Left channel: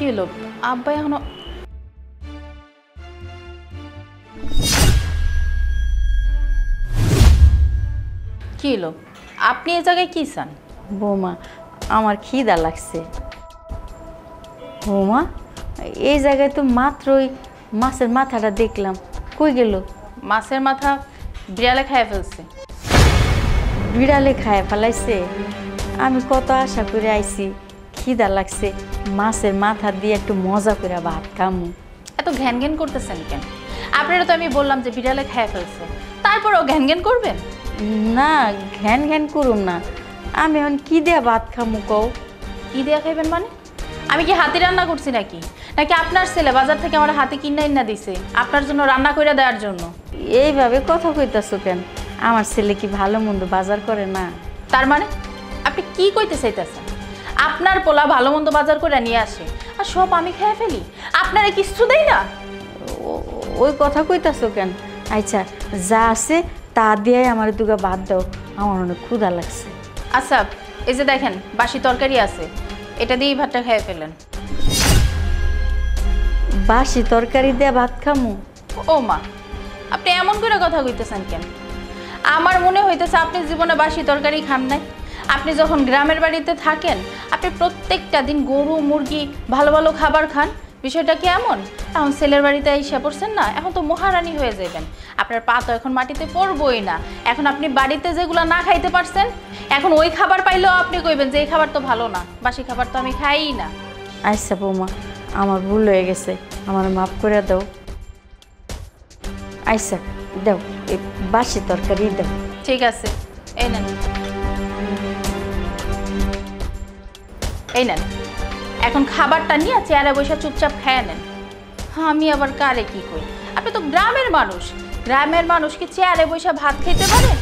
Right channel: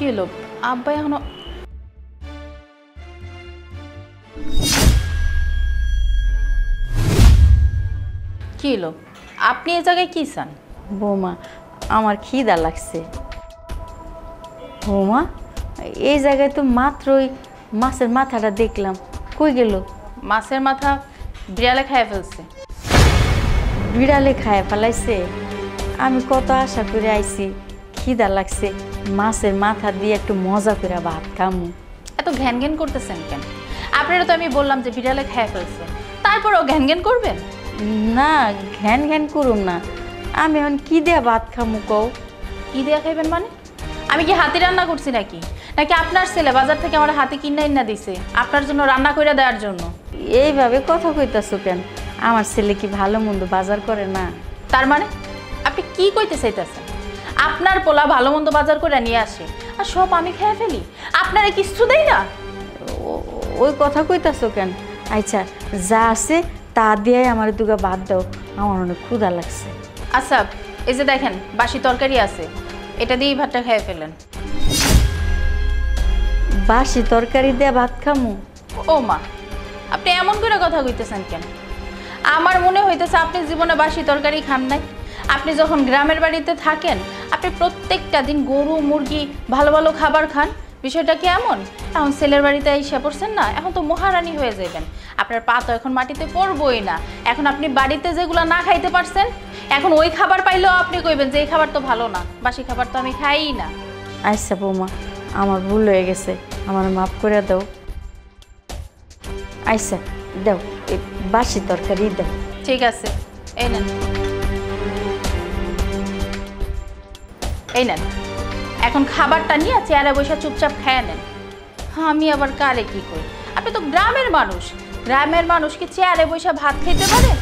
কি হলো আব্বা এখনো কি হলো আপনি এই জায়গায় কি চান? বৌমা আমার খিদা লাগছে। বৌমা এই জায়গায় তো মাত্রই মাছের মাথাটা দেখলাম, কই গেল? মাছের মাথা বিড়ালে খাইয়ে ফেলছে। বিড়ালে খায় ফেলাইছে? আমি কত আশা করে আইছি, খিদা লাগছে, মাছের মাথা দিয়ে একটু মজা করে ভাত খামু। এত ঘ্যান ঘ্যান করতেছেন কেন? আপনারা তো আমি বললাম যে বিড়ালে খাইয়ে ফেলছে, তারপরও ঘ্যান ঘ্যান করবেন? না ঘ্যান ঘ্যান করুম না, আমি এখন কি দিয়া ভাত খামু কও? কি দেয়া খাইবেন মানে? আমি কি হাতে রান্না করছি নাকি? নাকি আপনার ছেলে বাজার থেকে আমার হাতে কিনা দিছে আপনার জন্য রান্না করে দেওয়ার জন্য? এইভাবে কথা কইতাছো কেন? আমার ছেলে কি ভালো মন্দ বাজার করে না? তার মানে আপনি কি কইতে চাইতেছেন? আপনার পোলা ভালো মন্দ বাজার করে নিয়ে আসে আর সব আমি খেয়ে ফেলি, আপনারা কিছু দেই না? ওই কথা কইতাছো কেন? আচ্ছা যা আছে তা দিয়ে আমার দুগা ভাত দাও, আমার অনেক ক্ষুধা লাগছে। আচ্ছা এই যে দেখেন বাসি তরকারি আছে, এটা দিয়েই ভাতটা খেয়ে ফেলেন। বাসি তরকারি দিয়ে ভাত খামু? ও মা, আপনি এমন করে কথা কইতেছেন কেন? আমার মনে হইতেছে আপনি জীবনে বাসি তরকারি খান নাই। আপনি যখন গ্রামের বাড়িতে থাকেন আপনি প্রত্যেকটা দিন গরু মুরগি ভালো ভালো খাবার খান। বিষয়টা কি এমন? এখন ছেলের বাড়িতে এসে পড়ছেন না, এখন তো মহারানী হয়ে যাবেন। আপনার পা তো এখন মাটিতে পড়বই না। এখন আপনি বাড়িতে যেগুলো না খাইতে পারছেন, এখন ওই খাবার পাইলেও আপনি কইবেন যে এই খাবার তো ভালো না, বাসি খাবার তো আমি খাই না। আচ্ছা বৌমা, আমার ভুল হয়ে গেছে, আমার মাফ করে দাও। আচ্ছা দাও, এই বাসি তরকারি দাও। ঠিক আছে, এই নেন, এই নেন। এখন খাবারটা নিয়ে চেয়ারে বসে চুপচাপ খেয়ে নেন। আমি আবার কারে কি কই? আপনি তো গ্রামের মানুষ, গ্রামের মানুষ কি চেয়ারে বসে ভাত খেতে পারে?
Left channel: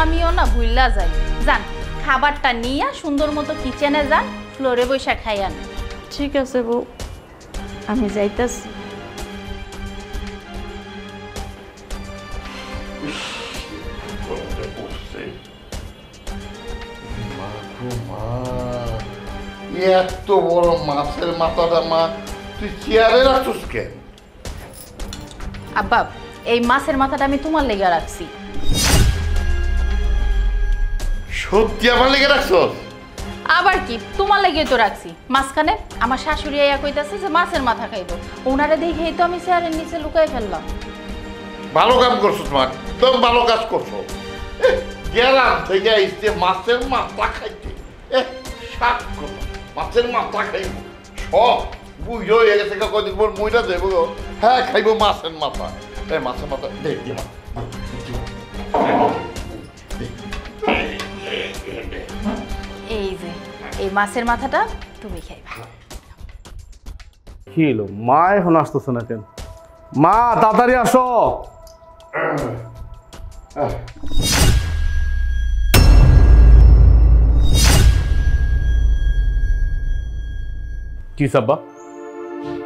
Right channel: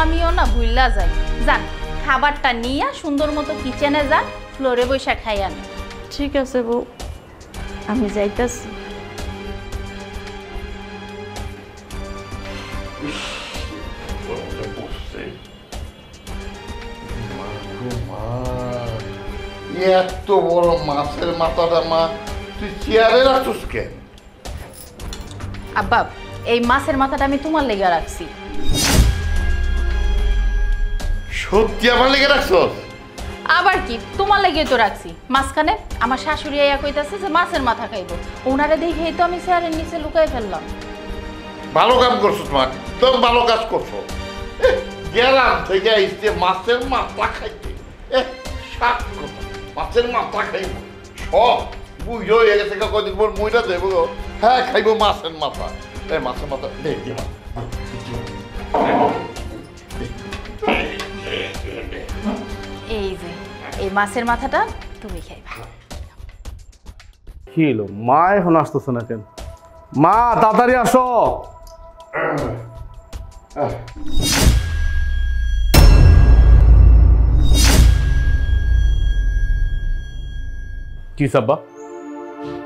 আমিও না ভুললা যাই। যান খাবারটা নিয়ে সুন্দর মতো কিচেনে যান, ফ্লোরে বসে খাইয়া নেন। ঠিক আছে বউ, আমি যাইতাছি। এত বড় মাছের মাথাটা মা তুই চেয়ারে রাখছিস কেন? আব্বা এই মাছের মাথাটা আমি তোমার লেগে রাখছি। সত্যি আমার লেগে রাখছস? আবার কি, তোমার লেগে তো রাখছি। মাঝখানে আমার শাশুড়ি আইয়া কইতাছে যে মাছের মাথা খাইবো, ওনারে দেখেই তো আমি চেয়ারের নিচে লুকাই ফেললাম। ভালো কাম করছস মা, একদম ভালো কাজ করছো। গেলাম থেকে আইসতে মাছের মাথা খাইতে, শাক কথা মাছের মাথা খাইব সব বুঝো হয়ে গেছে। কদিন পর মইটা যাইব, হ্যাঁ খাইব মাছের মাথা। মাছের মাথা দেখ দি মা, এই যে এই মাছের মাথাটা তুমি খাইবা। কি হলো মা এখন আসতেছে না কেন? মা তাড়াতাড়ি আসো। কি সাব্বা,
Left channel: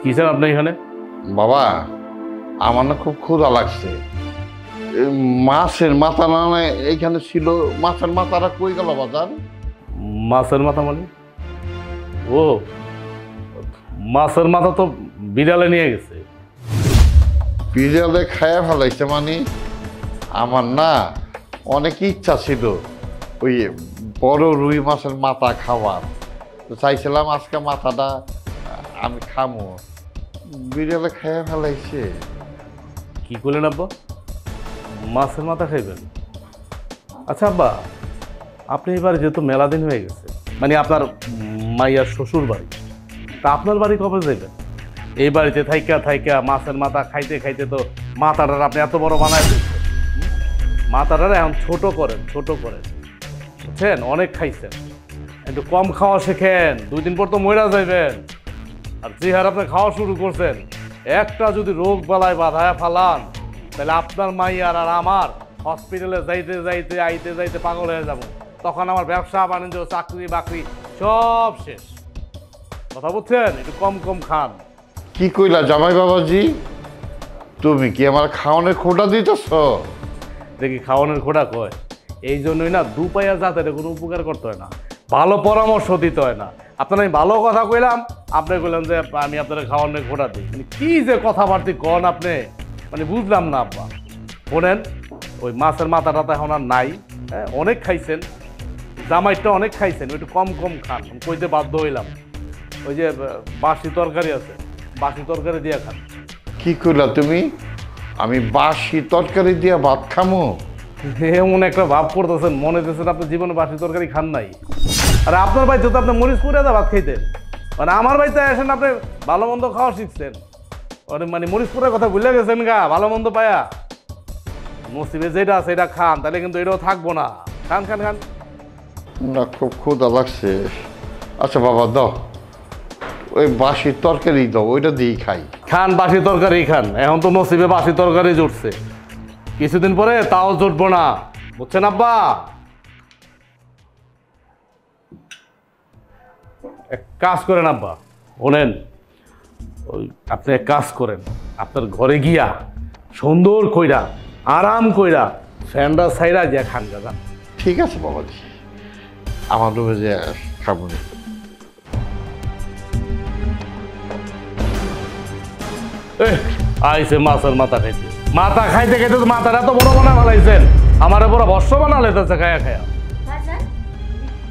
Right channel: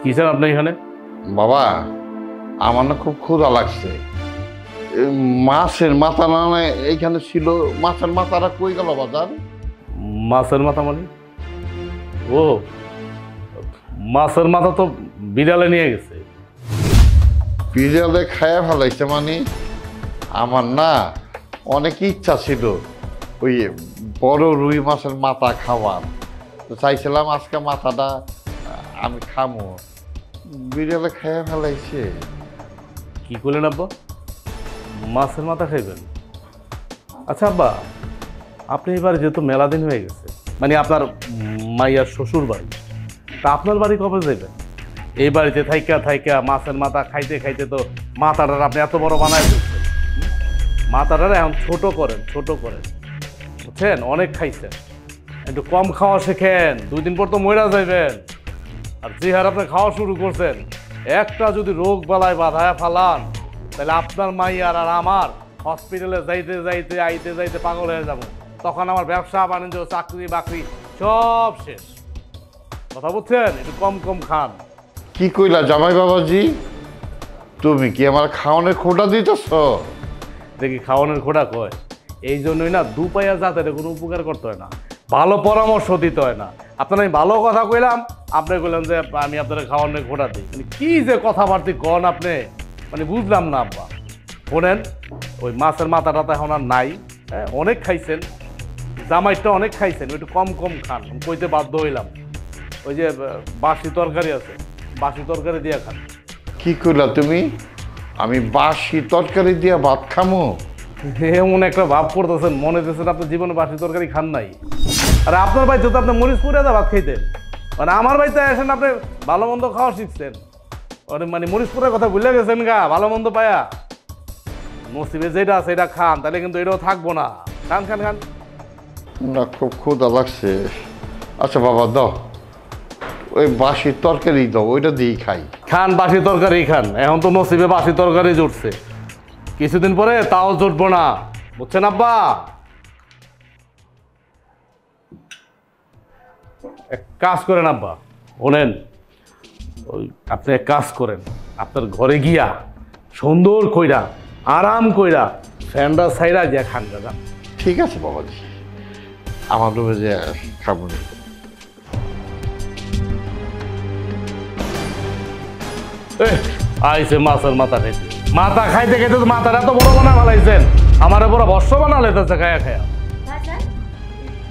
কি স্যার আপনি এখানে? বাবা আমার না খুব ক্ষুধা লাগছে। মাছের মাথা না এইখানে ছিল, মাছের মাথাটা কই গেল বাজার? মাছের মাথা মানে? ও মাছের মাথা তো বিড়ালে নিয়ে গেছে। বিড়ালে খায়া ফেলাইছে মানে? আমার না অনেক ইচ্ছা ছিল ওই বড় রুই মাছের মাথা খাওয়ার, তো চাইছিলাম আজকে মাথাটা আমি খামো, বিড়ালে খায়া ফেলাইছে। কি করলেন আব্বা, মাছের মাথা খাইবেন? আচ্ছা আব্বা, আপনি এবার যেহেতু মেলা দিন হয়ে গেছে, মানে আপনার মাইয়ার শ্বশুর বাড়ি, তা আপনার বাড়ি কবে যাবেন? এই বাড়িতে থাইকা থাইকা মাছের মাথা খাইতে খাইতে তো মাথাটার আপনি এত বড় বানায় দিচ্ছেন। মাথাটার এখন ছোট করেন, ছোট করেন, বুঝছেন? অনেক খাইছেন, একটু কম খাওয়া শেখেন, 2 দিন পর তো মইরা যাইবেন। আর যে হার আপনি খাওয়া শুরু করছেন, একটা যদি রোগ বালায় বাধায় ফালান, তাহলে আপনার মাইয়ার আর আমার হসপিটালে যাইতে যাইতে আইতে যাইতে পাগল হয়ে যাব। তখন আমার ব্যবসা বাণিজ্য চাকরি বাকরি সব শেষ। কথা বুঝছেন? একটু কম কম খান। কি কইলা জামাই বাবাজি, তুমি কি আমার খাওয়ানোর খোটা দিতেছ? দেখি খাওয়ানোর খোটা কয়, এই জন্যই না 2 পায়া জাতের কোনো উপকার করতে হয় না। ভালো পরামর্শ দিতে হয় না। আপনার আমি ভালো কথা কইলাম, আপনি কইলেন যে আমি আপনার খাওয়ানোর ঘোটা দিই। মানে কি যে কথাবার্তি কন আপনি, মানে বুঝলাম না আব্বা। শোনেন, ওই মাছের মাথাটা তো এখন আর নাই, হ্যাঁ অনেক খাইছেন, জামাইটা অনেক খাইছেন, একটু কম কম খান। আমি কইতে বাধ্য হইলাম, ওই যে বাসি তরকারি আছে, বাসি তরকারি দিয়ে খান। কি কইলা তুমি? আমি বাসি তরকারি দিয়ে ভাত খামো? এমন একটা ভাব করতেছেন, মনে হইতেছেন আপনি জীবনে বাসি তরকারি খান নাই। আর আপনার বাড়িতে তো আপনি মরিচ পুরে ভাত খাইতেন, মানে আমার বাড়িতে আসেন আপনি ভালো মন্দ খাওয়া শিখছেন, মানে মরিচ পুরের কথা ভুলে গেছেন গা। ভালো মন্দ পায়া নসিবে যেটা আছে এটা খান, তাহলে কিন্তু এটাও থাকবো না। খান খান খান। না, খুব ক্ষুধা লাগছে। আচ্ছা বাবা দাও, ওই বাসি তরকারি দাও, ওইটা দিয়েই খাই। খান বাসি তরকারি খান, এখন তো নসিবে বাসি তরকারি জুটছে, কিছুদিন পরে তাও জুটবো না, বুঝছেন আব্বা? এক কাজ করেন আব্বা, বলেন ওই আপনি এক কাজ করেন, আপনার ঘরে গিয়া সুন্দর কইরা আরাম কইরা ফ্যানটা সাইরা গিয়া খান দাদা। ঠিক আছে বাবাজি, আমার রুমে যে খাবো না। আইসে মাছের মাথা খাইতে, মাথা খাইতে খাইতে তো মাথাটা তো বড় বানা ফেলাইছেন, আমার বড় বর্ষ বানা লেতেছে খায়া খায়া। বাজান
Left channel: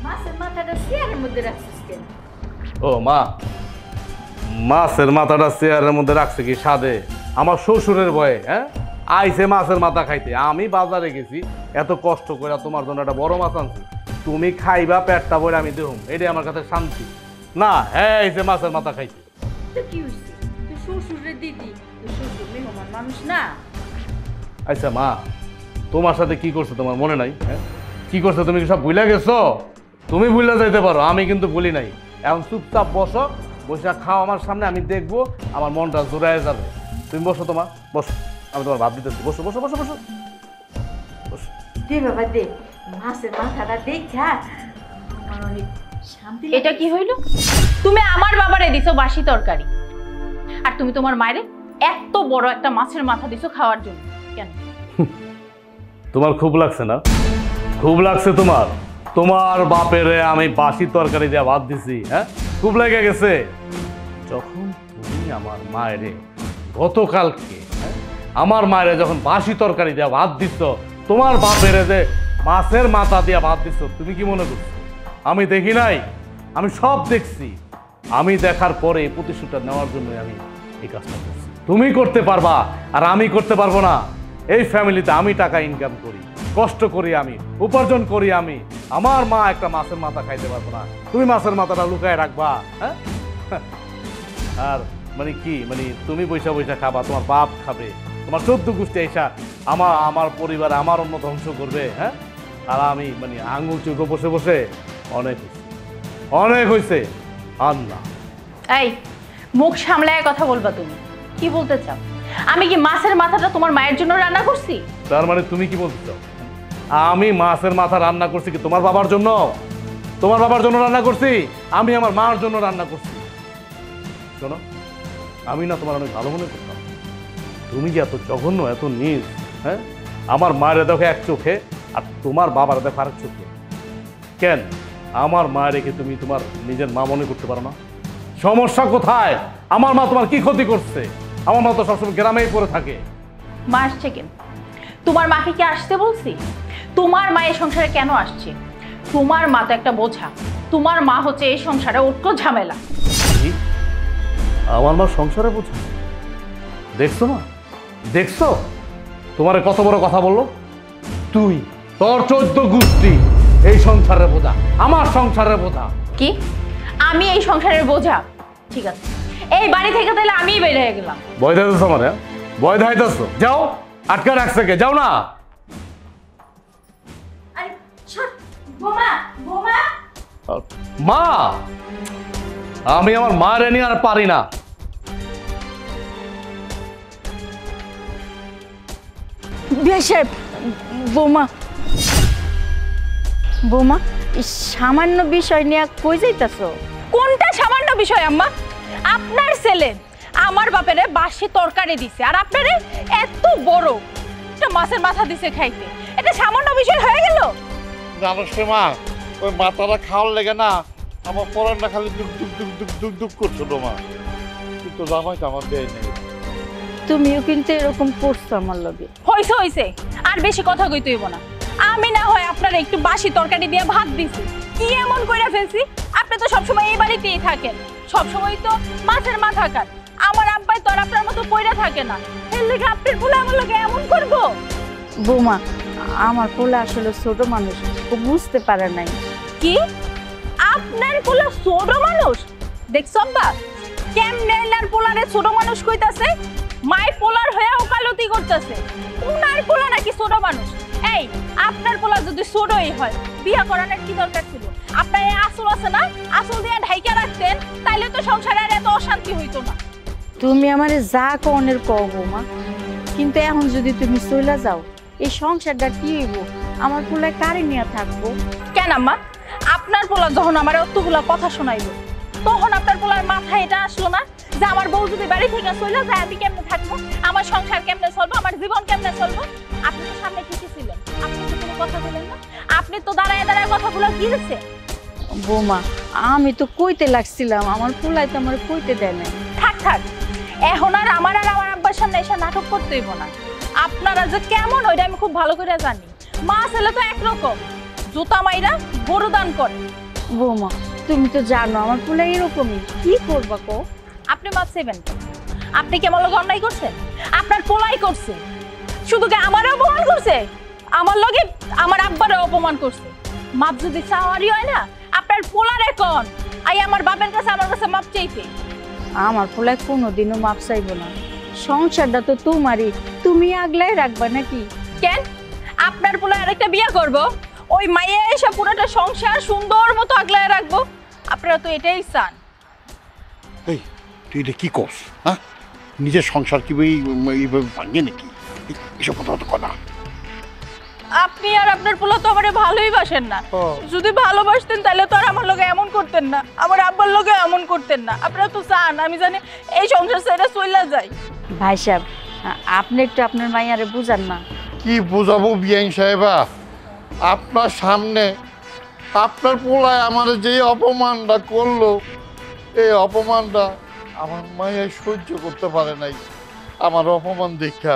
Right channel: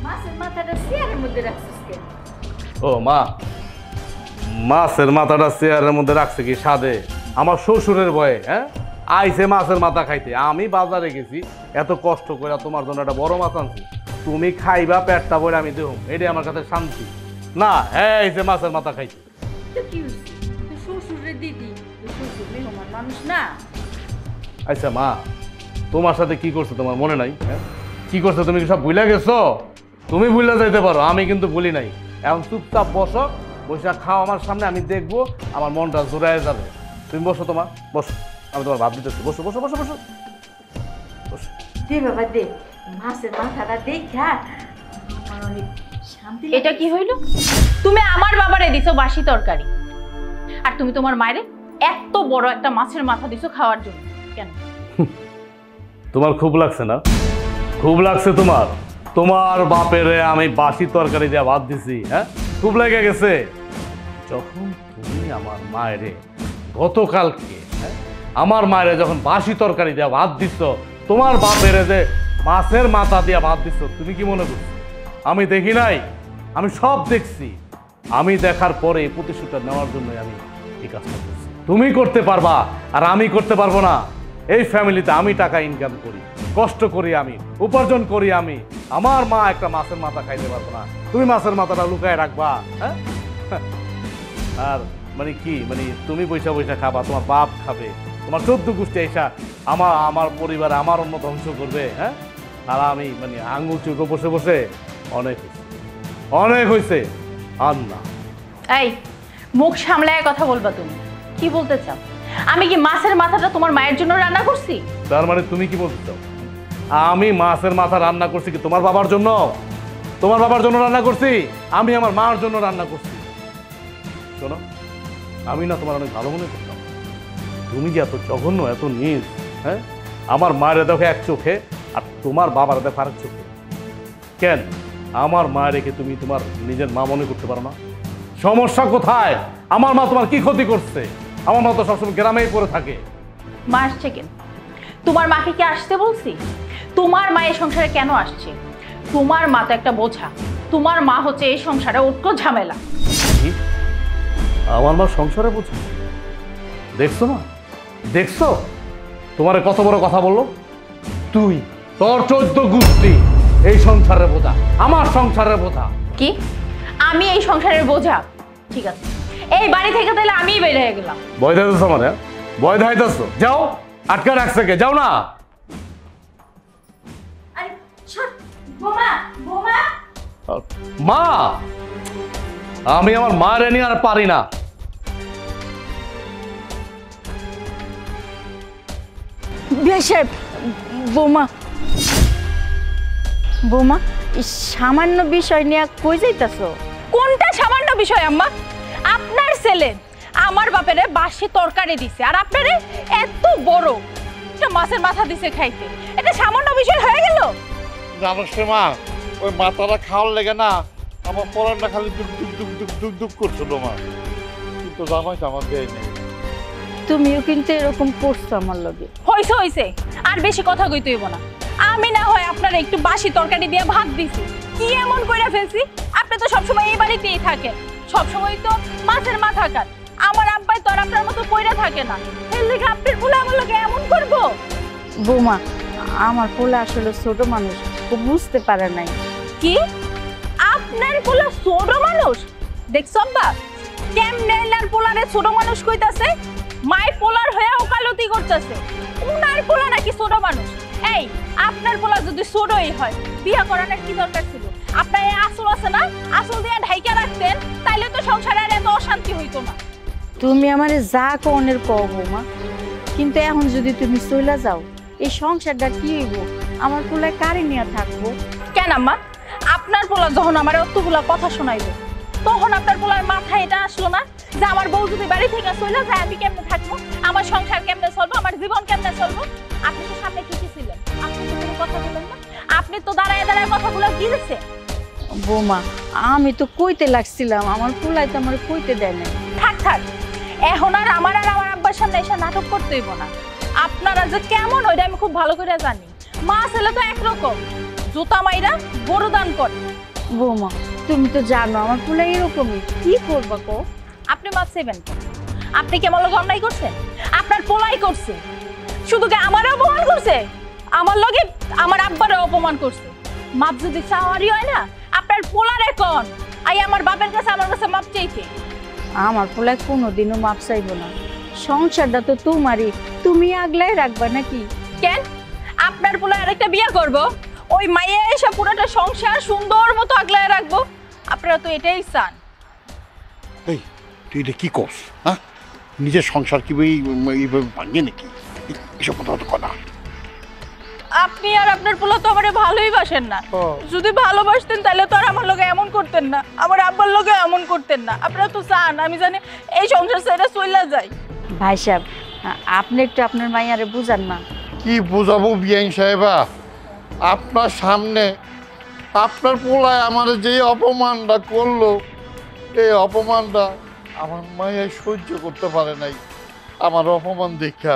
মাছের মাথাটা চেয়ারের মধ্যে রাখছিস কেন? ও মা, মাছের মাথাটা চেয়ারের মধ্যে রাখছে কি সাদে? আমার শ্বশুরের ভয়ে, হ্যাঁ আইসে মাছের মাথা খাইতে। আমি বাজারে গেছি এত কষ্ট করে তোমার জন্য একটা বড় মাছ আনছি, তুমি খাইবা পেটটা বলে আমি দেহুম, এটাই আমার কাছে শান্তি না। হ্যাঁ আইসে মাছের মাথা খাইতে। তো কি হইছে? তুই শ্বশুরের দিদি, তুই শ্বশুর মেহমান মানুষ না? আচ্ছা মা, তোমার সাথে কি করছে তোমার মনে নাই? হ্যাঁ কি করছে তুমি কি সব ভুলে গেছো? তুমি ভুলে যাইতে পারো, আমি কিন্তু ভুলি নাই। এখন চুপচাপ বসো, বসে খাও আমার সামনে, আমি দেখবো, আমার মনটা জোড়ায় যাবে। তুমি বসো, তোমার বসো, আমি তোমার ভাব দিতেছি। বসো বসো বসো বসো বসো। দে বাবা দে, মাছের মাথাটা দেখা আমার অনেক শান্তি। এটা কি হইল? তুমি আমার বাবারে দিছো বাসি তরকারি, আর তুমি তোমার মায়েরে এত বড় একটা মাছের মাথা দিছো খাওয়ার জন্য কেন? তোমার খুব লাগছে না? খুব লাগছে তোমার? তোমার বাপেরে আমি বাসি তরকারি দিয়ে ভাত দিছি, হ্যাঁ খুব লেগে গেছে? যখন তুমি আমার মায়েরে গতকালকে, হ্যাঁ আমার মায়েরে যখন বাসি তরকারি দিয়ে ভাত দিচ্ছ, তোমার বাপেরে যে মাছের মাথা দিয়ে ভাত দিচ্ছ, তুমি কি মনে করছো আমি দেখি নাই? আমি সব দেখছি। আমি দেখার পরে এই প্রতিশোধটা নেওয়ার জন্য আমি এই কাজটা করছি। তুমি করতে পারবা আর আমি করতে পারবো না? এই ফ্যামিলিতে আমি টাকা ইনকাম করি, কষ্ট করি, আমি উপার্জন করি, আমি আমার মা একটা মাছের মাথা খাইতে পারবো না, তুমি মাছের মাথাটা লুকায় রাখবা? হ্যাঁ আর মানে কি, মানে তুমি পয়সা পয়সা খাবা, তোমার বাপ খাবে, তোমার 14 গোষ্ঠী এসা আমার পরিবার আমার অন্য ধ্বংস করবে, হ্যাঁ আর আমি মানে আঙুল চুপে বসে বসে অনেক হয়েছে, অনেক হয়েছে। আর না, এই মুখ সামলায় কথা বলবা। তুমি কি বলতে চাও? আমি কি মাছের মাথাটা তোমার মায়ের জন্য রান্না করছি? তার মানে তুমি কি বলতে চাও আমি মাছের মাথা রান্না করছি কি তোমার বাবার জন্য? তোমার বাবার জন্য রান্না করছি? আমি আমার মার জন্য রান্না করছি। শোনো, আমি না তোমার অনেক ভালো মনে করতাম, তুমি যে এত জঘন্য, এত নীচ, হ্যাঁ আমার মায়ের দেখো এক চোখে আর তোমার বাবার দেখো আরেক চোখে। কেন আমার মা রেখে তুমি তোমার নিজের মা মনে করতে পারো না? সমস্যা কোথায়? আমার মা তোমার কি ক্ষতি করছে? আমার মা তো সবসময় গ্রামেই পড়ে থাকে। মা আসছে কেন? তোমার মাকে কি আসতে বলছি? তোমার মা এই সংসারে কেন আসছে? তোমার মা তো একটা বোঝা, তোমার মা হচ্ছে এই সংসারে ওটকো ঝামেলা। কি? আমার মা সংসারে বোঝা? দেখছো মা, দেখছো তোমার কত বড় কথা বললো? তুই তোর 14 গোষ্ঠী এই সংসারের বোঝা, আমার সংসারের বোঝা। কি আমি এই সংসারের বোঝা? ঠিক আছে, এই বাড়ি থেকে তাহলে আমিই বের হয়ে গেলাম। ভয় ধাইতেছ মানে? ভয় ধাইতেছ? যাও, আটকা রাখছে কে? যাও না। আরে ছাড় বোমা, বোমা। মা, আমি আমার মায়ের নিয়ে আর পারি না। বেশেব বোমা, বোমা সামান্য বিষয় নিয়ে কই যাইতাছো? কোনটা সামান্য বিষয় আম্মা? আপনার ছেলে আমার বাপেরে বাসি তরকারি দিছে, আর আপনারে এত বড় একটা মাছের মাথা দিছে খাইতে, এটা সামান্য বিষয় হয়ে গেল? জানোস রে মা, ওই মাথাটা খাওয়ার লেগে না আমার পরানটা খালি দুক দুক দুক দুক দুক দুক করছিল মা। কিন্তু জামাই তো আমার দেয় নেই। তুমিও কিন্তু এরকম করছো আমার লগে। হইছে হইছে, আর বেশি কথা কইতে হইব না। আমি না হয় আপনার একটু বাসি তরকারি দিয়ে ভাত দিছি, কি এমন কইরা ফেলছি? আপনি তো সবসময় এই বাড়িতেই থাকেন, সবসময় তো মাছের মাথা খান। আমার আব্বাই তো আর আপনার মতো কইরা থাকে না, এর লেগে আপনার বলে আমার লগে এমন করবো? বৌমা, আমার পোলা আসলে ছোট মানুষ, ও বুঝতে পারে নাই। কি আপনার পোলা ছোট মানুষ? দেখছো আব্বা কেমনে এলার পোলারে ছোট মানুষ কইতাছে? মাই পোলার হয়ে ওকালতি করতেছে, উনার পোলা নাকি ছোট মানুষ? এই আপনার পোলা যদি ছোটই হয় বিয়া করানোর কি দরকার ছিল? আপনার এই আসল আছে না, আসল দিয়ে ঢাইকা রাখতেন, তাইলে তো সংসারে আর এত অশান্তি হইতো না। তুমি আমারে যা কনের কও বৌমা, কিন্তু এখন যদি তুমি চলে যাও এই সংসারটা কি হইব? আমার পোলায় কারে নিয়ে থাকবো? কেন আম্মা, আপনার পোলা যখন আমার অতগুলা কথা শোনাইলো, তখন আপনার পোলার মাথায় এটা আসলো না যে আমার বউ যদি বাড়ি থেকে চলে যায় আমি কেমনে থাকবো, আমার সংসার কেমনে চলবো, আমার জীবন কেমনে চলবো? আপনি তো সামনে ঠিকই ছিলেন, আপনি তো কোনো কথা বললেন না, আপনি তো দাঁড়ায় দাঁড়ায় কথাগুলো গিলছে। বৌমা, আমি তো কইতে লাগছিলাম, আমার পোলায় তো আমার কইতে দেয় নাই। থাক থাক, এখন আর আমার আব্বার সামনে এসে নাটক করতে হইব না। আপনারা যে কেমন ওইটা আমি খুব ভালো করে জানি। মা ছেলে তো একরকম, জুতা মাইরা গরু দান করে। বৌমা, তুমি তো জানো আমার পোলা এরকমই, কি করবা কো? আপনি মাপ চাইবেন কেন? আপনি কি আমার লগে অন্যায় করছেন? আপনার পোলাই করছে, শুধু কি আমারও অপমান করছে, আমার লগে আমার আব্বারও অপমান করছে। মাপ যদি চাওয়ারই হয় না, আপনার পোলারে কোন আই আমার বাপের কাছে আমার কাছে মাপ চাইতে। আমার পোলায় কোনোদিনও মাপ চাইবো না, সংসারটা তো তোমারই, তুমি আগলাই রাখবা নাকি? কেন আপনার পোলা আরেকটা বিয়ে করব, ওই মাইয়া এসে পুরোটা সংসার সুন্দর মতো আগলায় রাখবো? আপনারা তো এটাই চান। এই তুই এটা কি করস? হ্যাঁ, নিজের সংসার কি এইভাবে ভাঙে নাকি? এসব কথা তো কথা। আপনি আর আপনার পোলা তো আমারে ভালোই বাসেন না। যদি ভালোবাসতেন তাহলে তো আর আমার লগে এমন করতেন না, আমার আব্বার লগে এমন করতেন না। আপনারা তো চান আমি জানি এই সংসার ছেড়ে চলে যাই। ভাই সাহেব, আপনি একটু আপনার মাইয়ারে বুঝান না। কি বোঝাবো বিআইন সাহেবা? আপনার সামনে আপনার পোলায় আমার যে অপমানটা করলো, এই অপমানটা আমার মাইয়া সহ্য করতে পারে নাই। আমার অপমান দেখা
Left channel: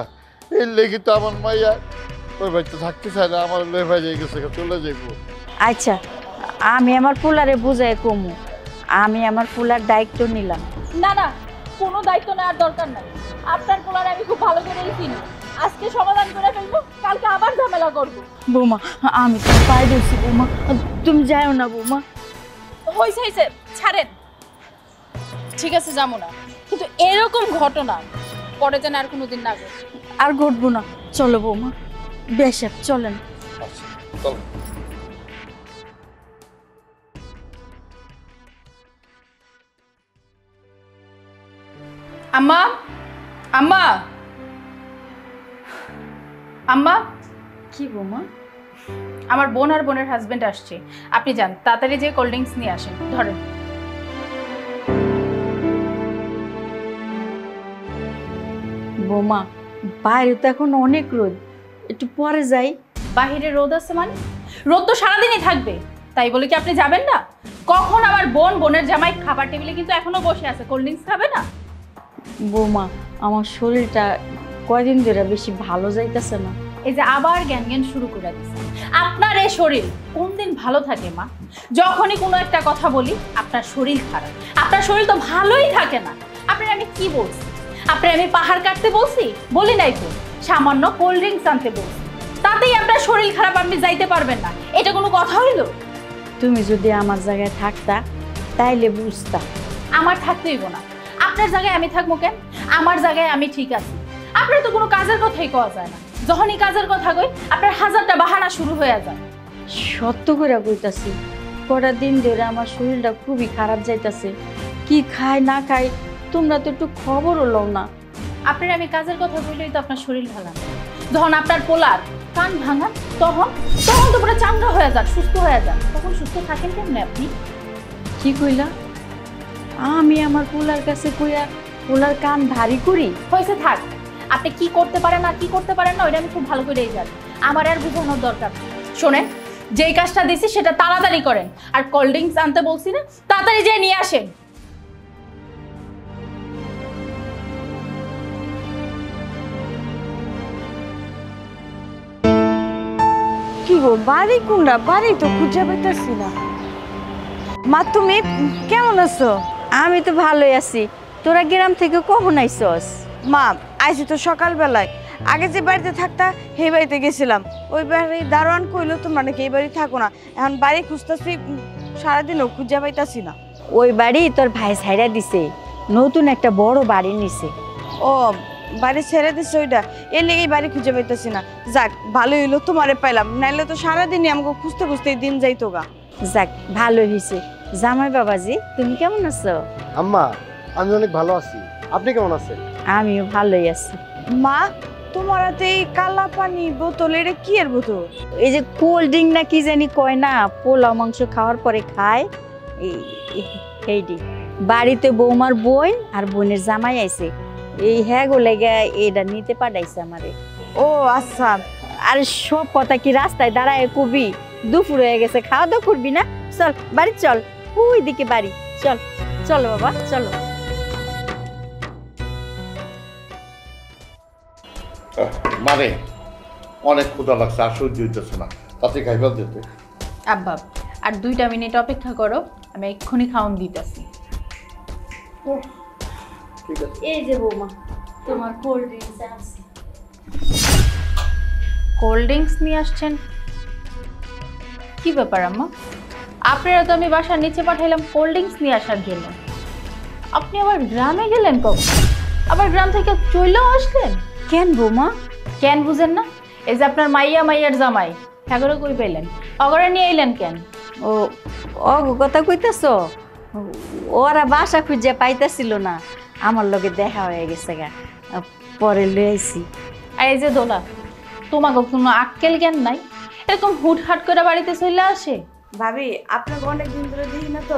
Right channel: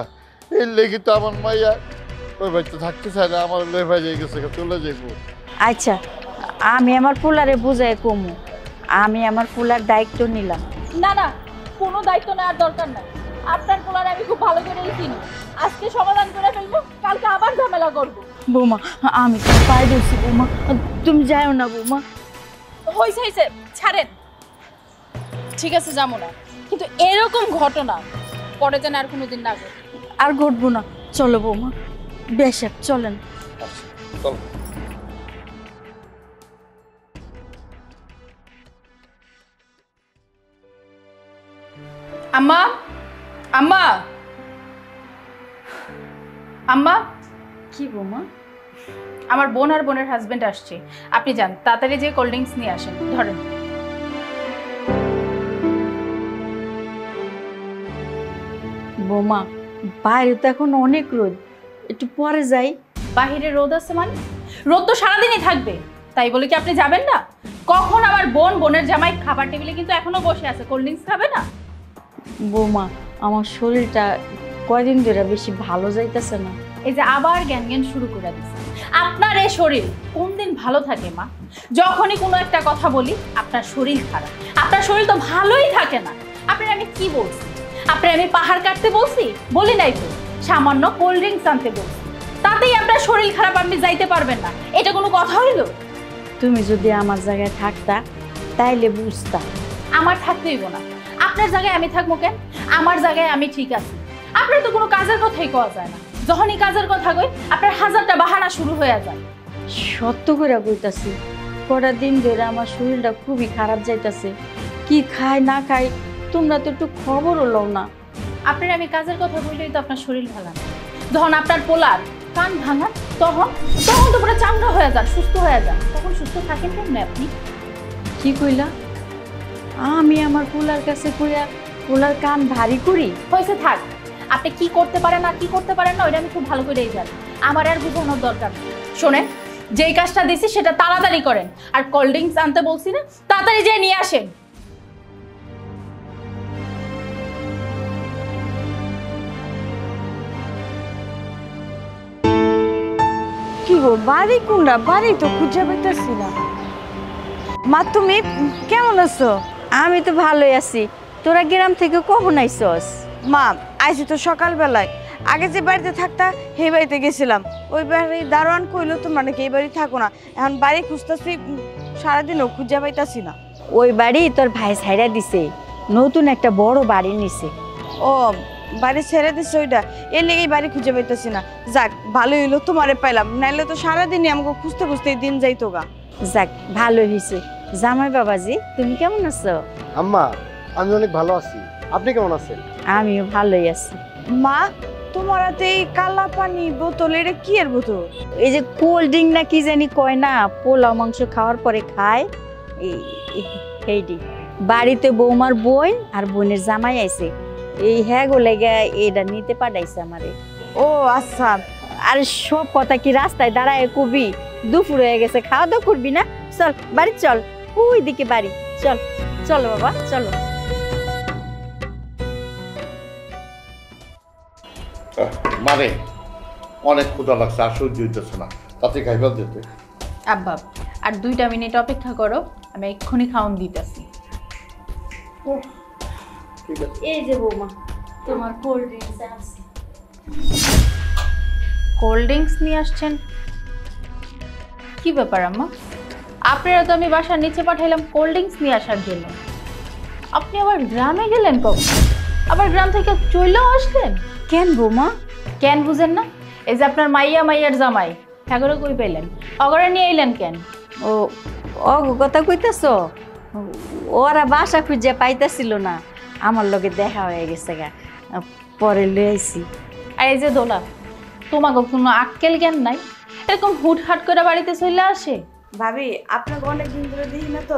এর লেগে তো আমার মাইয়া ওই বাড়িতে থাকতে চায় না, আমার লে ভাই গেছে, চলে যাইব। আচ্ছা, আমি আমার পোলারে বুঝাই কমু, আমি আমার পোলার দায়িত্ব নিলাম। না না, কোনো দায়িত্ব নেওয়ার দরকার নাই। আপনার পোলারে আমি খুব ভালো করেই চিনি, আজকে সমাধান করে ফেলবো, কালকে আবার ঝামেলা করবো। বৌমা, আমি তো পাই দিচ্ছি বৌমা, তুমি যাও না বৌমা। হয়েছে হয়েছে, ছাড়েন, ঠিক আছে যাবো না, কিন্তু এরকম ঘটনা পরে যেন আর কোনোদিন না ঘটে। আর ঘটবো না, চলো বৌমা, বেশক চলেন। আচ্ছা চল। আম্মা, আম্মা, আম্মা, কি বৌমা? আমার বোন আর বোনের হাজবেন্ড আসছে, আপনি যান তাড়াতাড়ি যে কোল্ড ড্রিঙ্কস নিয়ে আসেন। ধরেন। বৌমা, বাইরে তো এখন অনেক রোদ, একটু পরে যাই। বাহিরে রোদ আছে মানে? রোদ তো সারাদিনই থাকবে, তাই বলে কি আপনি যাবেন না? কখন আমার বোন বোনের জামাই খাবার টেবিলে কিন্তু এখনো বসে আছে, কোল্ড ড্রিঙ্কস খাবে না? বৌমা, আমার শরীরটা কয়দিন ধরে বেশি ভালো যাইতেছে না। এই যে আবার জ্ঞান জ্ঞান শুরু করে দিচ্ছে। আপনার এই শরীর কোন দিন ভালো থাকে মা? যখনই কোনো একটা কথা বলি আপনার শরীর খারাপ, আপনার শরীর তো ভালোই থাকে না। আপনার আমি কি বলছি? আপনার আমি পাহাড় কাটতে বলছি? বলি নাই তো, সামান্য কোল্ড ড্রিঙ্কস আনতে বলছি, তাতেই আপনার শরীর খারাপ, আপনি যাইতে পারবেন না, এটা কোনো কথা হইল? তুমি যদি আমার জায়গায় থাকতা তাইলে বুঝতা। আমার থাকতে হইব না, আপনার জায়গায় আমি থাকবো কেন? আমার জায়গায় আমি ঠিক আছি। আপনার তো কোনো কাজের কথাই কওয়া যায় না, যখনই কাজের কথা কই আপনার হাজারটা বাহানা শুরু হয়ে যায়। সত্য করে কইতাছি, কটা দিন ধরে আমার শরীরটা খুবই খারাপ যাইতাছে, কি খাই না খাই তোমরা তো একটু খবরও লও না। আপনার আমি কাজের কথা বললেই তো আপনার শরীর ভালো না। যখন আপনার পোলার কান ভাঙা তখন তখন তো পুরো চাঙ্গা হয়ে যান, সুস্থ হয়ে যান, তখন সুস্থ থাকেন কেমনে আপনি? কি কইলা? আমি আমার পোলার কাছে কইয়া পোলার কান ভারী করি? হয়েছে, থাক। আপনি কি করতে পারেন না কি করতে পারেন না ওইটা আমি খুব ভালো করেই জানি, আমার আর বোঝানোর দরকার নেই। শোনেন, যেই কাজটা দিছি সেটা তাড়াতাড়ি করেন, আর কোল্ড ড্রিঙ্কস আনতে বলছি না, তাড়াতাড়ি যেয়ে নিয়ে আসেন। কি গো, বাড়ি কোনটা? বাড়ি তো খুঁজে পাইতেছি না। মা তুমি কেমন আছো? আমি তো ভালোই আছি। তোরা গ্রাম থেকে কখন আইসস? মা আইছি তো সকালবেলায়। আগে যে বাড়িতে থাকতা সেই বাড়িতে গেছিলাম। ওই বাড়ির দারোয়ান কইলো তোমরা নাকি এই বাড়ি থাকো না। এখন বাড়ি খুঁজতেছি, সারাদিনও খুঁজে পাইতাছি না। ওই বাড়ি তোর ভাই ছাইরা দিছে, নতুন একটা বড় বাড়ি নিছে। ও বাড়ি ছেড়ে দিচ্ছে ওইটা, এর লেগেই বাড়ি খুঁজে পাইতাছি না। যাক ভালো হইলো তোমারে পাইলাম, নাইলে তো সারাদিনই আমাকে খুঁজতে খুঁজতেই দিন যাইতো গা। যাক ভালো হয়েছে। জামাই বাবাজি তুমি কেমন আছো? আম্মা আমি অনেক ভালো আছি, আপনি কেমন আছেন? আমিও ভালোই আছি। মা তোমার হাতে এই কালা পানি বোতল, এটা কি এর বোতল? এই যে কোল্ড ড্রিঙ্ক না কি জানি কয় না, পোলাও মাংস খাওয়ার পরে খায় এইটি। বাড়িতে বৌমার বোন আর বোনের জামাই আইছে, এই হ্যাঁ গো লেগে এটা নিতে পাঠাইছে আমারে। ও আচ্ছা। আর সব কথা কি রাস্তায় দাঁড়ায় কবি? দুপুর হয়ে গেছে, খাওয়া দাওয়া করবি না? চল বাড়ি চল, ওই দিকে বাড়ি চল। চলো বাবা চলো। মানে অনেক ক্ষুধা লাগছে, আর সহ্য হইতেছে না, তাতে খাইবার যেতে। আব্বা আর 2টা মিনিট অপেক্ষা করো, আমি এক্ষুনি খাওন দিতেছি। ঠিক আছে। এই যে বৌমা তোমার কোল্ড ড্রিঙ্কস আছে। কোল্ড ড্রিঙ্কস নিয়ে আসছেন? কি ব্যাপার আম্মা? আপনারা তো আমি বাসার নিচে পাঠাইলাম কোল্ড ড্রিঙ্কস নিয়ে আসার জন্য, আপনি আবার গ্রামে গেলেন কখন? আবার গ্রাম থেকে চলেও আসলেন কেন বৌমা? কেন বুঝেন না? এই যে আপনার মাইয়ার জামাই, ঠাকুরে কই পেলেন, অগরে নিয়ে এলেন কেন? ও অগো কথা কইতেছ? ওরা বাসা খুঁজে পাইতেছিল না, আমার লগে দেখা হয়ে গেছে গা, পরে লই আইছি। আর এই যে দোলা, তোমাকে কোনো আক্কেল জ্ঞান নাই? এরকম হুটহাট করে বাড়িতে চলে আসে? ভাবি আপনাকে অনেকদিন ধরে দেখি না, তো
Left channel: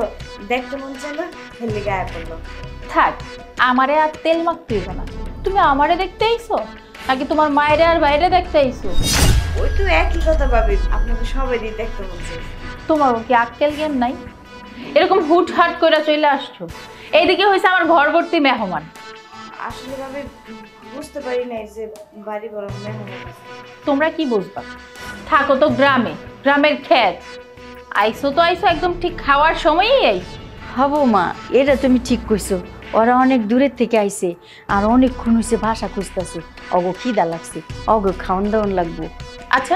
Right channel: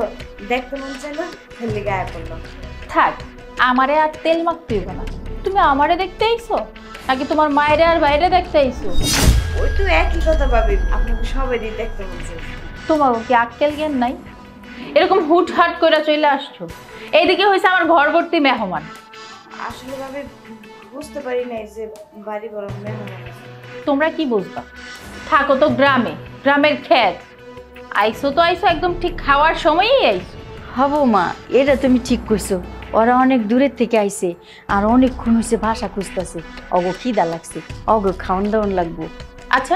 দেখতে মন চাইলো, হেলে গায়ে পড়লো। থাক, আমারে আর তেল মাখতে হইব না। তুমি আমারে দেখতে আইছো নাকি তোমার মায়েরে আর বাইরে দেখতে আইছো? ওই তো একই কথা ভাবি, আপনাকে সবারই দেখতে মন চাইছে। তোমার কি আক্কেল জ্ঞান নাই? এরকম হুটহাট করে চলে আসছো, এইদিকে হয়েছে আমার ঘর ভর্তি মেহমান। আসলে ভাবি বুঝতে পারি নাই যে বাড়ি বড় মেহমান আছে। তোমরা কি বুঝবা? থাকো তো গ্রামে, গ্রামের ক্ষেত। আইসো তো আইসো একদম ঠিক খাওয়ার সময়ই আইসো। হব মা, এটা তুমি ঠিক কইছো। ওরা অনেক দূরের থেকে আইছে, আর অনেকক্ষণ হয়েছে ভাষা খুঁজতেছে। অগো খিদা লাগছে, অগো খাওয়ান দাওয়ান লাগবো। আচ্ছা,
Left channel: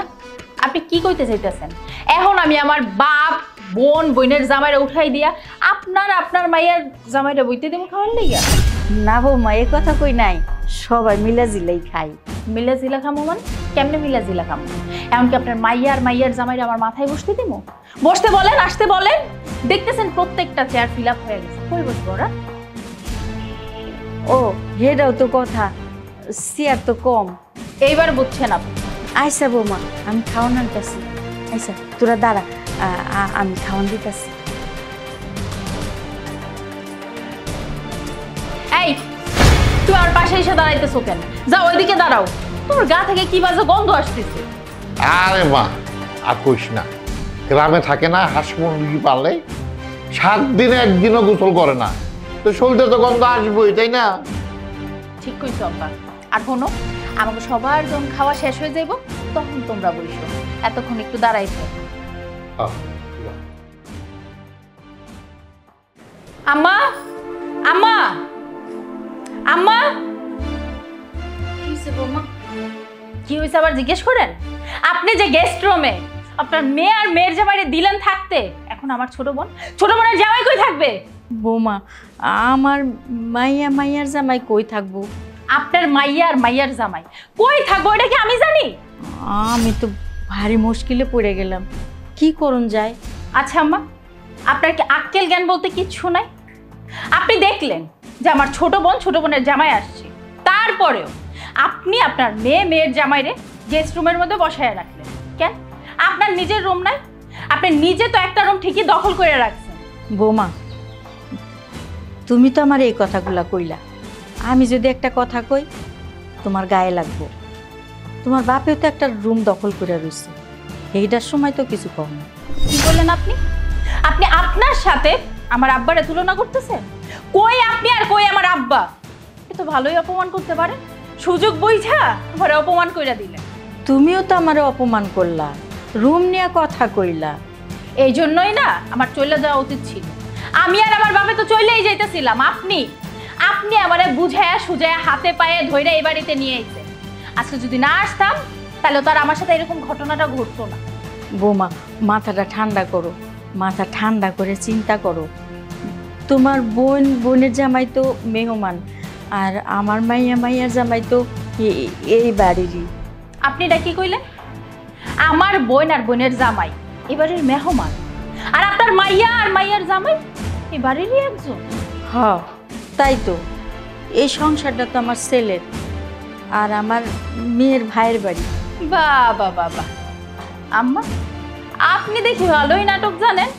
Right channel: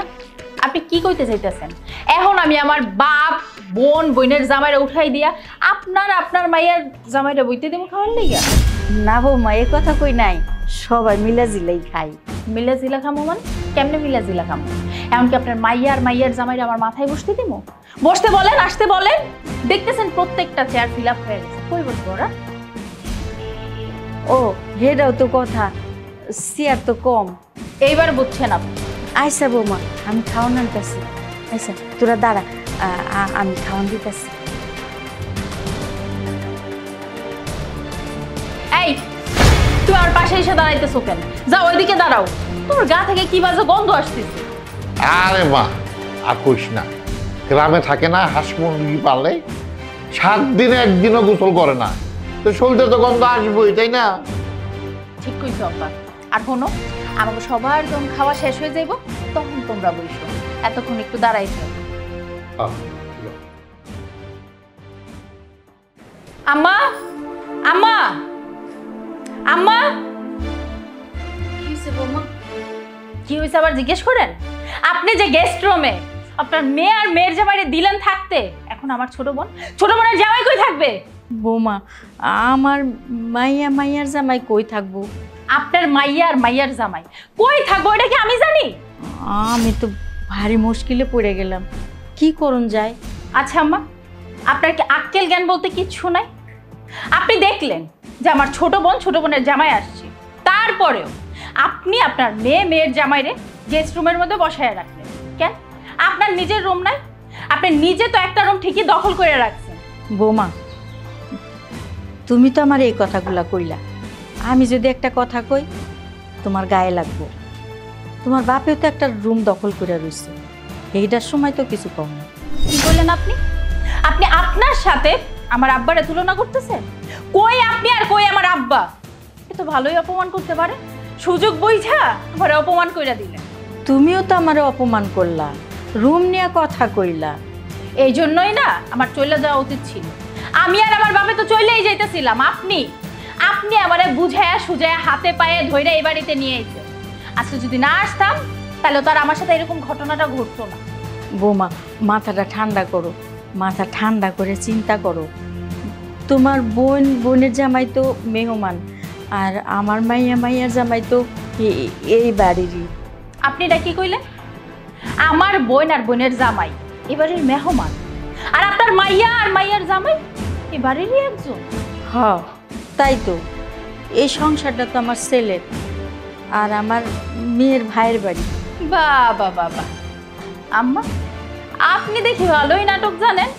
আপনি কি কইতে চাইতেছেন? এখন আমি আমার বাপ বোনের জামাইরা উঠাই দিয়া আপনার মাইয়ার জামাইরা বইতে দেবো খাওয়ার লাইগা? না বৌমা, এ কথা কই নাই, সবাই মিলা জিলাই খাই। মিলা জিলা খামো মানে কেমনে মিলা জিলা খামো? এমনকি আপনার মাইয়ার জামাইরা আমার মাথায় বসতে দেবো? বসতে বলেন, আসতে বলেন। দেখতেছেন প্রত্যেকটা চেয়ার ফিল আপ হয়ে গেছে, কই বসবো ওরা? ও হেটাও তো কথা, চেয়ার তো কম। এইবার বুঝছেন আপনি? আইসা বৌমা, আমি খাওয়ান আনতেছি। আইসা তোরা দাঁড়া, আমি খাওয়ান দিতেছি। এই তুমি আমার পাশে এসে দাঁড়াইতেছো কেন? যাও ওইদিকে দাঁড়াও, তোমার গা থেকে কি বাজে গন্ধ আসতেছে। আরে মা আর কইস না, গ্রামে থাকে না হাঁস মুরগি পালে, 7 দিনে একদিনও গোসল করে না, তো শরীরে তো গন্ধ আসবোই, তাই না? ঠিক কইছো আব্বা। আর শোনো, আমাকে সবার যখন খাওয়া শেষ হয়ে যাইব তখন তোমরা বইসো, এতক্ষণ একটু দাঁড়াই থাক। আম্মা, আম্মা, আম্মা। কি হয়েছে বৌমা? কি হয়েছে আবার জিজ্ঞেস করেন? আপনি যে গেস্ট রুমে আপনার মেয়ে আর মেয়ের জামাইরে দিলেন থাকতে, এখন আমার ছোট বোনের জামাই কই থাকবে? বৌমা, আমার মাইয়ার জামাই কই থাকবো? আপনার মাইয়ার জামাই কই থাকবো এটা কি আমি জানি? আমি তো ভারী মুশকিলে পড়ে গেলাম, কি করুন যায়? আচ্ছা আম্মা, আপনার কি আক্কেল জ্ঞান বলতে কিচ্ছু নাই? আপনি দেখলেন যে আমার ছোট বোনের জামাই আসছে, তারপরেও আপনি আপনার মেয়ের জামাইরে গেস্ট রুমের মধ্যে বসায় রাখলেন কেন? আপনার নিজের রুম নাই? আপনি নিজে তো একটা রুম ঠিকই দখল করে রাখছেন। বৌমা, তুমি তো আমার এই কথাগুলা কইলা, আমি যদি একটা কথা কই তোমার গায়ে লাগবো। তোমার বাপেও তো একটা রুম দখল করে রয়েছে, এইটার সময় তো কিছু কম না। কি বললেন আপনি? আপনি আপনার সাথে আমার আব্বারে তুলনা করতেছেন? কই আপনি আর কই আমার আব্বা? এ তো ভালোই অপমান করতে পারে, সুযোগ বুঝা আমার অপমান কইরা দিলেন। তুমিও তো আমারে অপমান করলা, রুম নিয়ে কথা কইলা। এই জন্যই না আমার চলে যাওয়া উচিত ছিল। আমি আর আমার বাবা তো চলেই যাইতেছিলাম, আপনি আপনি আমারে বুঝায়া সুজায়া হাতে পায়ে ধইরা এই বাড়িতে নিয়ে আইছে। আজকে যদি না আসতাম তাহলে তো আর আমার সাথে এরকম ঘটনাটা ঘটতো না। বৌমা, মাথাটা ঠান্ডা করো, মাথা ঠান্ডা করে চিন্তা করো। তোমার বোনের জামাই তো মেহমান, আর আমার মাইয়ার জামাই তো এই বাড়িরই। আপনি এটা কি কইলেন? আমার বোন আর বোনের জামাই এবারের মেহমান, আর আপনার মাইয়া আর মাইয়ার জামাই এবারেরই একজন। হ্যাঁ তাই তো, এই সংসারটা তো আমার ছেলের আর আমার মেয়ের ভাইয়ের বাড়ি। বাবা বাবা, আম্মা আপনি দেখি ভালোই নাটক জানেন।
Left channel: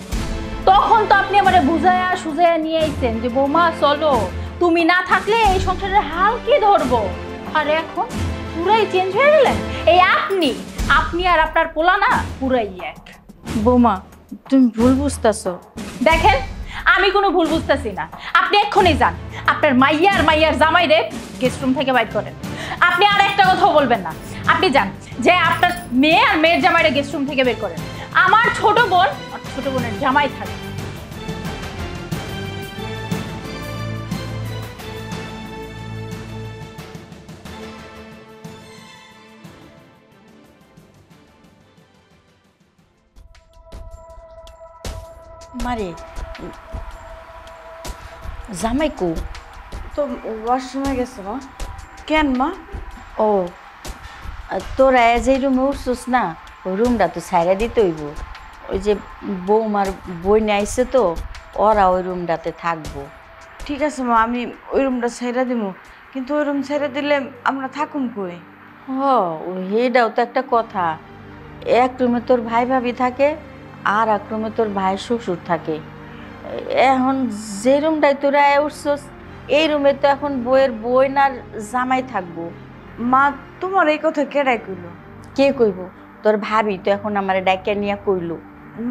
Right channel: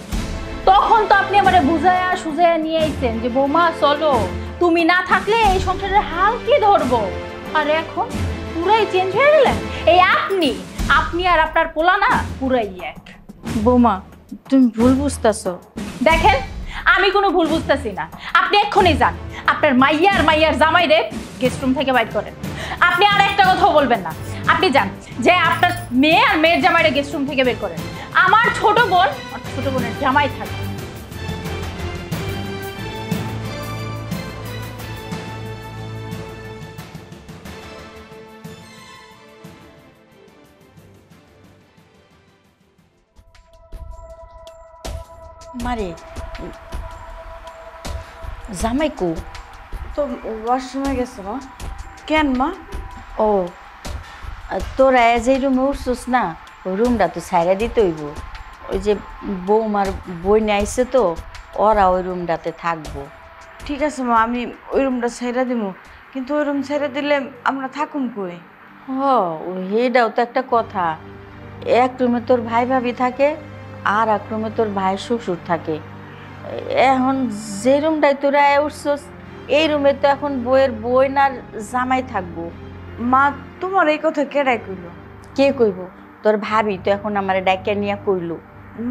তখন তো আপনি আমারে বুঝায়া সুজায়া নিয়ে আইছেন যে বৌমা চলো, তুমি না থাকলে এই সংসারের হাল কি ধরবো। আর এখন পুরাই চেঞ্জ হয়ে গেলেন। এই আপনি আর আপনার পোলা না পুরাই এক। বৌমা, তুমি ভুল বুঝতেছো। দেখেন, আমি কোনো ভুল বুঝতেছি না। আপনি এক্ষুনি যান, আপনার মাইয়ার জামাইরে গেস্ট রুম থেকে বাইর করেন। আপনি আর একটা কথাও বলবেন না। আপনি যান, যে আপনার মেয়ে আর মেয়ের জামাইরে গেস্ট রুম থেকে বের করেন। আমার ছোট বোন আর ছোট বোনের জামাই থাকবে। মারে, জামাই কো? তো ওয়াশরুমে গেছে মা। কেন মা? ও, তোরা যে রুমে উঠছিস না, ওই রুমটা তো ছাইরা দিতে হইব। ওই যে বৌমার বই নিয়ে আইসে তো, ওরা ওই রুমটাতে থাকবো। ঠিক আছে মা, আমি ওই রুমটা ছেড়ে দিব, কিন্তু ওই রুম ছেড়ে দিলে আমরা থাকুম কই? এটাও তো একটা কথা। এক রুমে তোর ভাই ভাবি থাকে, আর এক রুমে তোর ভাই শ্বশুর থাকে। এখন যে রুমটায় তোরা উঠছস, এই রুমে তো এখন বইয়ের বই আর জামাই থাকবো। মা, তোমার এই কথা কেডাই কইলো? কে কইব? তোর ভাবি তো এখন আমার ডাইকা নিয়ে কইলো।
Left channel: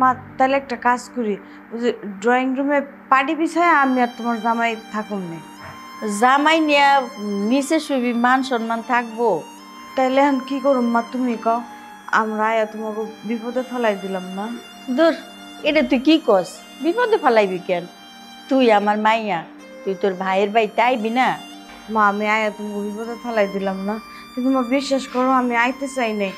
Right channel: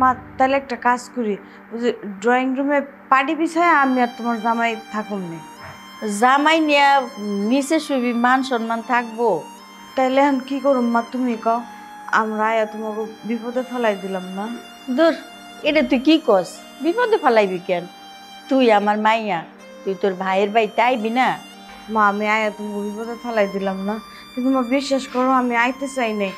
মা, তাহলে একটা কাজ করি, ওই যে ড্রয়িং রুমে পাটি বিছায় আমি আর তোমার জামাই থাকুম নে। জামাই নিয়ে নিচে শুবি, মান সম্মান থাকবো। তাইলে এখন কি করুম মা, তুমি কও। আমরা আয়া তোমাকে বিপদে ফেলাই দিলাম না? দূর, এটা তুই কি কস? বিপদে ফেলাইবি কেন? তুই আমার মাইয়া, তুই তোর ভাইয়ের বাড়িতে আইবি না? মা, আমি আয়া তোমাকে বিপদে ফেলাই দিলাম না, কিন্তু মা বিশ্বাস করো আমি আইতে চাই নাই।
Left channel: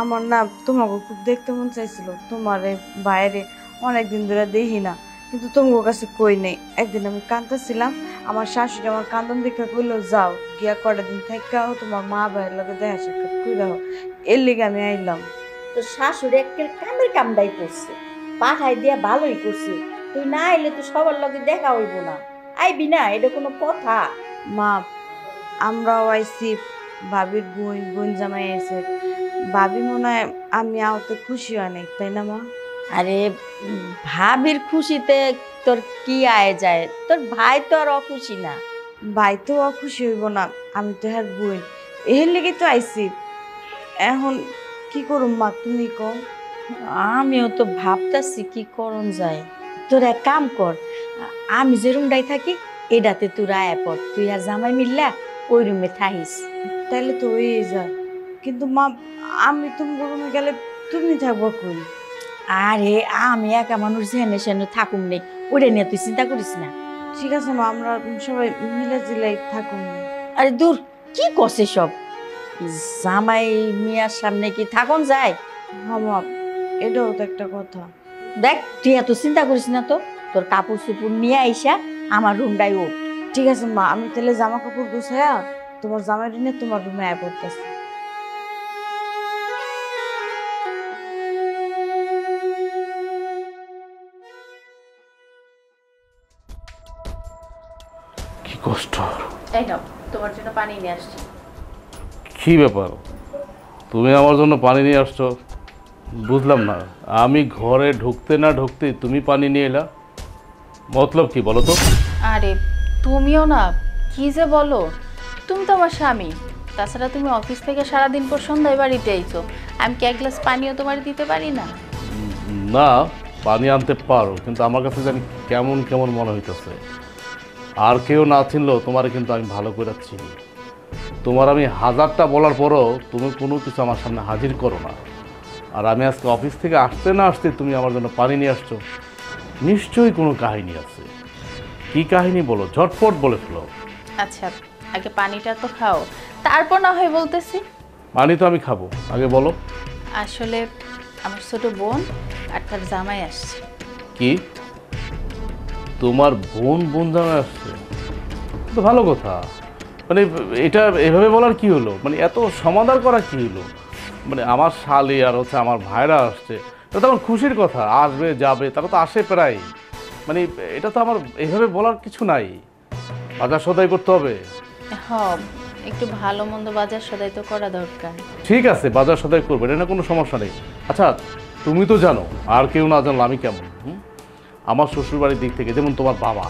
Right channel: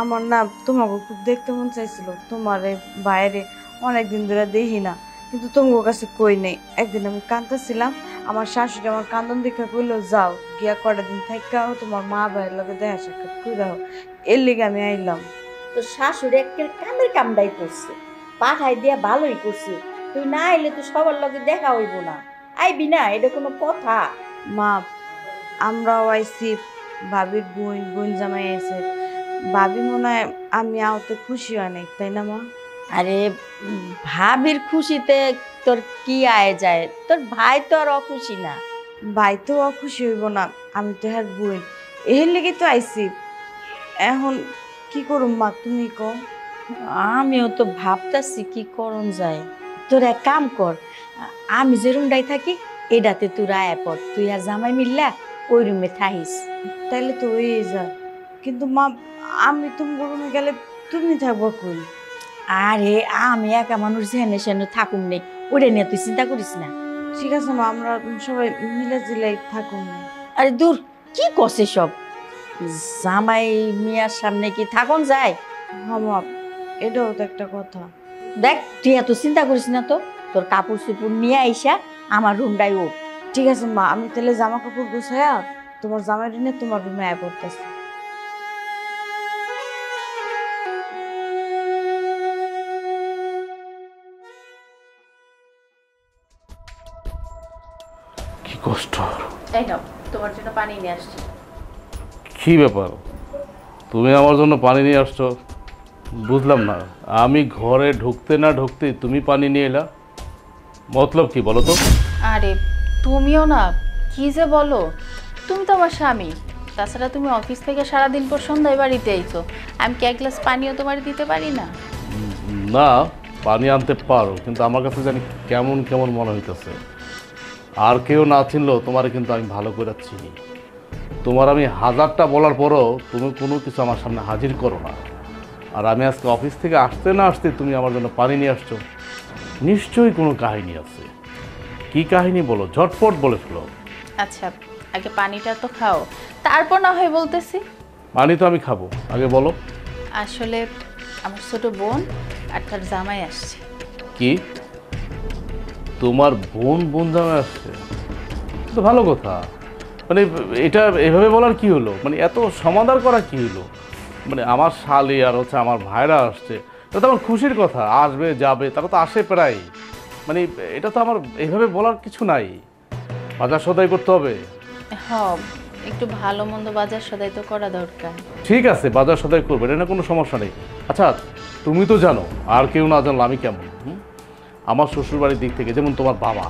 আমার না তোমাকে খুব দেখতে মন চাইছিল, তোমার বাইরে অনেকদিন ধরে দেখি না, কিন্তু তোমার কাছে কই নেই। একদিন আমি কাঁদতেছিলাম, আমার শাশুড়ি আমার কান্দন দেখে কইলো যাও গিয়া কটা দিন থাকাও তোমার মা ভাইয়ের লগে দেখা সাক্ষাৎ কইরাও। এর লিগে আমি আইলাম। তোর শাশুড়ি একের কামের কামড়াই করছে, পাঠাই দিয়া ভালোই করছে। তুই না আইলে তো সবার লগে দেখা হইব না। আইবি না, এটা কোনো কথা? মা, আমরাও আইসি, ভাবির বোন জামাই আইছে। ভাবি মনে হয় আমি আওতে খুশি হয় নাই, তাই না মা? আরে ভাবির খুশিতে তোর কি আয় যায়? তোর ভাই তো আর অখুশি না। ভাই তো অখুশি হইব না, আমি তো হ্যাঁ বোন, এর লেগে তো আইসি। এখন কি করুম মা, তুমি কও। আমিও তো ভাবতাছি কি করণ যায়। তোর এক কাম কর, আমি যে রুমটাই থাকি এটাতে তোর আয়া পর, তুই আর জামাই মিললা ওই রুমে থাকিস। তাইলে তো হয়ে যায়, কিন্তু মা আমি তুমি রুমে গেলে তুমি থাকবো কই? আরে আমি একা মানুষ জেনে সেনে থাকুম নেই, ওটা নিয়ে তুই চিন্তা করিস না। ঠিক আছে মা, আমরা সবাই মিলে জিলাই থাকুন। আরে দূর, কি করছে সব? জামাই মিয়ার সামনে কি থাকুন যায়? হ্যাঁ মা, এটাও তো একটা কথা। দেখ, তুই এত চিন্তা করিস না তো, তোর কাপড় চুপুর নিয়ে আইসা আমার রুমটাই ও। ঠিক আছে মা, আমি তাহলে জামা কাপড় গুছাইয়া তোমার জামাই নিয়ে তোমার রুমে আয় পড়তেছি। কি কষ্ট। এই নাও, তোমার জন্য পানি নিয়ে আসছি। কি ব্যাপার, তুমি আমার জন্য পানি নিয়ে আসছো? বুঝলাম না, আমি ঘরে ঢুকতে না ঢুকতেই তুমি পানি নিয়ে এলা, মতলব কি বলো তো? আরে তুমিও না, কি যে বলো, তুমি তো আমার স্বামী, তাছাড়া তুমি অফিস থেকে সারাদিন পর সন্ধ্যায় বাড়িতে আইছো, আমি কি এক গ্লাস পানিও তোমার দিতে পারি না? না, পানি আনতে পারো, কিন্তু আমার কাছে জানি কেমন কেমন মনে হইতেছে। আর কেউ না চিনলেও তোমার কিন্তু আমি ভালো করে চিনি। তোমার আমি হাজারটা বলার পরও তুমি কোনো কিছু আমার সামনে হাজির করো না। আর আমি আজকে অফিস থেকে আসতে না আসতে তুমি আমার জন্য পানি নিয়ে আসছো, নিশ্চয়ই কোনো কাহিনী আছে। কি কাহিনী বলো, ঝটপট বলে ফেলো। আচ্ছা, আগে পানিটা তো খাও, তারপর না হয় বলতেছি। পানি তো আমি খাবো, আগে বলো। আসলে আমার ছোট বোন আর তার জামাই আসছে। কি তোমার বোন জামাই আসছে? তো ভালো কথা। মানে এটা এভাবে বলার কি হলো, মানে এত সমাধান করা কি হলো? মানে আমার শালি আর হচ্ছে আমার ভাইরা আসছে, এটা তো আমার খুশির কথা। আসবে যাবে, তারা তো আসে প্রায়। মানে এটা তো আমার এইভাবে বলার কিছু নাই। বাজার সদাই করতে হবে। একটু ভালো মন্দ বাজার সদাই তো করা দরকার। ঠিক আছে, বাজার সদাই করবে, এটা কোনো সমস্যা নেই। আচ্ছা, তুমি তো জানো, আর কেউ না জানলো আমি কেমন। আমার শ্বশুরবাড়ির দিক থেকে, যেমন তোমার বাবা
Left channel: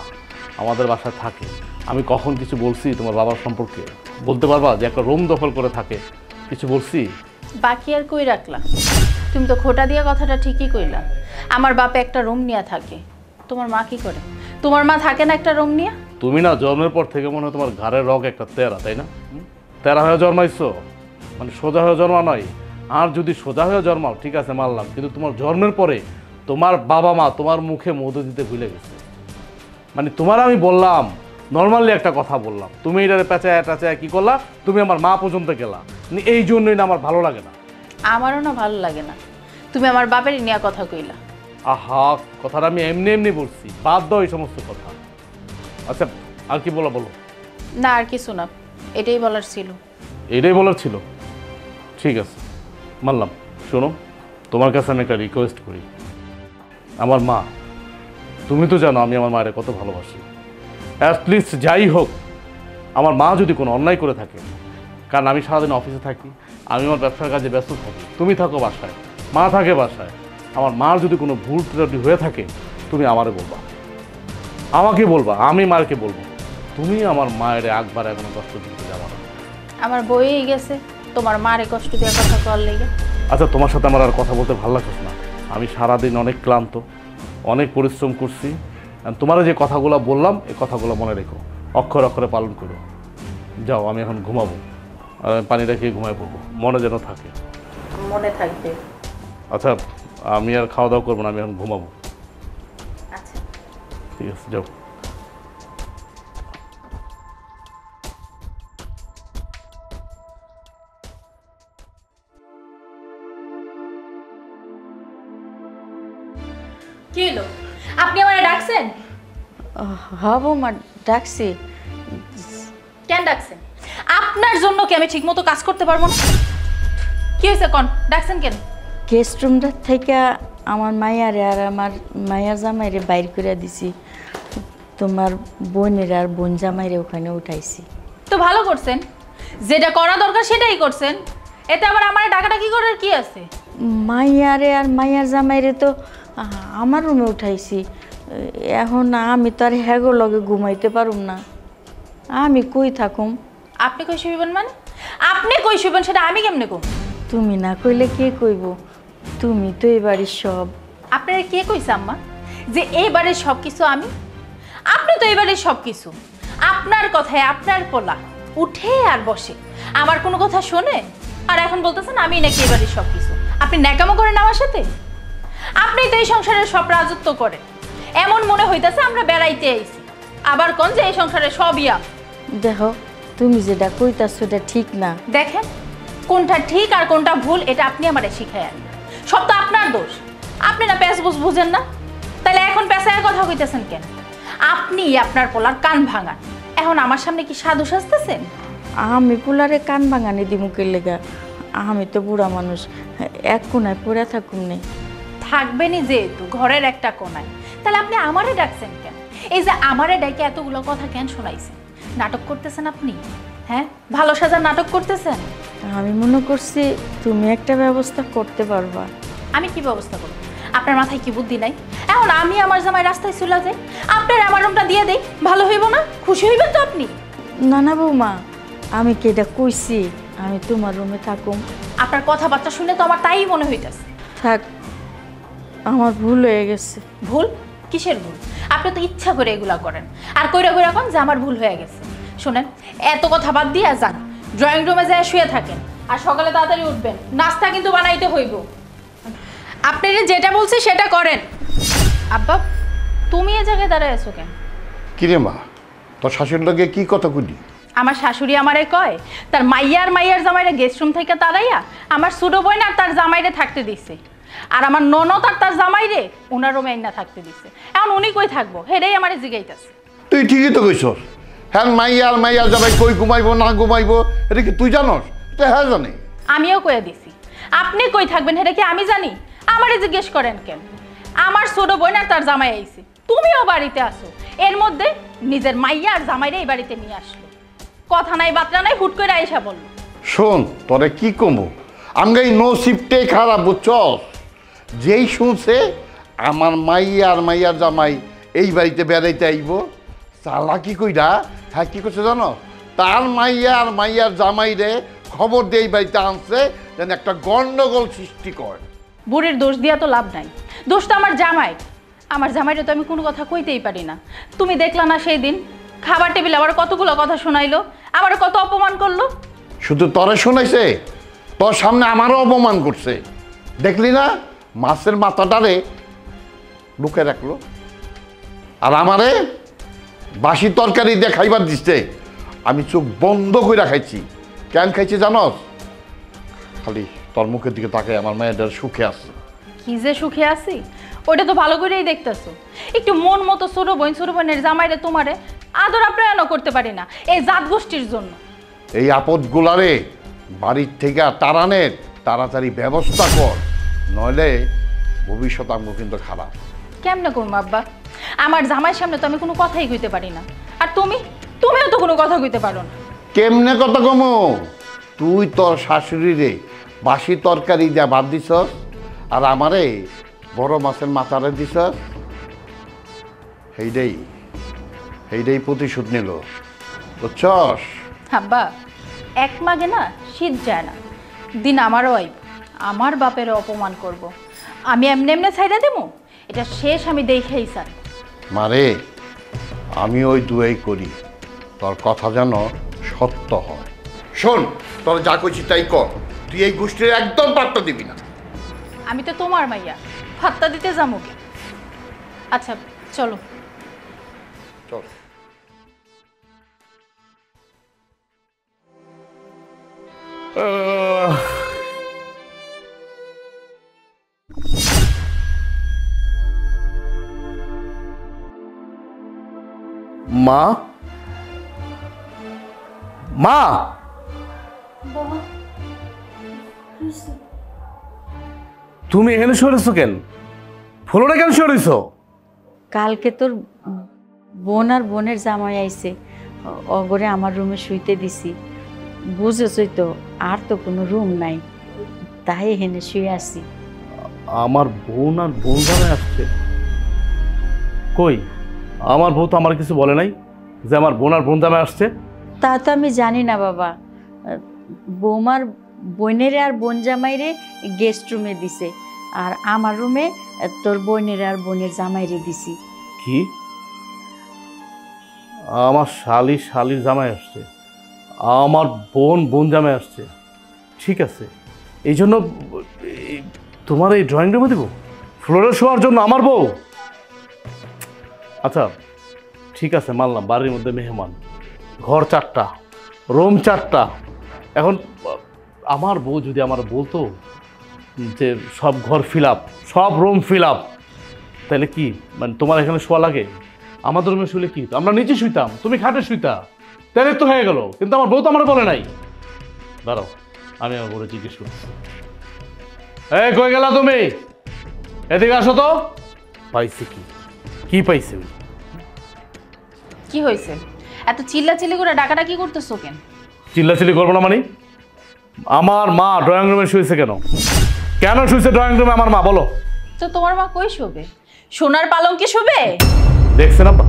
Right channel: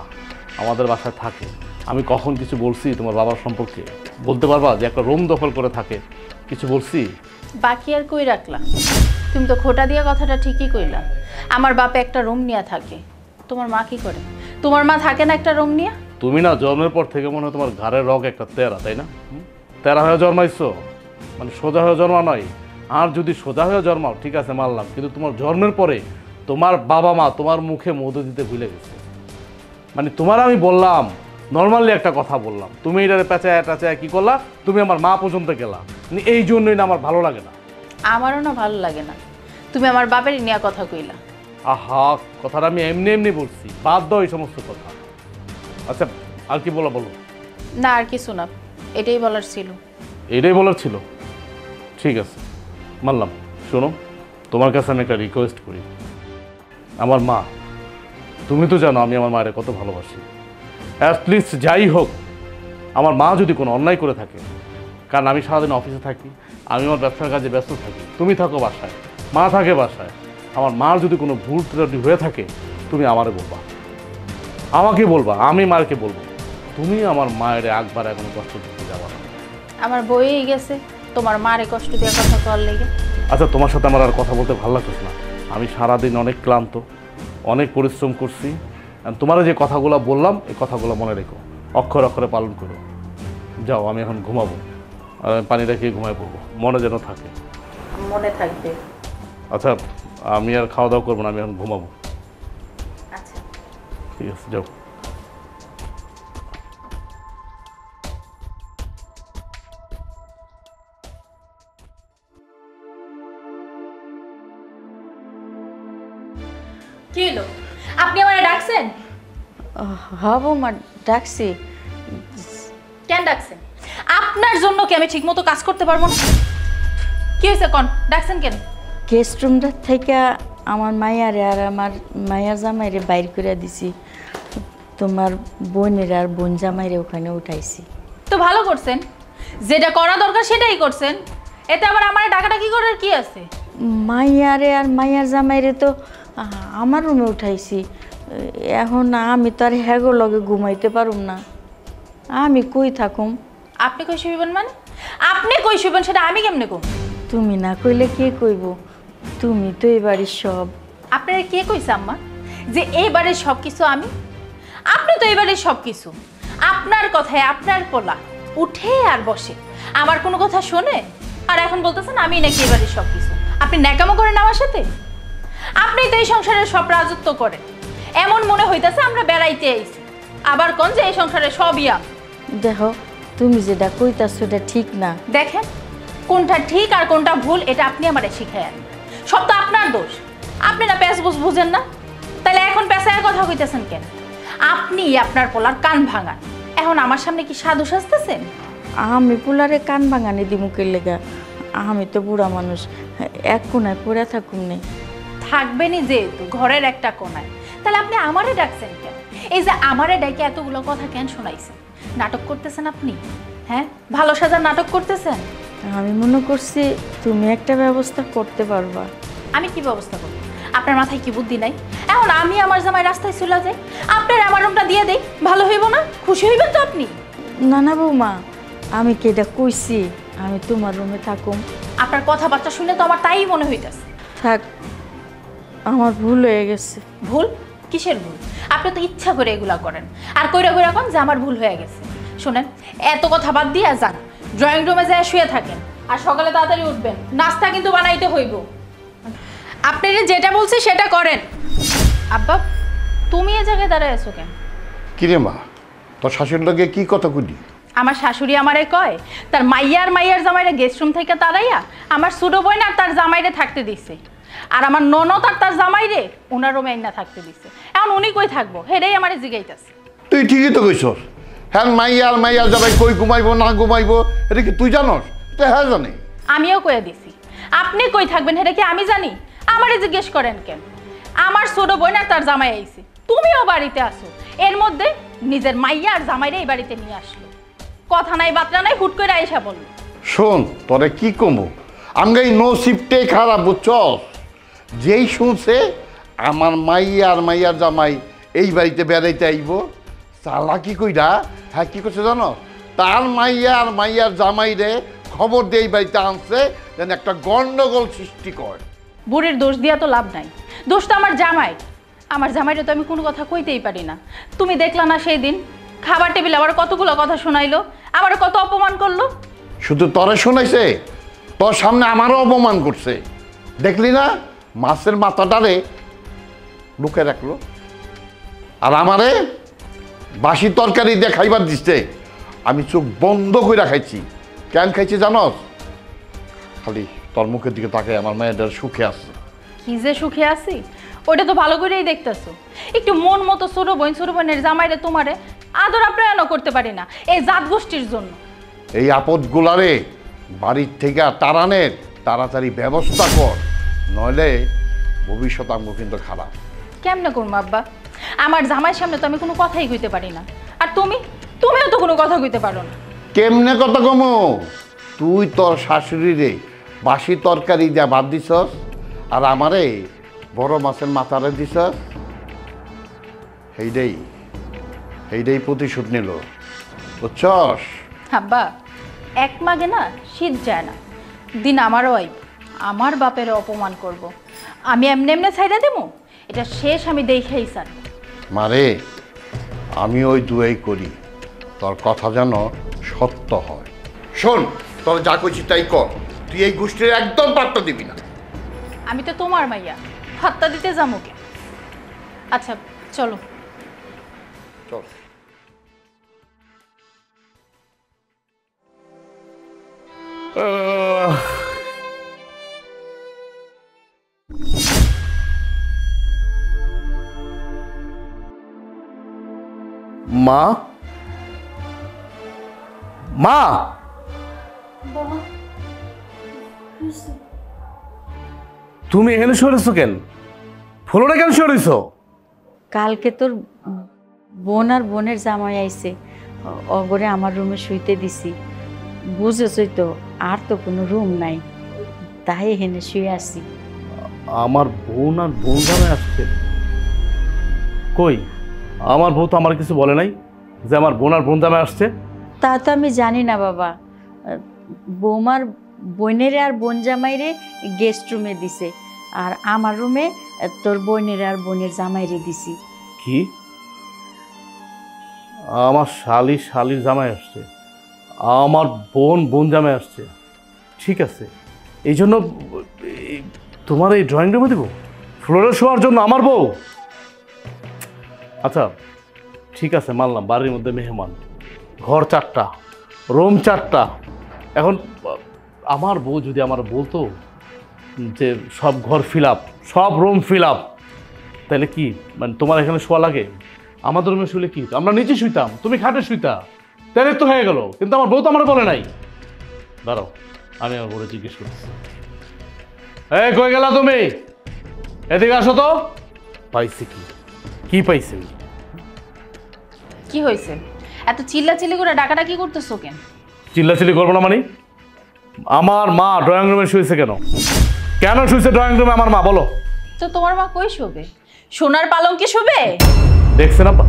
আমাদের বাসায় থাকে, আমি কখন কিছু বলছি তোমার বাবার সম্পর্কে? বলতে পারবা যে একটা রুম দখল করে থাকে? কিছু বলছি? বাকি আর কই রাখলা? তুমি তো খোটা দিয়া কথাটা ঠিকই কইলা। আমার বাপে একটা রুম নিয়ে থাকে। তোমার মা কি করে? তোমার মা থাকে না একটা রুম নিয়ে? তুমি না জন্মের পর থেকে মনে হয় তোমার ঘাড়ের রগ একটা তেরা, তাই না? তেরা হয়ে জন্মাইছো, মানে সোজা হয়ে জন্মা নয়। আর যদি সোজা হয়ে জন্মাও ঠিক আছে মানলাম, কিন্তু তোমার জন্মের পরে তোমার বাবা মা তোমার মুখে মধু দিতে ভুলে গেছে। মানে তোমার আমি বললাম, নর্মালি একটা কথা বললাম, তুমি এটারে পেঁচায় কি করলা? তুমি আমার মা পর্যন্ত গেলা। এই জন্যই না আমার ভালো লাগে না। আমারও না ভালো লাগে না, তুমি আমার বাপের নিয়ে কথা কইলা। আহা, কথাটা আমি এমনি বলছি, বাদ দাও এই সমস্ত কথা। আচ্ছা, আর কি বলো? না, আর কিছু না, এটাই বলার ছিল। এটাই বলার ছিল? ঠিক আছে, মানলাম। শোনো, তোমার কাছে আমি একটা রিকোয়েস্ট করি। আমার মা, তুমি তো জানো আমি আমার মায়ের কত ভালোবাসি। অ্যাটলিস্ট যাই হোক, আমার মা যদি কোনো অন্যায় করে থাকে, কারণ আমি সারাদিন অফিসে থাকি, আমি আমার ব্যবসার কাজে ব্যস্ত থাকি, তুমি থাকো বাসায়, মা থাকে বাসায়, আমার মার যদি কোনো ভুল ত্রুটি হয়ে থাকে, তুমি আমারে বলবা, আমাকে বলবা, আমি মারকে বলবো। তুমি আমার মায়ের একবার কোনো কষ্ট দিতে যাবা না। আমার বইয়েই গেছে তোমার মারে কষ্ট দেওয়ার কথা কল লেগে। আচ্ছা, তোমার সাথে আমার আর কথা বলতে ভালো লাগছে না। আমি সারাদিন অনেক ক্লান্ত, অনেক পরিশ্রম করছি। তোমার যে কথাগুলো বললাম, এই কথাগুলো মনে রেখো, অক্ষরে অক্ষরে পালন করো। যাও, আমি এখন ঘুমাবো, আর আমি পানিটা খেয়ে ঘুমাই পড়বো, মনে যেন থাকে। মনে থাকবে। আচ্ছা, আমি আর খাওয়া দাওয়া করবো না, আমি এখন ঘুমাবো। আচ্ছা, ঠিক আছে, যাও। কি হলো? আপনি আমারে ডাকছেন? হ্যাঁ বৌমা, ডাকছি। কেন ডাকছেন? আপনার জন্য কি আমি ঠিকমতো কাজ করতে পারবো না? কি হয়েছে কোন? ডাকছেন কেন? গেস্ট রুমটা থেকে আমার মাইয়ারে আর আমার মাইয়ার জামাইরে বাইর করে দিছি, তোমার বোনের আর বোন জামাইরে ওখানে উঠাইছি। তো ভালো করছেন, যেটা করা দরকার সেটাই করছেন। এতে আবার আমার ডাকাডাকি করার কি আছে? মাইয়ারে আর মাইয়ার জামাইরে তো আমার রুমে উঠাইছি। এখন আমি তো আর হ্যাগো লগে ঘুমাইতে পারুম না, আমি কই থাকুম? আপনি কই শুইবেন? মানে আপনি কই শুইবেন সেটা আমি কেমনে কম? তুমি না কইলে কে কইব? তুমি তো এই বাড়ির সব। আপনারা কে কইছে আম্মা যে এই বাড়ির সব কিছু আমি? আপনি তো এই বাড়ির সব কিছু। আপনার কথায় আপনার পোলা উঠে আর বসে, আমার কোনো কথা শোনে, আর এখন বলতেছেন আমি নাকি এই বাড়ির সব কিছু। আপনি ন্যাকামো করেন আমার সাথে? আপনি তো এই সংসারের সব রাজত্ব করেন, এমন মনে হইতেছে আমরা বেড়াইতে আইছি, আবার কোন যে এই সংসারে সবই আমি। দেখো, তুমি যেটা কইতাছো এটা ঠিক না। দেখেন, কোনটা ঠিক আর কোনটা ভুল এটা আপনি আমারে শিখাই আনেন। সব তো আপনার দোষ। আপনি না প্যাঁচ বুঝেন না, তাহলে এখন পেঁচায়ের কথা কইতেছেন কেন? আপনি আপনার পোলার কান ভাঙান, এখন আমার সামনে কি সাধু সাজতেছেন? আমি পোলারে কান ভাঙানি দিমুকের লেগা? আমি তো বুড়া মানুষ, এক কোনায় পড়ে থাকুম নেই। থাকবেনই যেহেতু ঘরের একটা কোনায়, তাহলে আপনি আমারে ডাকছেন কেন? এই যে আমারে ডাকে এতগুলো কথা কেন শোনাইছেন? নাটক করতেছেন আপনি? হ্যাঁ, ভালো সাজার নাটক করতেছেন। আমি মনে করছি তুমি একটা ব্যবস্থা করতে পারবা। আমি কি ব্যবস্থা করব? আপনার মাথায় কি বুদ্ধি নাই? এখন আমি আমার জামাই রাস্তায় চলে যাই, আপনার আমার রুমটা দিয়ে দেই, ভালো হইব না? খুশি হইবেন তো আপনি? না না বৌমা, আমি কি এটা কইছি আমি তোমার রুমে থাকুম? আপনার কথাবার্তা শুনে তো আমার তাই মনে হইতেছে। থাক, আমার ভুল হয়ে গেছে। ভুল? কিসের ভুল? আপনি তো ইচ্ছা করে এগুলা করেন, আর কইরা কইরা কোন যে আমার ভুল হয়ে গেছে। শুনেন, এত কথা বাদ দিয়ে যান, ড্রয়িং রুমে যায় শুয়ে থাকেন, আর সকালে তাড়াতাড়ি উঠবেন, নাস্তা কিন্তু বানাইতে হইব। আপনি যেটা বলছি সেটা করেন। আব্বা, তুমি এ জায়গায় দাঁড়ায় আছো কেন? কিরে মা, তোর শাশুড়ির লগে কি কথা কইলি? আমার শাশুড়ি আমারে কয় তার মাইয়ার জামাইরে গেস্ট রুম থেকে তাড়াইয়া আমার ছোটো বোন আর তার জামাইরে থাকতে দিছে, আর আমার ননদ আর তার জামাইরে ওনার রুমে না থাকতে দিছে। এখন উনি কই থাকবো হেডেই আমারে জিগাইতাছে। তুই ঠিকই তো কইছস। হ্যাঁ, মাইয়ার যাবাই কই ঘুমাইবো না ঘুমাইবো এটা কি তুই জানস? তো হ্যাঁ জানি। আমিও কয়ে দিছি, আপনি কই থাকবেন হেডে কি আমি জানি? আমারে জিজ্ঞেস করেন কেন? আমার ছোট বোন আর তার জামাই আইছে, তুমিও বাড়িতে আসো, এর মধ্যে নিজের মাইয়া আর জামাইরে এই বাড়িতে নিয়ে আসলো। কথা নাই বার্তা নাই, হুট করে আইসা বললো। শোন, তোরে কি কমো, আমি এই নসিবটাই খারাপ বুঝছস। যেই শুনছে আমার মাইয়ার জামাই এই বাড়িতে বেড়াইতে আইব, চালাকি কইরা হ্যাঁ কি করছে জানো, তার মাইয়ার জামাইরে খবর দিয়ে এই বাড়িতে আনছে যেন একটা গন্ডগোল সৃষ্টি করে। বুড়ির দোষ দিয়া তো লাভ নাই, দোষ তো আমার জামাই। আমার জামাইরে তো আমি কোনো কথা কইতেই পারি না। তুমি দেখলা না সেই দিন খাবার টেবিলে আবার কতগুলো কথা শোনাইলো, আবার কত অপমান করলো। শুধু তরে শুনাইছে, তোর সামনে আমারও অপমান করছে। দেখলি না মাছের মাথাটারে লুকে রাখলো, আর আমারে বাসি তরকারি দিয়ে খাইবার দিচ্ছে। আমি চোখ বন্ধ করে খাইছি। কেন খাইছি জানস? খালি তোর মুখের দিকে তাকাই আমার মেয়েটার সুখে আছে। কি যে সুখে আছি ওইটা তো ভালো করেই দেখতেছো। একটু মন মতো ছোট বোনের জামাইরে তোমারে আদর আপ্যায়নও করতে পারি না এই জাত গোষ্ঠীর জন্য। এই আপদগুলারে বাড়ির থেকে তাড়ানের তাড়াতাড়ি ব্যবস্থা কর, নইলে ভবিষ্যৎ আমগো কিন্তু খারাপ। কেমনে করবো আব্বা? আমার জামাইয়ের সামনে তো আমি কোনো কথাই কইতে পারি না, আর তুমিও তো কোনো কথা কইতে পারো না। কেমনে কথা কমো? তুই তোর শাশুড়িরে বাসি তরকারি দিয়া ভাত দিছস, আর আমারে বড় মাছের মাথারে দিছস। সেইটাই প্রতিশোধ নিল, বুঝছস? আব্বা, এক মাগে না শীত যায় না, দিন আমারও আইব, আমার বাপের অপমান করব। আমি এমনি ছাইড়া দেবো? এটা শেষ আমি দেখেই স্যার। মারে, আমি ওই দুয়াই করি তোর কথা যেন সত্য হয়। শোন, তোর যা কইছি তাই কর, তুই এই গোষ্ঠীর একদম পাত্তা দিবি না। আমি তো তোমার মাইয়া, ফাত্তা দিতে যাবো কে? আচ্ছা চলো। চল। মা, মা, তুমি এখানে সরেছো কেন? ফ্লোরে কেন সরেছো? কালকে তোর বোন আর বোনের জামাই আইছে, অগরে আমার রুমে শুইতে দিছি। বুঝেছই তো, আর তো কোনো রুম নাই, তাই এখানে শুয়ে আছি। আমার বোন আর বোন জামাই আসছে? কই, আমার বউ তো আমার কিছু বলে নাই যে আমার বোন আর বোন জামাই আসছে। তা তো আমি জানি না বাবা। বৌমার বোনের আর বোন জামাইরে গেস্ট রুমে দিছে, আর আমার রুমে তোর বোনের আর বোনের জামাইরে দিছি। কি? আমার শালির জামাই আসছে, আমার বোন জামাই আসছে? ঠিক আছে, এই জন্য তোমার এই ড্রয়িং রুমে দেবো ফ্লোরে শোয়ার জন্য আমার বউ? আচ্ছা ঠিক আছে, মানলাম বাড়ির মধ্যে মেহমান, ঘর 4টা, রুম 4টা। এখন আমার বউ যদি আমার বলতো যে সব ঘর ফিল আপ, সব রুম ফিল আপ, তাহলে কি মানে তোমার এখানে শোয়া লাগে? আমাদের রুমে শুলে কি, আমরা নিচে শুইতাম, তুমি খাটে শুইতা, তাহলে তো হয়ে গেল। কিন্তু আমার বউ তো আমার বলে নাই। দাঁড়াও, আমি আমার বউরে জিজ্ঞেস করছি। এই কই গেলা তুমি? এদিকে আসো তো। পাইছে কি পাইছে? কি হয়েছে? এত চিল্লাচিল্লি করে ডাকাডাকি করতেছো কেন? চিল্লাচিল্লি করবো না মানে? আমার মা ড্রয়িং রুমে শুয়েছে কেন? কেন শুয়েছে ড্রয়িং রুমে আমার মা, বলো তো। তোমার মা কই শোবে? সোনার পালঙ্কে শোবে? দেখছেন আব্বা,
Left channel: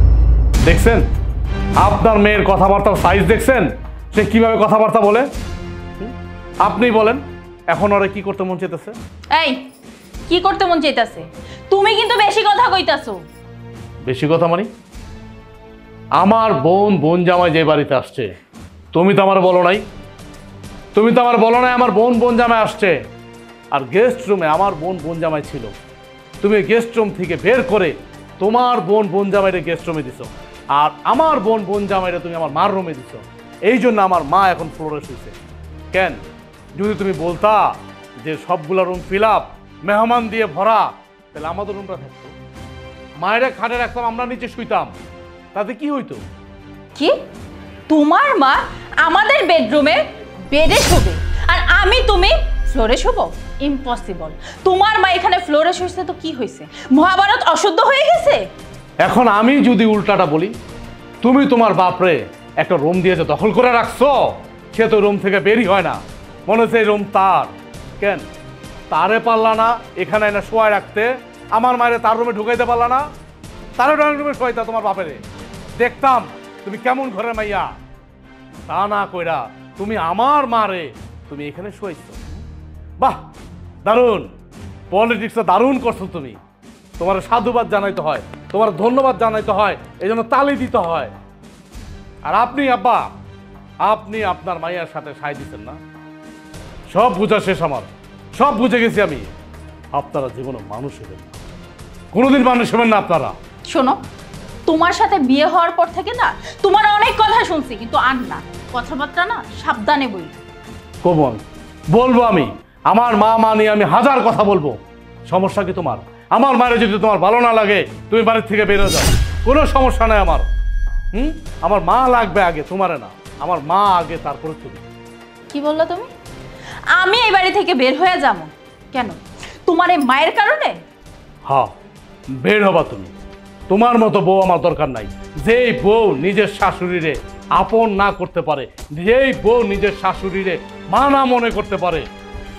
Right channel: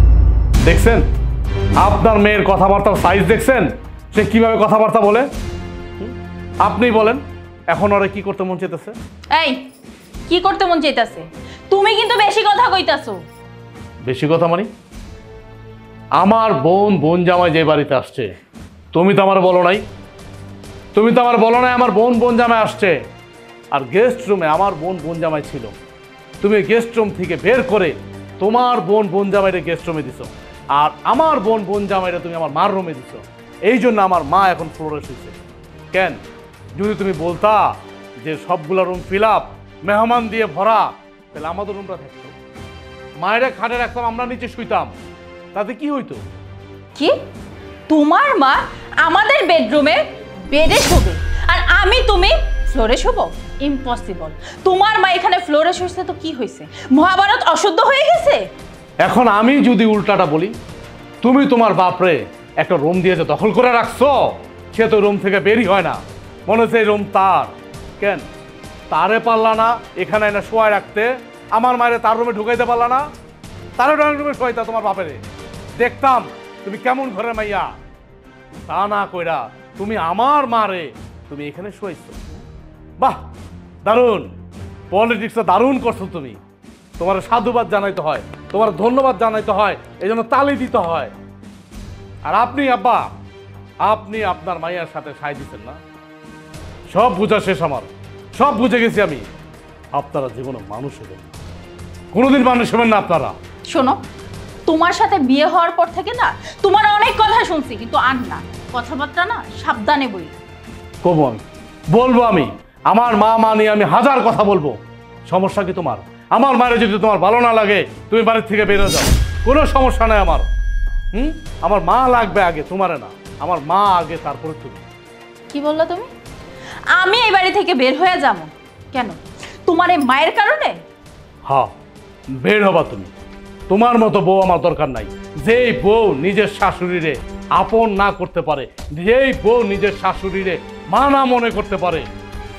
দেখছেন আপনার মেয়ের কথাবার্তার সাইজ দেখছেন? সে সে কিভাবে কথাবার্তা বলে আপনি বলেন। এখন ওরা কি করতে মন চাইতেছে? এই কি করতে মন চাইতাছে? তুমি কিন্তু বেশি কথা কইতাছো। বেশি কথা মানে? আমার বোন জামাই যে বাড়িতে আসছে, তুমি তো আমার বলো নাই। তুমি তো আমার বলো নাই আমার বোন জামাই আসছে। আর গেস্ট রুমে আমার বোন জামাই ছিল, তুমি গেস্ট রুম থেকে বের করে তোমার বোন জামাইরে গেস্ট রুমে দিছো, আর আমার বোন জামাইরে তুমি আমার মার রুমে দিছো। এই জন্য আমার মা এখন ফ্লোরে শুয়েছে। কেন? যদি তুমি বলতা যে সবগুলো রুম ফিল আপ, মেহমান দিয়ে ভরা, তাহলে আমাদের রুমটা থাকতো। মায়েরা খাটে রাখতাম, আমরা নিচে শুইতাম, তাতে কি হইতো? কি তোমার মা আমাদের বেডরুমে বেডে শোবে আর তুমি ফ্লোরে শোবো? ইম্পসিবল। তোমার মা এখানে ফ্লোরে শুইছে তো কি হয়েছে? মহাভারত অশুদ্ধ হয়ে গেছে? এখন আমি যদি উল্টাটা বলি, তুমি তোমার বাপরে একটা রুম দিয়েছে দখল করে রাখছো, সে তো রুম থেকে বেরই হয় না, মনে হচ্ছে এই রুম তার। কেন তারে পারলা না এখানে এনে শোয়ায় রাখতে? আমার মায়ের তার রুমে ঢুকাইতে পারলা না? তার ড্রয়িং রুমে শোয়াইতা তোমার বাপেরে, দেখতাম তুমি কেমন ঘরের মাইয়া। তা না কইরা তুমি আমার মারে তুমি এখানে শোয়াইছো। বাহ, দারুণ পলিটিক্সটা দারুণ করছো তুমি। তোমার সাধুবাদ জানাইতে হয়, তোমার ধন্যবাদ জানাইতে হয়, এই জন্য তালি দিতে হয়। আর আপনি আব্বা, আপনি আপনার মাইয়ার সাথে সাই দিচ্ছেন না। সব বুঝা শেষ আমার, সব বুঝে গেছি আমি। আপনারা জীবনে মানুষ হবেন না, কোনোদিন মানুষ হবেন না আপনারা। শোনো, তোমার সাথে বিয়ে হওয়ার পর থেকে না তোমার অনেক কথা শুনছি, কিন্তু আর না, কথাবার্তা না সাবধানে বই। কবো আমি, বলবো আমি, আমার মা নিয়ে আমি হাজার কথা বলবো। সমস্যা কি তোমার? আমার মায়ের যদি তোমার ভালো না লাগে তুমি বাড়ির থেকে বেরো যাও, কোনো সমস্যা নাই আমার। আমার মা লাগবে আগে, তোমারে না। আমার মা আগে, তারপরে তুমি। কি বললা তুমি? আমি এই বাড়ি থেকে বের হয়ে যাবো কেন? তোমার এই মায়ের কারণে? হ্যাঁ, বের হবা তুমি। তোমার মতো বউ আমার দরকার নাই। যেই বউ নিজের শাশুড়িরে আপন না করতে পারে, যেই বউ নিজের শাশুড়িরে মা না মনে করতে পারে,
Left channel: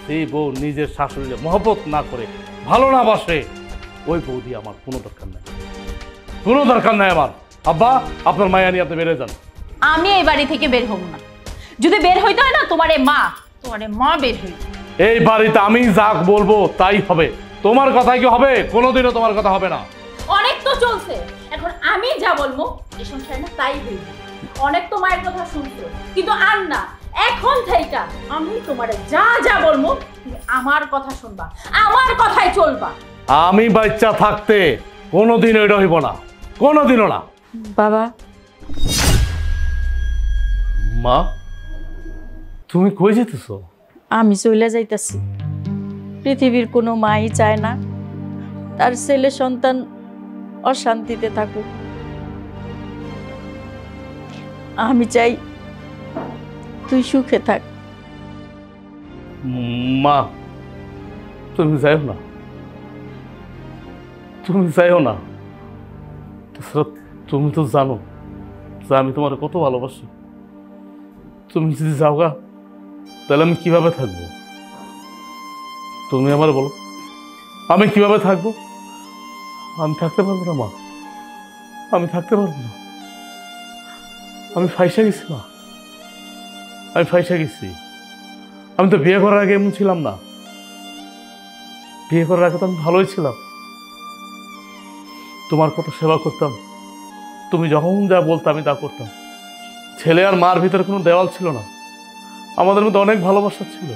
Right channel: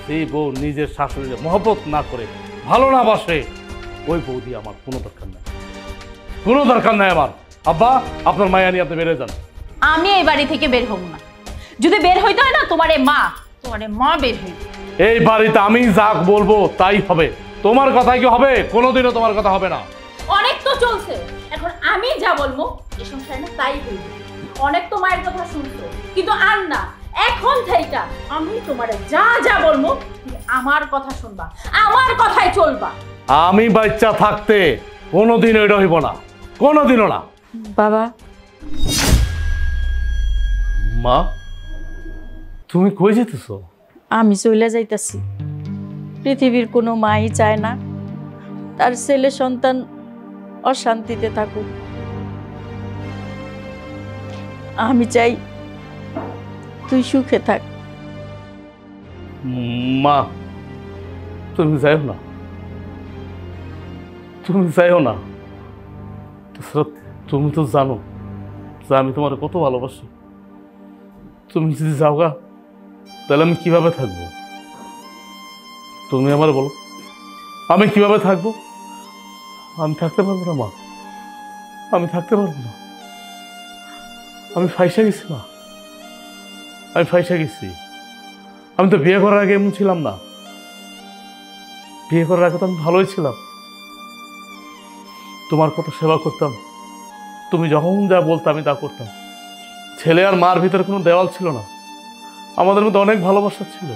যেই বউ নিজের শাশুড়িরে মহব্বত না করে, ভালো না বাসে, ওই বউ দিয়ে আমার কোনো দরকার নাই, কোনো দরকার নাই আমার। আব্বা, আপনার মায়া নিয়ে আপনি বেড়ে যান। আমি এই বাড়ি থেকে বের হব না। যদি বের হইতে হয় না, তোমার এই মা বের হইবে। এই বাড়িতে আমি যা বলবো তাই হবে। তোমার কথাই কি হবে? কোনোদিনও তোমার কথা হবে না। অনেক তো চলছে, এখন আমি যা বলবো এই সংসারে না তাই হইবে। অনেক তো মায়ের কথা শুনছো, কিন্তু আর না। এখন থেকে আমি তোমারে যা বলবো তুমি আমার কথা শুনবা, আমার কথাই চলবা। আমি বাচ্চা থাকতে কোনোদিনও এটা হইব না, কোনোদিনও না। বাবা, মা, তুমি কই যেতেছো? আমি চলে যাইতাছি। পৃথিবীর কোনো মাই চায় না তার ছেলে সন্তান অশান্তিতে থাকুক। আমি চাই তুই সুখে থাক। মা, তুমি যাইও না, তুমি যাইও না। তুমি তো জানো যে আমি তোমার কত ভালোবাসি। তুমি যদি যাও গা, তাহলে আমি কিভাবে থাকবো? তুমি আমার বলো, আমি কিভাবে থাকবো? আমি থাকতে পারবো না মা, আমি থাকতে পারবো না। আমি ফাইসা গেছি মা, আমি ফাইসা গেছি। আমি তো বিয়ে করার আগে এমন ছিলাম না। বিয়ে করার আগে তো আমি ভালোই ছিলাম, তোমার কত সেবা করতাম, তুমি যখন যা বলতে আমি তা করতাম। ছেলে আর মার ভিতরে কোনো দেওয়াল ছিল না, আমাদের মধ্যে অনেক ভালোবাসা ছিল।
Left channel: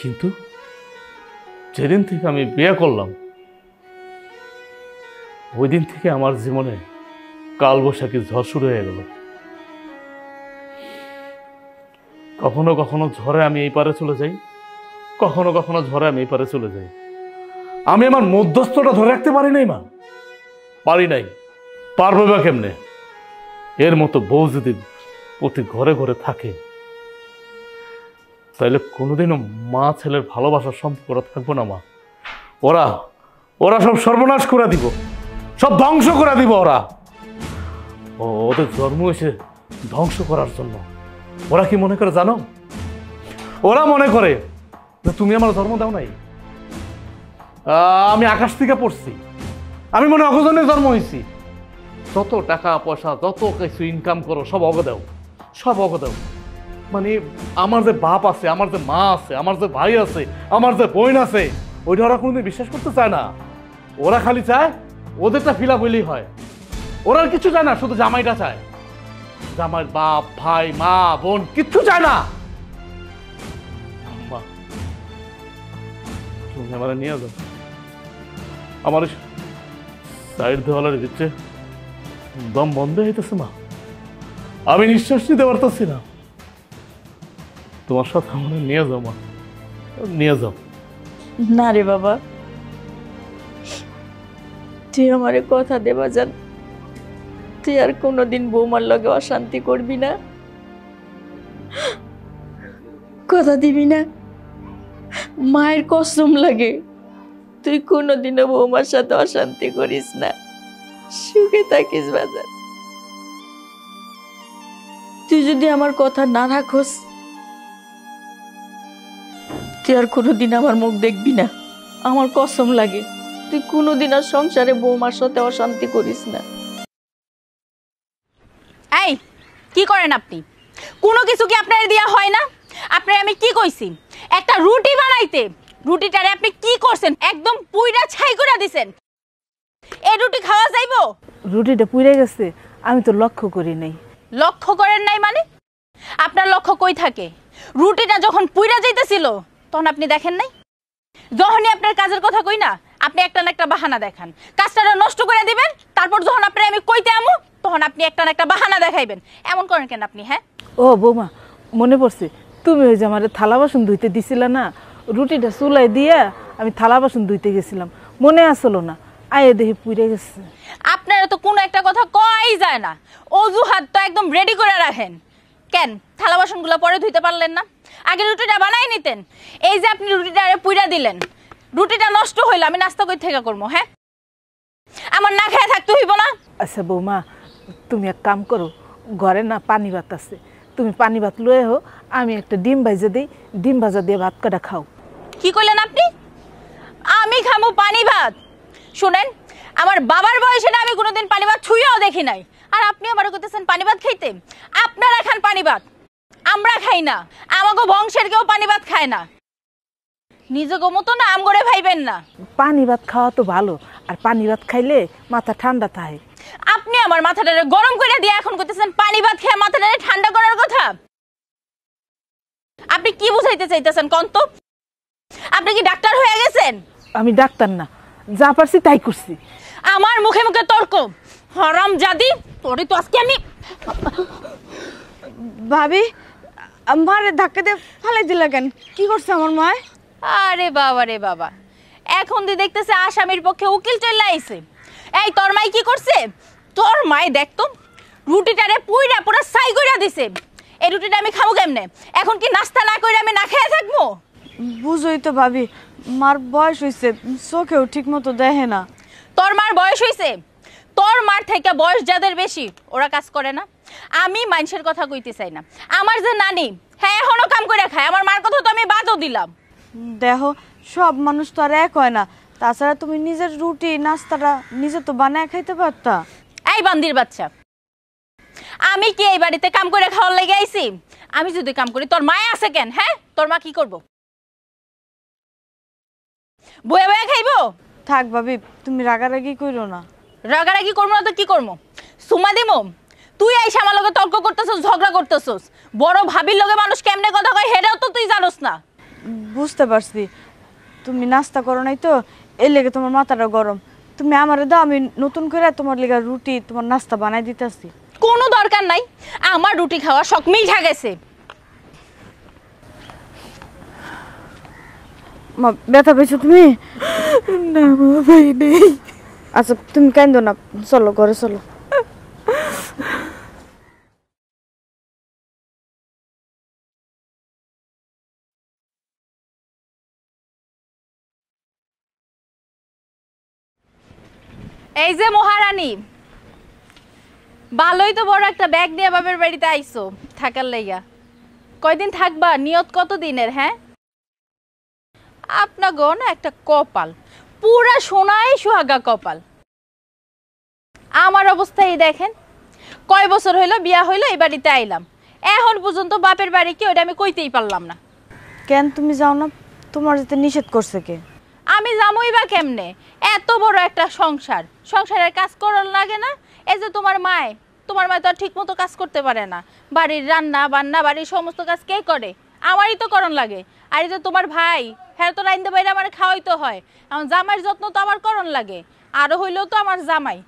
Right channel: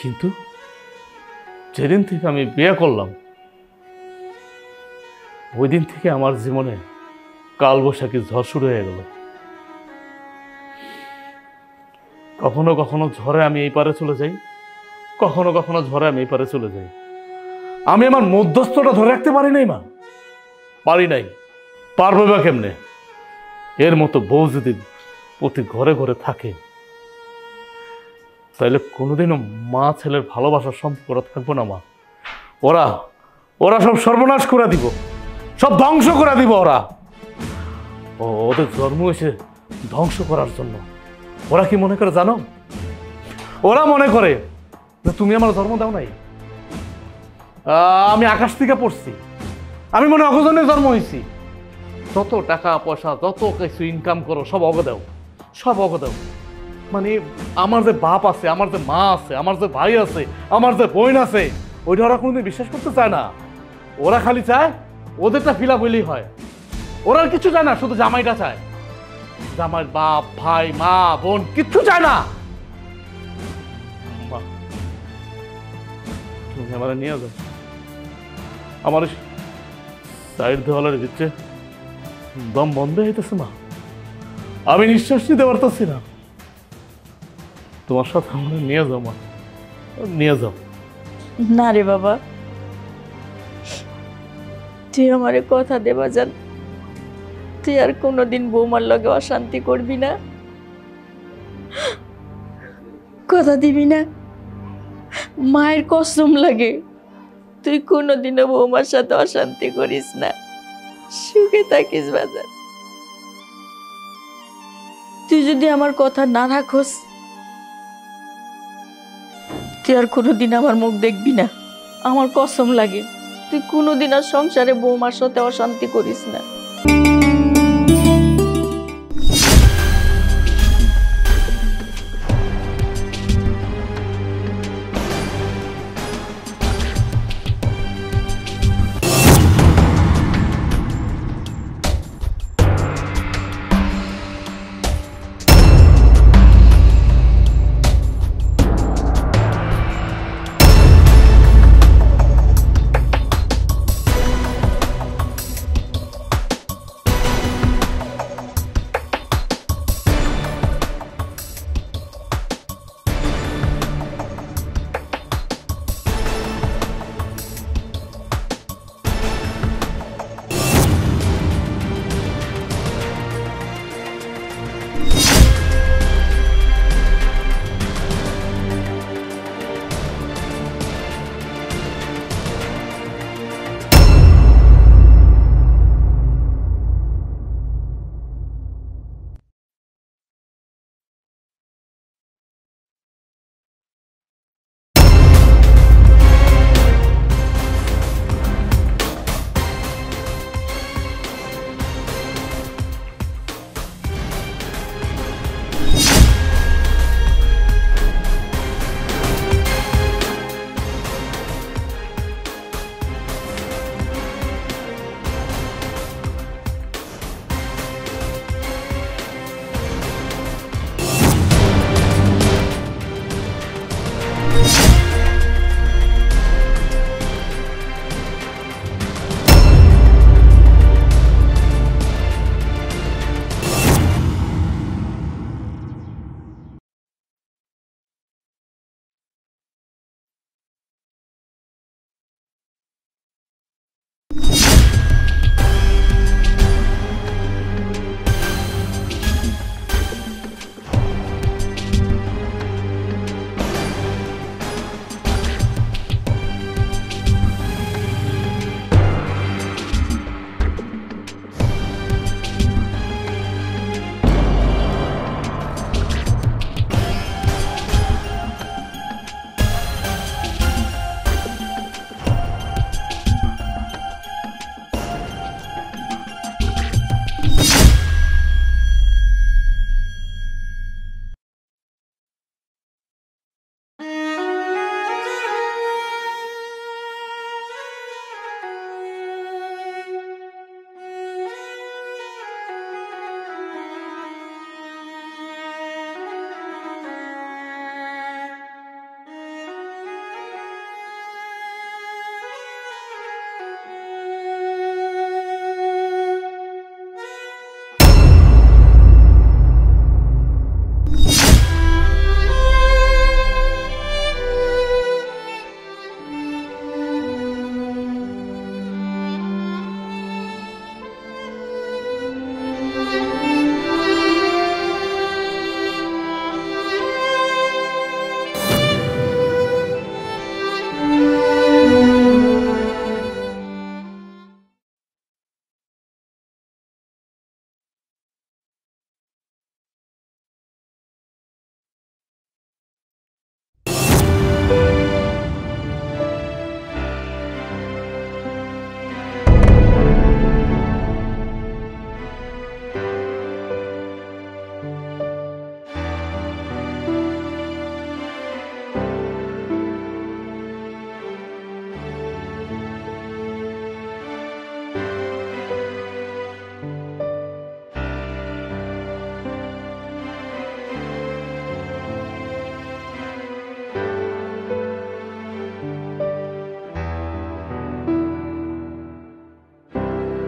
কিন্তু যেদিন থেকে আমি বিয়ে করলাম, ওই দিন থেকে আমার জীবনে কালবৈশাখী ঝড় শুরু হয়ে গেল। কখনো কখনো ঝড়ে আমি এই পারে চলে যাই, কখনো কখনো ঝড়ে আমি এই পারে চলে যাই। আমি আমার মধ্যস্থটা ধরে রাখতে পারি নাই মা, পারি নাই। পারবে বা কেমনে? এর মতো বউ যদি প্রতি ঘরে ঘরে থাকে, তাহলে কোনোদিনও মা ছেলের ভালোবাসার সম্পর্ক থাকবো না মা। ওরা ওরা সব সর্বনাশ করে দিব, সব ধ্বংস করে দিব। ওদের জন্ম হয়েছে ধ্বংস করার জন্য। ওরা কি মনে করে জানো? ওরা মনে করে যে তুমি আমার জন্ম দাও নাই, আমি আকাশ থেকে পড়ছি, আমি মনে অগজনে জন্ম হয়েছি। যত টাকা পয়সা যত কিছু ইনকাম করো সব অগ দাও, সব অগ দাও। মানে আমার যে বাপ আছে, আমার যে মা আছে, আমার যে ভাই আছে, আমার যে বোন আছে, ওইটা ওরা কোনোদিন বিশ্বাস করতে চায় না। ওরা খালি চায় ওদেরটা ফিল আপ হইলেই হয়। ওরা আর কিছু চায় না, শুধু জামাইটা চায়। জামাইয়ের বাপ ভাই মা বোন কিচ্ছু চায় না। মা, তুমি আমার নিয়ে যাও। আমার সাইড দেওয়ালের দিচ্ছে দম বন্ধ হইতেছে মা, আমি নিঃশ্বাস নিতে পারতেছি না। তোমার সাথে আমার নিয়ে যাও মা, নিয়ে যাও। না রে বাবা, তুই আমারে কথা দেবা যান, তুই আর কোনোদিন বৌমার লগে অশান্তি করবি না, কথা দিবি না? মায়ের কসম লাগে তুই কোনোদিনও বৌমার সাথে অশান্তি করিস না, সুখে থাকিস বাজার। তুই যদি আমার কথা না রাখোস, তুই আর কোনোদিন আমার মুখ দেখবি না, আমার কসম লাগে। তুই কোনোদিন আর সংসারে বৌমার সাথে অশান্তি করিস না। এই কি করেন আপনি? কোনো কিছু কি আপনার দেয়া হয় না? আপনার আমি কি কইছি একটা রুটি বানাইতে, রুটিটারে আপনি কি করছেন? একদম পুইরা ছাই করে দিছেন। এই রুটি খাওয়া যাইবো? রুটিটা পুড়ে গেছে, আমি তো লক্ষ্য করিনি। লক্ষ্য করেন নাই মানে? আপনার লক্ষ্য কই থাকে? রুটিটা যখন পুইরা যাইতেছিল তখন আপনি দেখেন নাই? যখনই আপনার কাজের কথা কই না, আপনি একটা না একটা বাহানা দেখেন, কাজটা নষ্ট করে দিবেন। তারপর যখন আপনি আমি কইতে আমু, তখন আপনি একটা না একটা বাহানা দেখাইবেন। এমন করেন কেন আপনি? হ্যাঁ ও বৌমা, মনে পড়ছে, তুমি ওই যে আমার থালা বাসন ধুইতে দিছিলে না, রুটিটা চুলাই দিয়া আমি থালা বাসন ধুইতে গেছিলাম, মনে আসলো না, আয়ে দেখি পুড়ে গেছে। আপনারা তো কোনো একটা কথা কই যায় না, অজুহাত তো একদম রেডি করে রাখেন। কেন থালা বাসনগুলো পরে ধুইতে পারলেন না? আগে রুটিটা বানাই নিতেন। এই যে আপনি রুটিটা পুইরা দিলেন, রুটিটা নষ্ট হইলো, আমি নাস্তা কই থেকে করবো? হ্যাঁ আমার না খেয়ে থাকতে হইব না? আচ্ছা বৌমা, তুমি এক কাম করো, ঘরে না পানি ভাত আছে, তুমি পানি ভাত লয়ে হো, আমি একটা ডিম ভাজা দিই, ডিম ভাজা দিয়ে ভাত কাটা খাও। কি কইলেন আপনি? আমি খামু পানি ভাত? শুনেন, আমার বাবার বয়সে না আমি কোনোদিন পানি ভাত ছুঁয়েও দেখি নাই, আর আপনি আমার কইতেছেন পানি ভাত খাইতে? আপনারা খান পানি ভাত, আমরা খাই না। আমাগো বংশের কেউ পানি ভাত খায় না। নিজেকে মতো না আম করে ভাইবেন না। পানি ভাত খাওয়া তো ভালো, আর পানি ভাত খাইলে মাথা ঠান্ডা থাকে। আপনি আমার মাথাটারে গরম করে দিয়ে এখন কইতেছেন পানি ভাত খেয়ে মাথাটারে ঠান্ডা করার কথা? আপনি কি বুঝাইতে চাইতেছেন কোন তো? আপনি কি ডাক্তার হয়ে গেছেন? আমি ডাক্তার না, যা পারছি তাই করছি। আমার মুখে মুখে তর্ক, হারামজাদি! তোরে তো আজকে আমি। ভাবি, মারে ধাক্কা দিয়ে ফালাই দিলা কেন? কি করছে আমার মা? আরে বাবা রে বাবা, এখন তুই দেখতেছে আসামির পক্ষে উকিল চলে আইছে। এই তোর মাই কি করছে? তোর মাই দেখতো রুটিটারে পুইরা পুরো ছাই কইরা দিছে। এই রুটিটা আমি খাবো কেমনে? এখন কি নাস্তা না কইরা আমি না খেয়ে থাকবো? বুঝোই তো ভাবি, মার বয়স হয়েছে, চোখেও ঠিক মতো দেখে না। তোর মার বয়স হইছে? তোর মার থেকে বয়স যাদের বেশি ওরা কাজ করে না। আমি মানুষের কথা কইতে চাই না। আমার যে নানি, হ্যাঁ এখনো কাম করে খায়, আমার মার কথা তো আমি বাদও দিলাম। দেখো, সব মানুষ তো আর এক হয় না। তাছাড়া তুমি নিজের রুটি নাস্তাটা নিজে তো বানায় খাইতে পারতা। এই বান্দির বাচ্চা, আমি কি এই বাড়িতে কাম করে খাওয়ার লেগে আইছি? আমি যদি কাম করি তোর মায় আছে কেন? হ্যাঁ তোর মা কি করবো? বয়ে বয়ে খাইবো? থাক ভাবি, তুমি রাগারাগি কইরো না। রাগারাগি করবো না তো কি করবো? সুমা দিমো? তুই এই আমার লগে তর্ক করতেছস, ঝগড়া করতেছস। বড় ভাবির লগে মানুষ কেমনে কথা কয় হেটাও তো তুই জানোস না। বুঝতে পারছি, তুমি নাস্তা করো নাই তো এর লেগে তোমার মাথাটা গরম। তুমি আমারে দাও, আমি নতুন করে তোমার লেগে রুটি তোমার নাস্তা বানাই দিতেছি। কোনো দরকার নাই, আমার রুটি খাওয়া শখ মিঠা গেছে। মা, ব্যথা পেয়েছো তুমি? না মা, ভাই নেই। আচ্ছা তুমি কান্দো না, চলো ঘরে চলো। এই যে মহারানী, ভালোই তো বড় একটা ব্যাগ নিয়ে বাবার বাড়িতে আইছো থাকার লাইগা। কয়দিন থাকবা? নিয়ত কত দিনের? হ্যাঁ আপনাকে না একটা কপাল, পুরা সোনায় সুহাগা কপাল। আমার অবস্থাই দেখেন, কয় বছর হইলো বিয়া হইলো এই বাড়িতে আইলাম, এখন পর্যন্ত বাপের বাড়ি কি ওটা আমি কইতেই পারলাম না। কেন তুমি যাও না? তোমার যেতে নিষেধ করছে কে? আমি যামই বা কেমনে? এত বড় একটা সংসার, সংসারের কাজ করার লাগে না? এই যে তোমার মায় তো আর ঠিক মতো কাজ করতে পারে না, বাড়ির রান্না বান্না বাড়ির সমস্ত কাজ কে করে? আমারই তো করণ লাগে। আর এই যে তোমার ভাই, হ্যাঁ তো রাইন্দে বাইরে আমার খাওয়াইতে হয়, আমার জামাইয়ের যত্ন তো আমার করণ লাগে, আরো হইলেও তো আমার জামাই।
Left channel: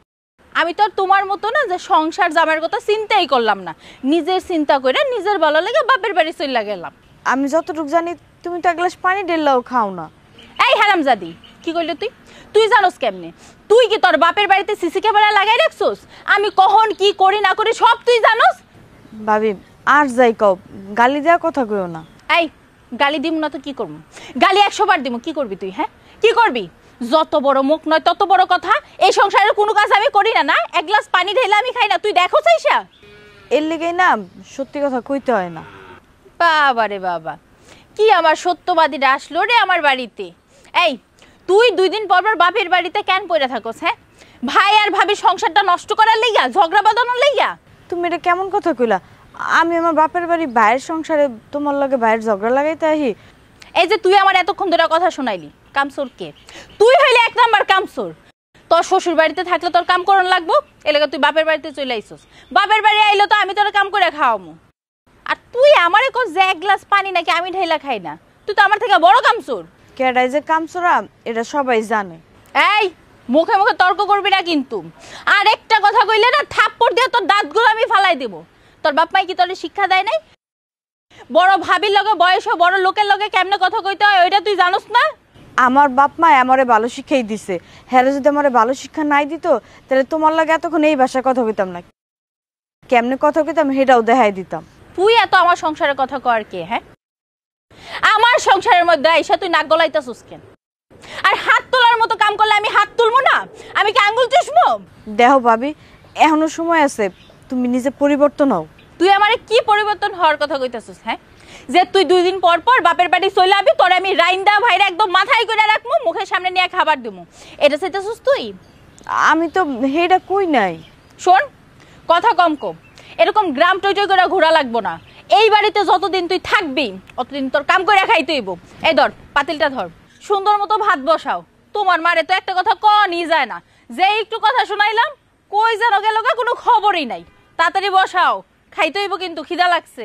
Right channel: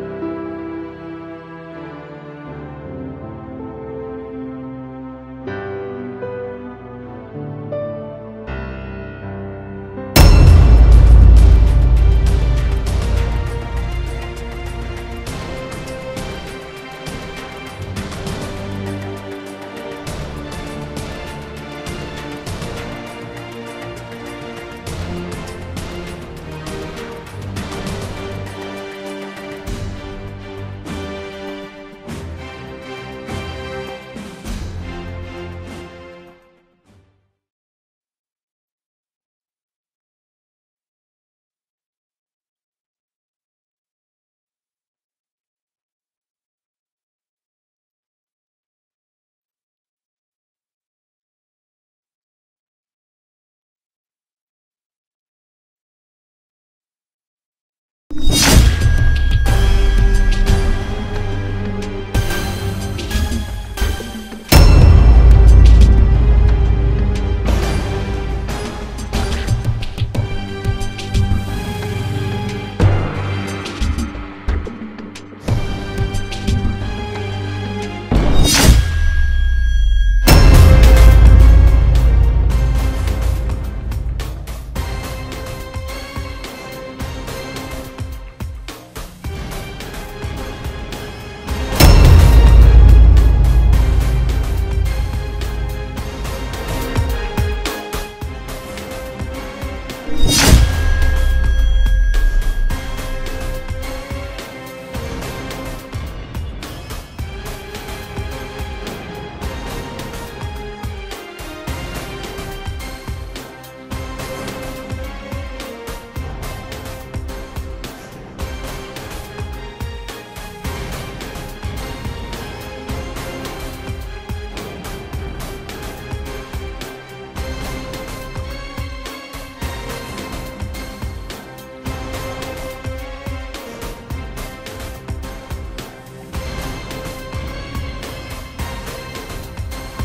আমি তো আর তোমার মতো না যে সংসার জামাইয়ের কথা চিন্তাই করলাম না, নিজের চিন্তা করে নিজের ভালো লাগে বাপের বাড়ি চলে গেলাম। আমি যতটুকু জানি তুমি তো এক গ্লাস পানি ঢেললেও খাও না। এই হারামজাদি, কি কইলি তুই? তুই জানোস কেমন? তুই কি তোর বাপের বাড়িতে সিসি ক্যামেরা লাগাই রাখছস? আমি কখন কি করি না করি সব তুই জানোস। ভাবি আর যাই কও, গালি দেওয়া কথা কইও না। এই গালি দিমু না তো কি করবি? গালি 100 বার দিমু, কি করবি তুই? হ্যাঁ কি করবি? যত বড় মুখ নয় তত বড় কথা। এই সংসারের কোনো কাজ আমি করি না, না এক গ্লাস পানি ঢেলে আমি খাই না, তুই দেখো চাইছা? এর লেগেই না সত্যি কথা কইতে হয় না। বাবা রে বাবা, কি আমার সত্যবাদীরা আসলো রে আমার বাড়িতে। এই তুই 2 দিন পর পর বাপের বাড়িতে কেন পড়ে থাকোস? হ্যাঁ ভাই আর ভাবি সংসারটা নষ্ট করার লাইগা, ঝগড়া বাঁধানোর লাইগা? তুমি এটা কেমন কথা কইলা? আমি আমার বাপের বাড়ি ভাইয়ের সংসারে তোমার লগে ভাইয়ের ঝগড়া লাগাইতে আহি? এই যে তুই আমার এতক্ষণ ধরে কথা শোনাইলি, কামসুর কে? তুই হইলে 1 নাম্বার কামসুর। তোর শ্বশুর বাড়িতে থাকলে তোর কাম করন লাগবো, এলাকা তুই বাপের বাড়িতে চলে আইছিস। বাপের বাড়ি আইলে তো আমি তোর কাম করে খাওয়াবো। আর তুই আমারে কো যে 1 গ্লাস পানি নাকি আমি ঢেলা খাই না, তুই তো আমার থেকে বড় কামসুর। কেডাই যে কামসুরা এটা সবাই জানে। এই মুখে মুখে তর্ক করবি না কিন্তু। আর একটা কথা কইলে না থাপ্পড় দিয়ে তোর দাঁতগুলো আমি ফালাই দেব। তোর বাপ মাই কি তোর শিক্ষা দেয় নাই? বড় ভাবির লগে বয়স বড় লোকের লগে কেমনে কথা কইতে হয় ওইটা তুই জানোস না? আমার বাপ মা আমারে ভালো শিক্ষাই দিছে। হ্যাঁ যদি আমারে ভালো শিক্ষা নাই দিত তাহলে তোমার লগে এতক্ষণ এই ভাষায় কথা কইতাম না। কেমনে কথা কইতাম সেটাও দেখাই দিতাম। তুই এত আমার সংসারের কথা কর কে? হ্যাঁ আমার সংসারের মধ্যে আইসা তুই নাক গলাইতাছিস। আর হাত তোলার মতো কাম করলে আমি হাত তুলবো না? আমি কি আঙ্গুল চুষবো? দেখো ভাবি, এখনো সময় আছে, তুমি নিজে পরিবর্তন হও। তুই আমারে কি পরিবর্তন হওয়ার কথা কইতাছিস? হ্যাঁ যে তুই 2 দিন পর পর বাপের বাড়ি চলে আবি, তোরে আমি রাইন্দা ভাইরা একদম মাথায় করে রাখবো, মুখের সামনে নিয়ে খাবার দেবো, এটা চাইতাছিস তুই? আমি তো হেটা কই নাই। শোন কথা কম কম, এরকম গ্রাম টই করে ঘোরা লাগবো না। এই বাড়িতে যতদিন তুই থাকবি অতদিন তোর কাম করে খাইতে হইব। এই ধর পাতিলটা ধর, সুন্দর মতো ভাত বসাও। তোমার মারে তো একটা কথা কনই যায় না, যে একটু কথা শুনাইলাম কই যেন গেল কোনো খবরই নাই। তাড়াতাড়ি বসাও, খাইতে হইব কিন্তু, খিদা লাগছে।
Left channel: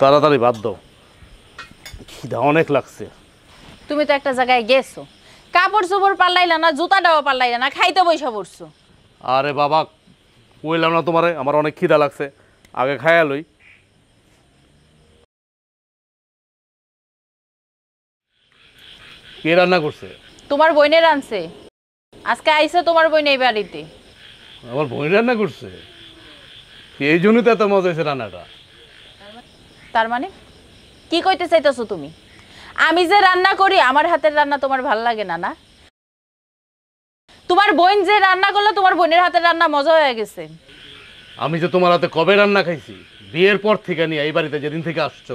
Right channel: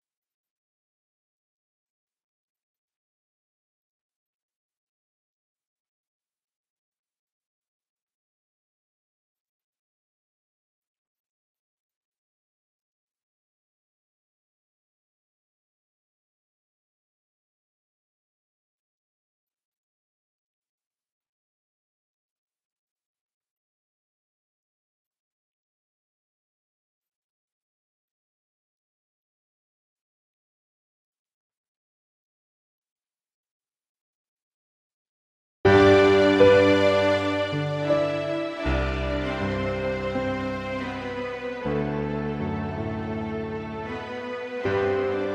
তাড়াতাড়ি বাদ দাও, খিদা অনেক লাগছে। তুমি তো একটা জায়গায় গেছো, কাপড় চোপড় পাল্লাইলা না, জুতাটাও পাল্লাইলা না, খাইতে বইসা পড়ছো। আরে বাবা কইলাম না তোমারে আমার অনেক খিদা লাগছে, আগে খাইয়া লই। কে রান্না করছে? তোমার বোনের আনছে, আজকে আইছে তোমার বোন এই বাড়িতে। আমার বোন রান্না করছে? এই জন্যই তো এত মজা হয়েছে রান্নাটা। তার মানে কি কইতে চাইতেছো তুমি? আমি যে রান্না করি আমার হাতের রান্না তোমার ভাল লাগে না? না তোমার বোন যে রান্না করলো তোমার বোনের হাতের রান্না মজা হয়ে গেছে। আমি যে তোমার হাতে কবে রান্না খাইছি, বিয়ের পর থেকে নিয়ে এই বাড়িতে যেদিন থেকে আসছো,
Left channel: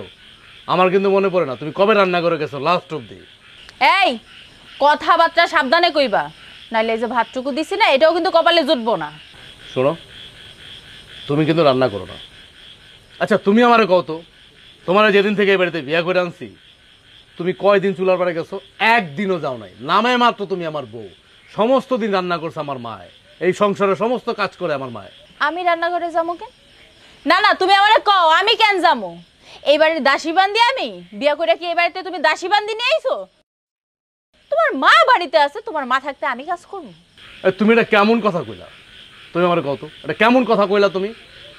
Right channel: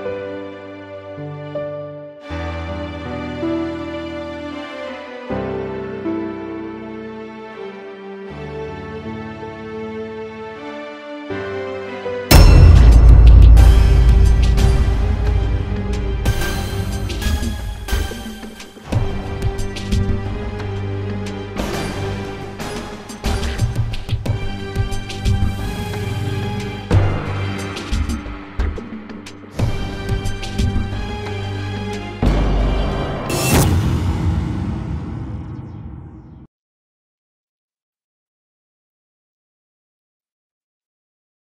আমার কিন্তু মনে পড়ে না তুমি কবে রান্না করে গেছো লাস্ট। এই কথাবার্তা সাবধানে কইবা, নাইলে এই যে ভাতটুকু দিছি না এটাও কিন্তু কপালে জুটবো না। শোনো তুমি কিন্তু রান্না করো। আচ্ছা তুমি আমারে কত, তোমার যেদিন থেকে এই বাড়িতে বিয়ে করে আনছি তুমি কয়দিন চুলার পাড়ে গেছো? একদিনও যাও না, নামে মাত্র তুমি আমার বোন। সমস্ত দিন রান্না করছে আমার মা, এই সংসারের সমস্ত কাজ করে আমার মা। আমি রান্না করে যাবো? না না তুমি আমারে কও আমি কেন যাবো? এই বাড়ির দাসী বান্দি আমি বিয়া করে কি এই বাড়িতে তুমি দাসী বান্দি নিয়ে আইছো? তোমার মা বাড়িতে আছে, তোমার মা থাকতে আমি কাজ করবো? তুমি এটা কেমন কথা কইলা? তুমি আমার কত এটা কেমন কথা কইলা তুমি?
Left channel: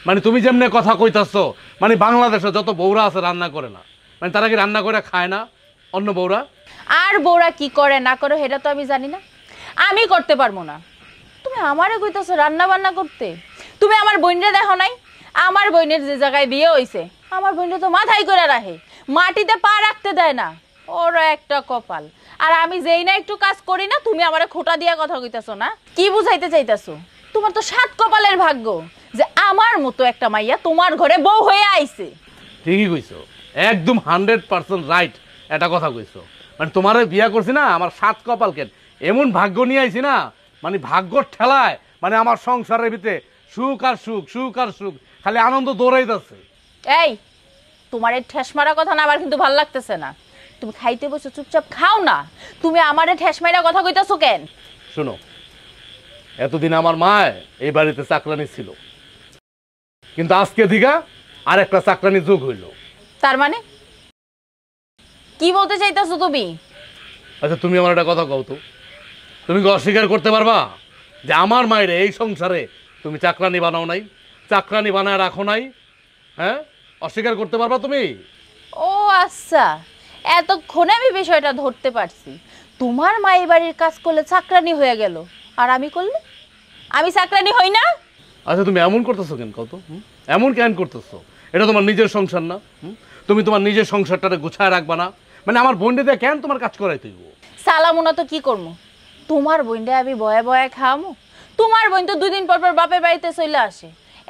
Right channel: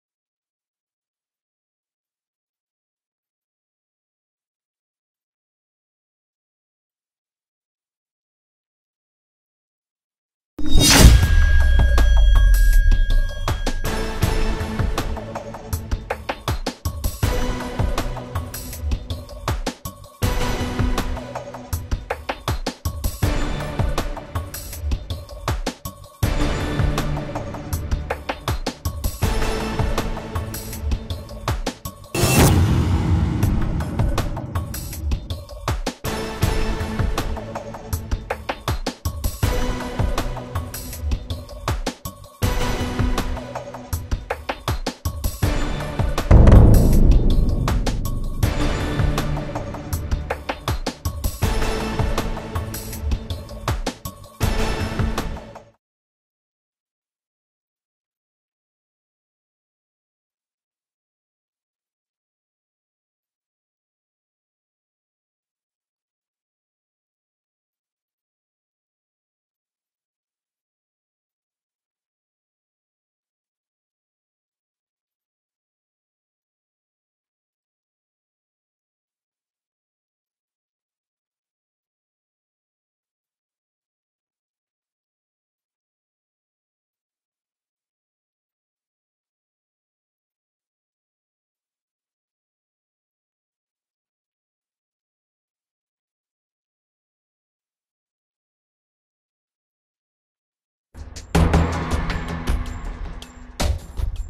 মানে তুমি যেমনে কথা কইতাছো, মানে বাংলাদেশে যত বউরা আছে রান্না করে না, মানে তারা কি রান্না করে খায় না অন্য বউরা? আর বউরা কি করে না করে সেটা তো আমি জানি না, আমি করতে পারবো না। তুমি আমারে কইতাছো রান্না বান্না করতে? তুমি আমার বোনরে দেখো নাই? আমার বোনের যে জায়গায় বিয়ে হইছে আমার বোনরে তো মাথায় করে রাখে, মাটিতে পা রাখতে দেয় না। ওর একটা কপাল। আর আমি যেই না একটু কাজ করি না তুমি আমারে খোটা দিয়া কথা কইতাছো না? কি বুঝাইতে চাইতাছো? তোমার তো সাত কপালের ভাগ্য যে আমার মতো একটা মাইয়া তোমার ঘরে বউ হয়ে আইছে। ঠিকই কইছি, একদম 100% রাইট এটা কথা কইছি। মানে তোমারে বিয়া করছি না, আমার সাত কপাল কেন এমন ভাগ্য নিয়ে আইছি না, মানে ভাগ্যর ঠেলায় মানে আমার সংসারের ভিতরে সুখ আর সুখ, সুখ আর সুখ, খালি আনন্দ দৌড়াই যাচ্ছে। এই তোমার এই ঠেস মারা কথা না আমার কিন্তু ভালো লাগতেছে না। তুমি খাইতে বসে চুপচাপ খাও না, তুমি আমারে ঠেস মারা কথা কইতাছো কেন? শোনো, এতদিন আমার মা এই বাড়িতে চাকরানি ছিল, কিন্তু আজকে দিঘা আর একটা চাকরানি যোগ হইল। তার মানে কি বলতে চাইতাছো তুমি? আচ্ছা তুমি আমার একটা কথা কও তো, তুমি কি অস্বীকার করতে পারবা যে আমার মায়ের এই সংসারে তুমি চাকরানি বানাও নাই, চাকরানি বানায় রাখো নাই? হ্যাঁ, অস্বীকার করতে পারবা তুমি? ও আচ্ছা, এতক্ষণে আমি বিষয়টা ধরতে পারছি। তোমার মা এই বাড়ির কাজ করলে চাকরানি হয়ে গেল, আর আমি করলে আমি চাকরানি হই না? আচ্ছা তুমি এমন করতেছো কেন কত? এমন কেন করতেছো? এটা তোমার নিজের সংসার না? তুমি তোমার নিজের সংসারটারে গুছায় রাখবা না? মানে আমার বোনটা দিয়ে কেন তোমার কাজ করাই তুই? সালামুনা তো কি করবো, তোমার বোনটা আমি বয়ে বয়ে খাওয়ামো? তোমার বোন তো 2 দিন পর পর বাপের বাড়িতে চলে আসে।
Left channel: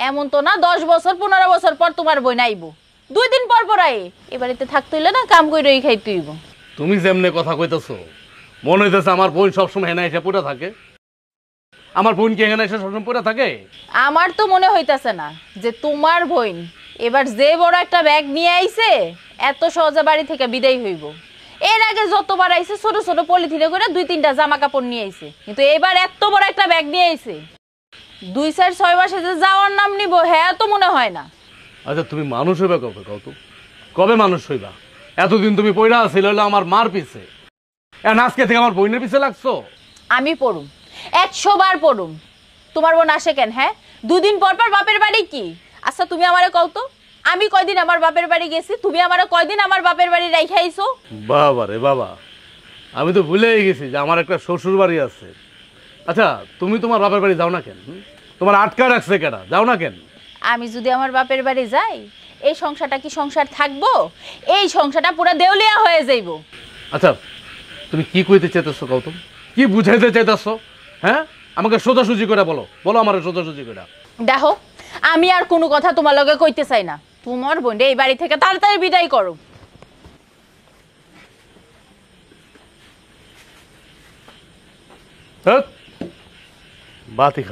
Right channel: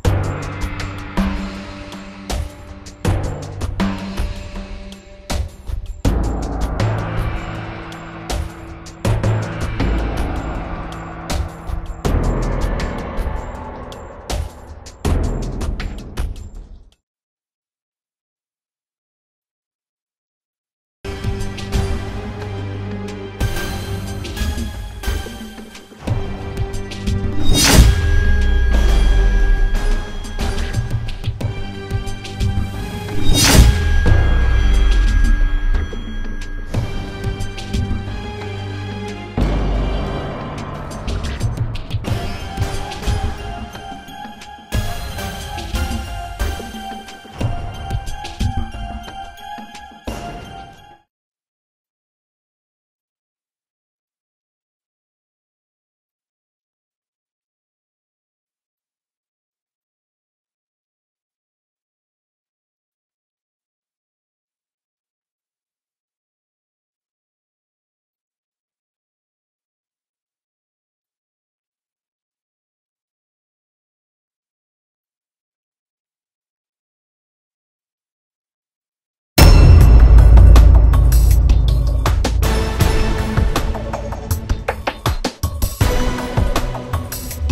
এমন তো না 10 বছর 15 বছর পর তোমার বোন আইবো, 2 দিন পর পর আই। এ বাড়িতে থাকতে হইলে না কাম কইরই খাইতে হইব। তুমি যেমনে কথা কইতেছো মনে হইতেছে আমার বোন সবসময় হেনা এসে পড়ে থাকে। আমার বোন কি এখানে এসে সবসময় পড়ে থাকে? আমার তো মনে হইতাছে না যে তোমার বোন এবার যে বড় একটা ব্যাগ নিয়ে আইছে এত সহজে বাড়ি থেকে বিদায় হইব। এর আগে যতবার আইছে ছোট ছোট পলিথিনে করে 2-3টা জামা কাপড় নিয়ে আইছে, কিন্তু এবার এত বড় একটা ব্যাগ নিয়ে আইছে। 2-4-6 মাসে যে যাওয়ার নাম নিব হ্যাঁ তো মনে হয় না। আচ্ছা তুমি মানুষ হইবে কবে? কবে মানুষ হইবা? এতদিন তুমি পয়রা ছিল আমার মার পিছে, এখন আজকে থেকে আমার বোনের পিছে লাগতো। আমি পড়ু 100 বার পড়ু, তোমার বোন আসে কেন? হ্যাঁ, 2 দিন পর পর বাপের বাড়ি কি? আচ্ছা তুমি আমারে কও তো, আমি কয়দিন আমার বাপের বাড়ি গেছি, তুমি আমারে কয়দিন আমার বাপের বাড়ি রাইখা আইছো? বাবা রে বাবা, আমি তো ভুলেই গেছি যে আমার একটা শ্বশুর বাড়ি আছে। আচ্ছা তুমি তোমার বাপের বাড়ি যাও না কেন? তোমার আটকা রাখছে কেনা? যাও না কেন? আমি যদি আমার বাপের বাড়ি যাই এই সংসারটা কি সংসার থাকবো? এই সংসারটা পুরো দেউলিয়া হয়ে যাইব। আচ্ছা তুমি কি কইতে চাইতেছো গৌতম? কি বুঝাইতে চাইতেছো? হ্যাঁ, আমাকে সোজাসুজি করে বলো, বলো আমার সোজাসুজি করে। দেখো আমি আর কোনো কথা তোমার লগে কইতে চাই না। তোমার বোন এই বাড়ি থেকে তাড়াতাড়ি বিদায় করো। বাতি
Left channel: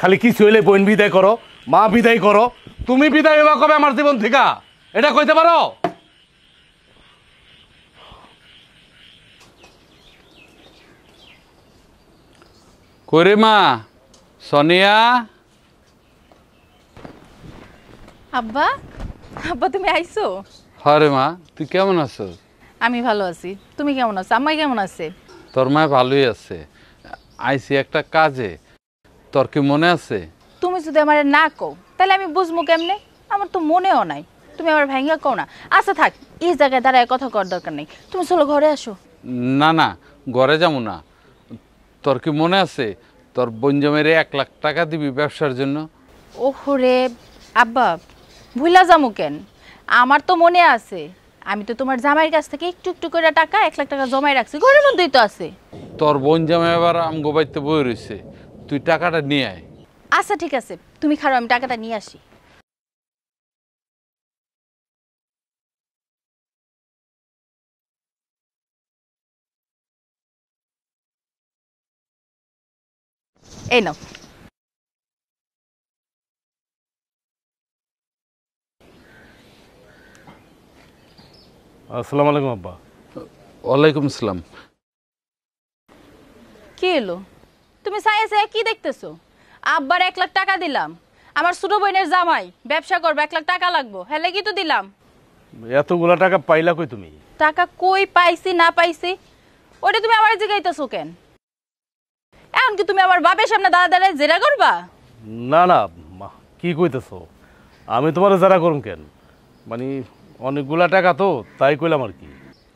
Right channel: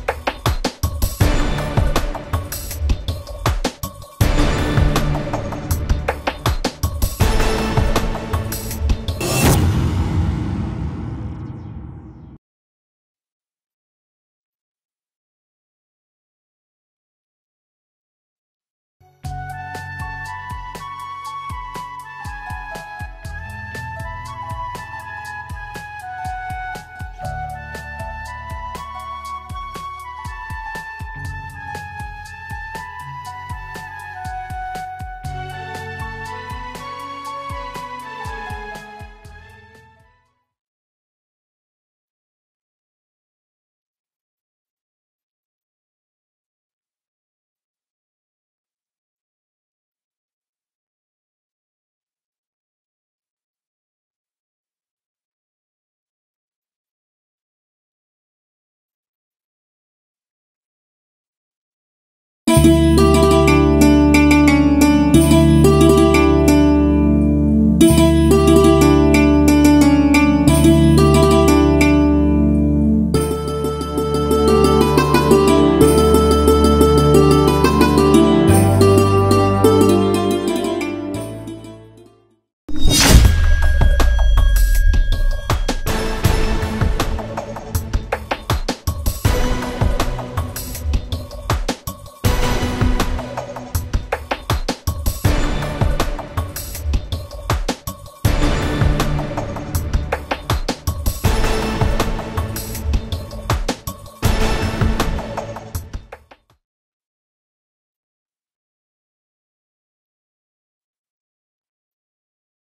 খালি কি চলে বোন বিদায় করো, মা বিদায় করো, তুমি বিদায় হওয়া কবে আমার জীবন থেকে? এটা কইতে পারো? কইরে মা সোনিয়া? আব্বা, আব্বা তুমি আইছো? হরে মা, তুই কেমন আছো? আমি ভালো আছি, তুমি কেমন আছো? আম্মা কেমন আছে? তোর মা ভালোই আছে। আইছি একটা কাজে, তোর কি মনে আছে? তুমি যদি আমারে না কও তাহলে আমি বুঝবো কেমনে? আমার তো মনেও নাই, তুমি আমার ভাঙ্গা কও না। আচ্ছা থাক, এই জায়গায় দাঁড়ায় কথা কর দরকার নেই, তুমি চলো ঘরে আসো। না না, ঘরে যাবো না। তোর কি মনে আছে তোর বঞ্জমের 1 লাখ টাকা দিবি ব্যবসার জন্য? ওহরে আব্বা, ভুলা যামু কেন? আমার তো মনে আছে, আমি তো তোমার জামাইয়ের কাছ থেকে একটু একটু করে টাকা 1 লাখ টাকা জমাই রাখছি, ঘরের মধ্যেই তো আছে। তোর বঞ্জমে এবার আমগো বাড়িতে বই রয়েছে, তুই টাকাটা নিয়ে আয়। আচ্ছা ঠিক আছে, তুমি খারো, আমি টাকাটা নিয়ে আসি। এই নাও। আসসালামু আলাইকুম আব্বা। ওয়ালাইকুম আসসালাম। কি এলো? তুমি সাইয়ে সাইয়ে কি দেখতেছো? আব্বার 1 লাখ টাকা দিলাম, আমার ছোট বোনের জামাই ব্যবসা করবে, 1 লাখ টাকা লাগবে, ফেলে কি তো দিলাম। এতগুলা টাকা পাইলা কই তুমি? টাকা কই পাইছি না পাইছি ওটা তুমি আমার জিগাইতেছো কেন? এখন কি তুমি আমার বাপের সামনে দাঁড়ায় জেরা করবা? না না মা, কি কইতেছো? আমি তোমার যারা করুম কেন? মানে অনেকগুলা টাকা তো, তাই কইলাম আর কি।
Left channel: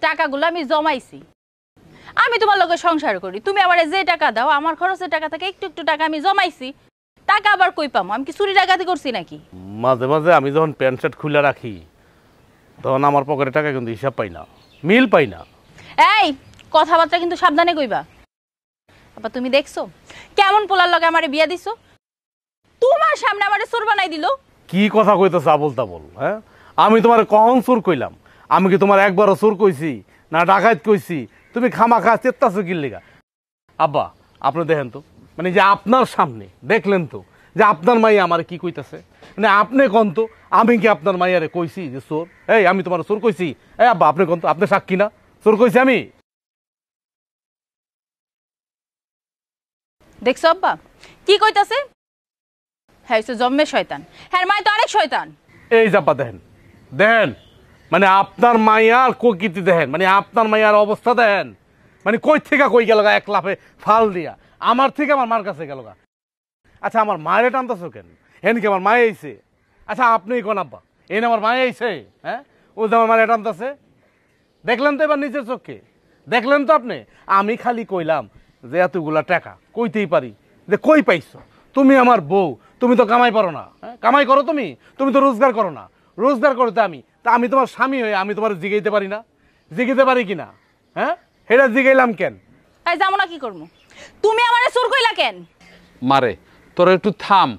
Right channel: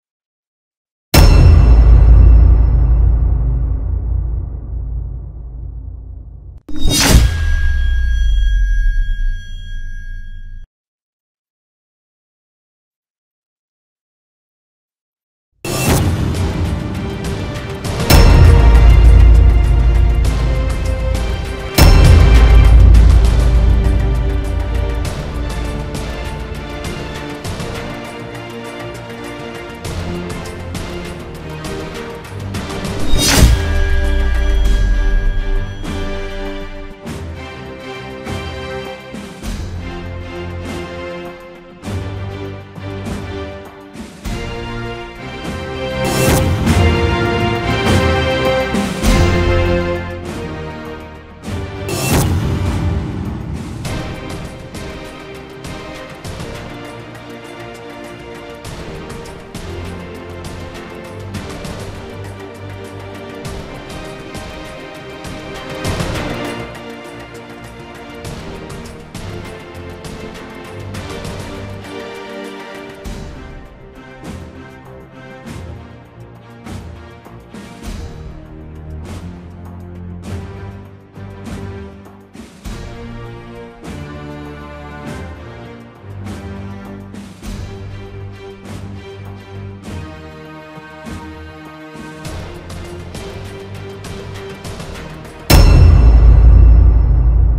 টাকাগুলো আমি জমাইছি, আমি তোমার লগে সংসার করি, তুমি আমারে যে টাকা দাও আমার খরচের টাকা থেকে একটু একটু টাকা আমি জমাইছি। টাকা আবার কই পামো? আমি কি চুরি ডাকাতি করছি নাকি? মাঝে মাঝে আমি যখন প্যান্ট শার্ট খুলে রাখি তখন আমার পকেটে টাকা কিন্তু হিসাব পাই না, মিল পাই না। এই কথাবার্তা কিন্তু সাবধানে কইবা। তুমি দেখছো বিয়া দিছো? তোমার সামনে আমারে চোর বানাই দিল। কি কথা কইতেছ আবুল তাবুল? হ্যাঁ, আমি তোমার কখন চোর কইলাম? আমি কি তোমার একবারও চোর কইছি না ডাকাত কইছি? তুমি খামাখা চেত্তাছো কি লিগা? আপা আপনি দেখেন তো, মানে যে আপনার সামনে দেখলেন তো যে আপনার মাই আমার কি কইতেছে, মানে আপনি কোন তো আমি কি আপনার মাইয়ারে কইছি তো এই আমি তোমার চোর কইছি? এই আব্বা আপনি কোন তো, আপনি সাক্ষী না চোর কইছি আমি? দেখছো আপা কি কইতাছে? হ্যাঁ জম্মে শয়তান, হ্যাঁ মাই তো অনেক শয়তান। এই জাপা দেখেন দেখেন, মানে আপনার মাইয়ার কোকিটি দেখেন, মানে আপনার মাইয়ার অবস্থা দেখেন, মানে কই থেকে কই গেল এক লাফে ফাল দিয়া আমার থেকে আমার মার কাছে গেল। আচ্ছা আমার মায়ের টানতেছে এনকে আমার মায়ে আইছে। আচ্ছা আপনি কোন আপনি এনে আমার মায়ে আইছে? হ্যাঁ বলতে আমার মায়ের টানতেছে, দেখলেন তো এবার নিজের চোখে দেখলেন তো আপনি? আমি খালি কইলাম যে এতগুলা টাকা কইতেই পারি যে কই পাইছো? তুমি আমার বউ, তুমি তো কামাই পারো না, কামাই করো তুমি, তুমি তো রোজগার করো না, রোজগার করতে আমি, তা আমি তোমার স্বামী হয়ে আমি তোমার জিগাইতে পারি না? জিগাইতে পারি কিনা? হ্যাঁ এটা জিগাইলাম কেন? এই যাবো না কি করবো? তুমি আমারে চোর কইলা কেন? মারে তোরা একটু থাম,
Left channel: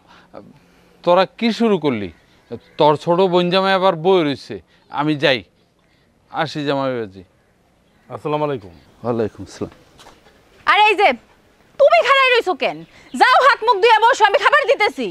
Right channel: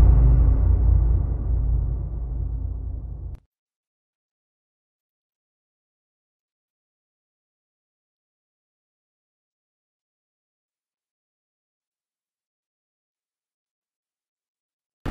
তোরা কি শুরু করলি? তোর ছোট বোন জামাই আবার বই রইছে, আমি যাই, আসি জামাই বাজি। আসসালামু আলাইকুম। ওয়ালাইকুম আসসালাম। আরে এই যে তুমি খাড়াই রইছো কেন? যাও হাত মুখ ধুয়ে বসো, আমি খাবার দিতেছি।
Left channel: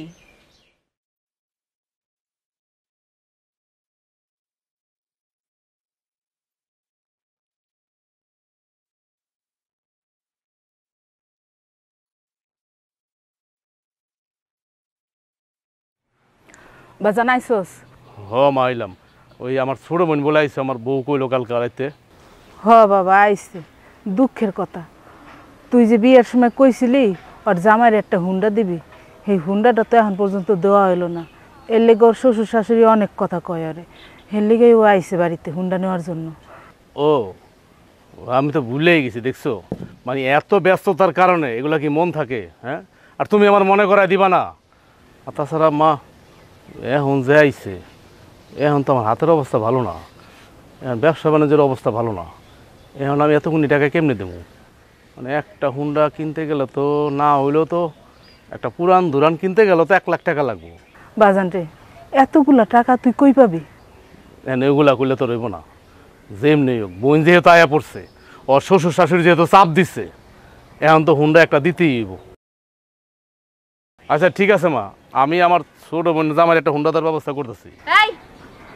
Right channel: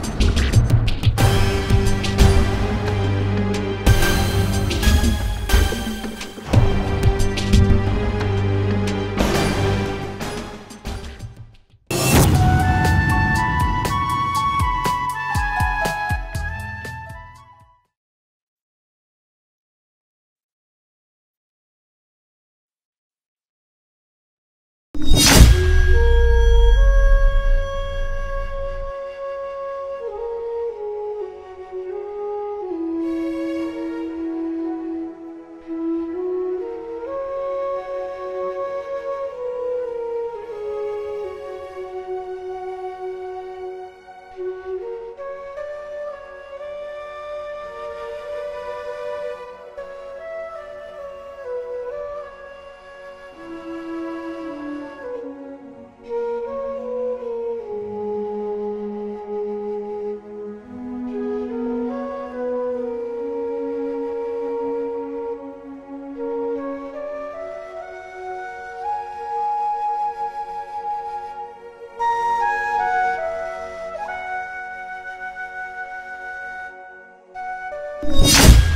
বাজান আইসোস? হ মা আইলাম, ওই আমার ছোট বোন বলে আইছে আমার বউ কইলো কালকে রাইতে। হ বাবা আইসে, দুঃখের কথা। তুই যে বিয়ের সময় কইছিলি আর জামাইয়ের একটা হুন্ডা দিবি, এই হুন্ডাটা তো এখন পর্যন্ত দেওয়া হইলো না। এর লেগে ওর শ্বশুর শাশুড়ি অনেক কথা কয়, আরে এর লেগেই ও আইসে বাড়িতে হুন্ডা নেওয়ার জন্য। ও আমি তো ভুলেই গেছি, দেখছো মানে এত ব্যস্ততার কারণে এগুলা কি মন থাকে? হ্যাঁ, আর তুমি আমার মনে করায় দিবা না। আর তাছাড়া মা এখন যে আইছে এখন তো আমার হাতের অবস্থা ভালো না, এখন ব্যবসা বাণিজ্যের অবস্থা ভালো না, এখন আমি এতগুলি টাকা কেমনে দেবো? মানে একটা হুন্ডা কিনতে গেলে তো না হইলেও তো একটা পুরান দুরান কিনতে গেলে তো 1 লাখ টাকা লাগবে। বাজান রে, এতগুলা টাকা তুই কই পাবি? এখন এগুলা করলে তো রইব না। যেমনি হোক বোন যেহেতু আয়া পড়ছে, ওর শ্বশুর শাশুড়ি যেহেতু চাপ দিচ্ছে, এখন তো হুন্ডা একটা দিতেই হইব। আচ্ছা ঠিক আছে মা, আমি আমার ছোট বোন জামার একটা হুন্ডা দেওয়ার ব্যবস্থা করতেছি। এই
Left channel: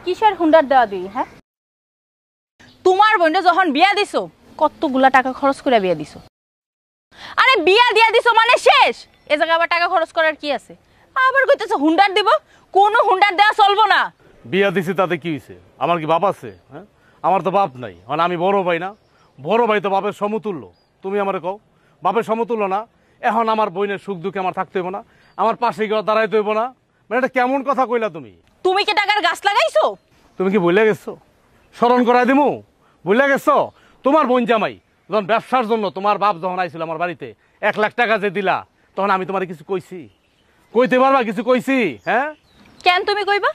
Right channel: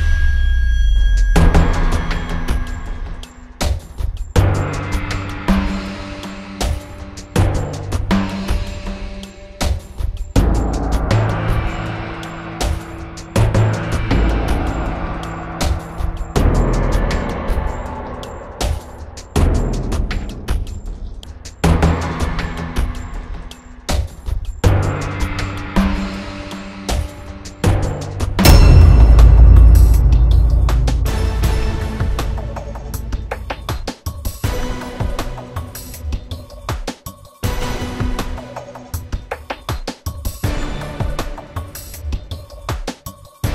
কিসের হুন্ডার দেওয়া দিই? হ্যাঁ তোমার বোনটা যখন বিয়া দিছো কতগুলা টাকা খরচ করে বিয়া দিছো? আরে বিয়া দিয়া দিছো মানে শেষ, এ জায়গায় আবার টাকা খরচ করার কি আছে? আবার কইতেছো হুন্ডার দিব? কোনো হুন্ডার দেওয়া চলবো না। বিয়া দিছি তাতে কি হয়েছে? আমার কি বাপ আছে? আমার তো বাপ নাই, মানে আমি বড় ভাই না? বড় ভাই তো বাপের সমতুল্য। তুমি আমারে কও বাপের সমতুল্য না? এখন আমার বোনের সুখ দুঃখে আমার থাকতে হইব না? আমার পাশে গিয়ে দাঁড়াইতে হইব না? মানে এটা কেমন কথা কইলা তুমি? তুমি কি টাকার গাছ লাগাইছো? তুমি কি ভুলে গেছো? স্মরণ করাই দিমু? ভুলে গেছো? তোমার বোন জামাই যখন ব্যবসার জন্য তোমার বাপ যখন আইছিল আমার বাড়িতে 1 লাখ টাকা যে দিলা, তখন আমি তোমার কিছু কইছি? কইতে পারবা কিছু কইছি? হ্যাঁ কেন তুমি কইবা?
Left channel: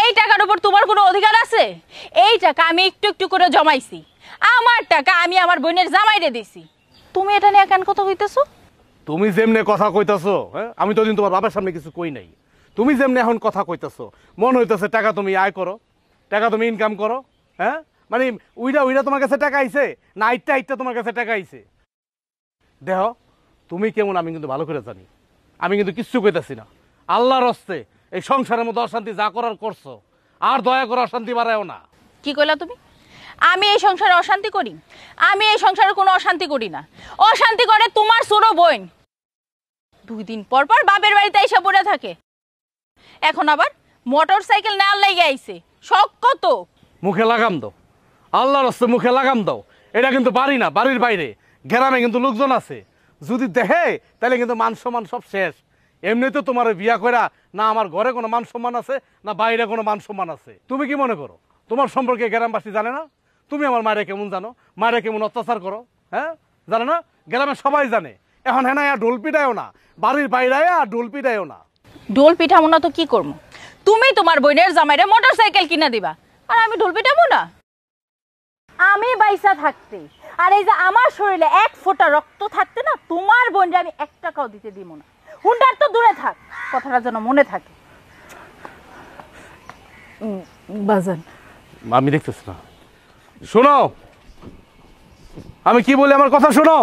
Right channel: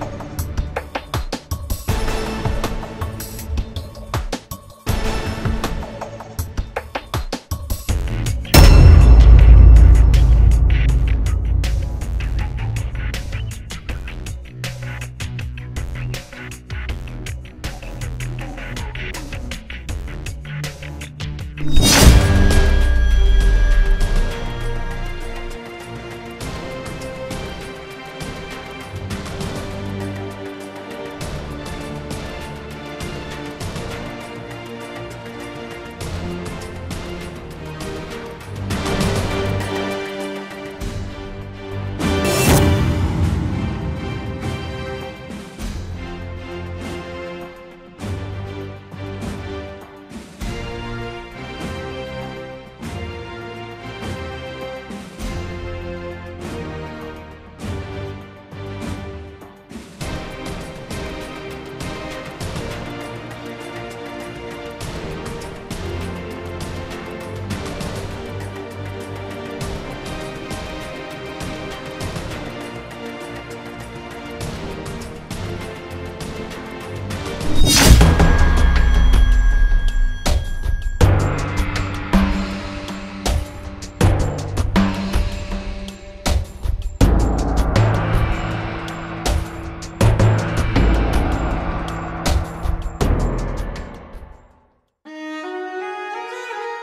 এই টাকার উপর তোমার কোনো অধিকার আছে? এই টাকা আমি একটু একটু করে জমাইছি, আমার টাকা আমি আমার বোনের জামাইরে দিছি। তুমি এটা নিয়ে কেন কথা কইতেছো? তুমি যেমনে কথা কইতেছো, হ্যাঁ আমি তো দিন তোমার বাবার সামনে কিছু কই নাই। তুমি যেমনে এখন কথা কইতেছো মন হইতেছে টাকা তুমি আয় করো, টাকা তুমি ইনকাম করো। হ্যাঁ মানে উইটা তোমার কাছে টাকা আইছে না আইটা তোমার কাছে টাকা আইছে? দেখো তুমি কেমন আমি কিন্তু ভালো করে পাবো, আমি কিন্তু কিচ্ছু কইতেছি না। আল্লাহর হস্তে এই সংসারের মতো অশান্তি যা করার করছো, আর দয়া করে অশান্তি বাড়ায়ও না। কি কইলা তুমি? আমি এই সংসারে অশান্তি করি? আমি এই সংসারে কোনো অশান্তি করি না, অশান্তি করে তোমার ছোট বোন। দিন পর পর বাপের বাড়িতে এসে পড়ে থাকে, এখন আবার মোটর সাইকেল নেওয়ার লাগে আইছে। শখ কত? মুখে লাগাম দাও, আল্লাহর হস্তে মুখে লাগাম দাও। এটা কিন্তু বাড়ি না, বাড়ির বাইরে গ্রামে কিন্তু লোকজন আছে, যদি দেখে তাহলে কিন্তু মান সম্মান সব শেষ। এমনিতে তোমার বিয়া করা না আমার ঘরে কোনো মান সম্মান আছে না বাইরে কোনো মান সম্মান আছে। তুমি কি মনে করো তোমার সম্পর্কে গ্রামবাসী জানে না? তুমি আমার মায়েরা কেমন জানো, মায়েরা কেমন অত্যাচার করো, হ্যাঁ জানো না? গ্রামের সবাই জানে। এখন হ্যাঁ না ঢোল পিটায়ও না, বাড়ির বাইরে ঢোল পিটায়ও না। ঢোল পিঠাবো না তো কি করবো? তুমি তোমার বোনের জামাইরে মোটর সাইকেল কিনা দিবা, আর আমি ঢোল পিঠাবো না? আমি বাইসা থাকতে আর এই যে আমার শরীরে 1 ফোঁটা রক্ত থাকতে না তোমার বোন জানি একটা কথা। হুন্ডার তো দূরে থাক, কথাটা যেন মনে থাকে। বাজার আমি দেখতেছি। শোনো, আমি কি বলি আমার কথা শোনো।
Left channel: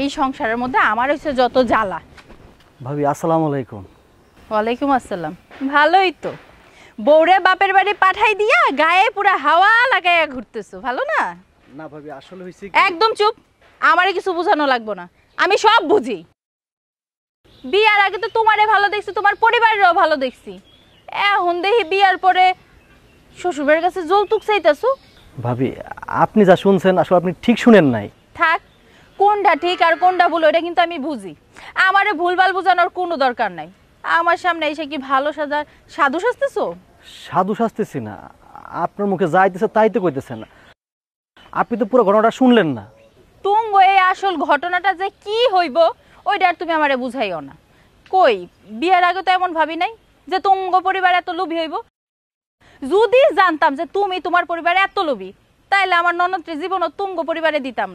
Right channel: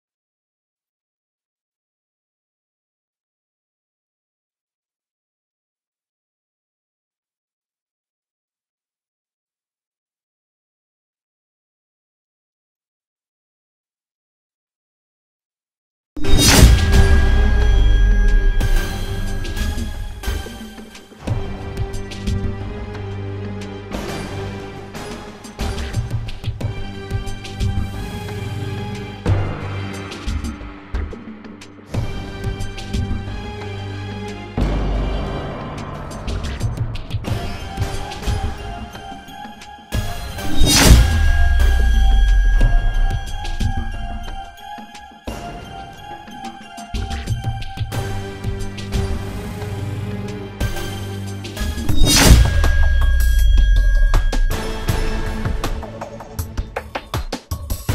এই সংসারের মধ্যে আমার হচ্ছে যত জ্বালা। ভাবি আসসালামু আলাইকুম। ওয়ালাইকুম আসসালাম। ভালোই তো, বউরে বাপের বাড়ি পাঠাই দিয়া গায়ে পুরা হাওয়া লাগাইয়া ঘুরতেছো, ভালো না? না ভাবি আসলে হইছে একদম চুপ, আমারে কিছু বোঝানো লাগবে না, আমি সব বুঝি। বিয়ার আগে তো তোমারে ভালো দেখছি, তোমার পরিবারেরও ভালো দেখছি, এখন দেখি বিয়ার পরে শ্বশুরবাড়ির কাছে যৌতুক চাইতেছো। ভাবি আপনি যা শুনছেন আসলে আপনি ঠিক শুনেন নাই। থাক, কোনটা ঠিক আর কোনটা ভুল ওটা কিন্তু আমি বুঝি, আমারে ভুলভাল বোঝানোর কোনো দরকার নাই। আমার সামনে এসে কি ভালো সাধু সাজতেছো? সাধু শাস্তেছি না, আপনার মুখে যা আইতেছে তাই তো কইতেছেন। আপনি তো পুরো ঘটনাটা শুনলেন না। তুঙ্গ এই আসল ঘটনাটা যে কি হইব ওইটা আর তুমি আমারে বুঝাইও না। কই, বিয়ের আগে তো এমন ভাবি নাই যে তুঙ্গ পরিবার এত লোভী হইব। যদি জানতাম যে তুমি তোমার পরিবারে এত লোভী, তাইলে আমার ননদকে জীবনও তুঙ্গ পরিবারে দিতাম।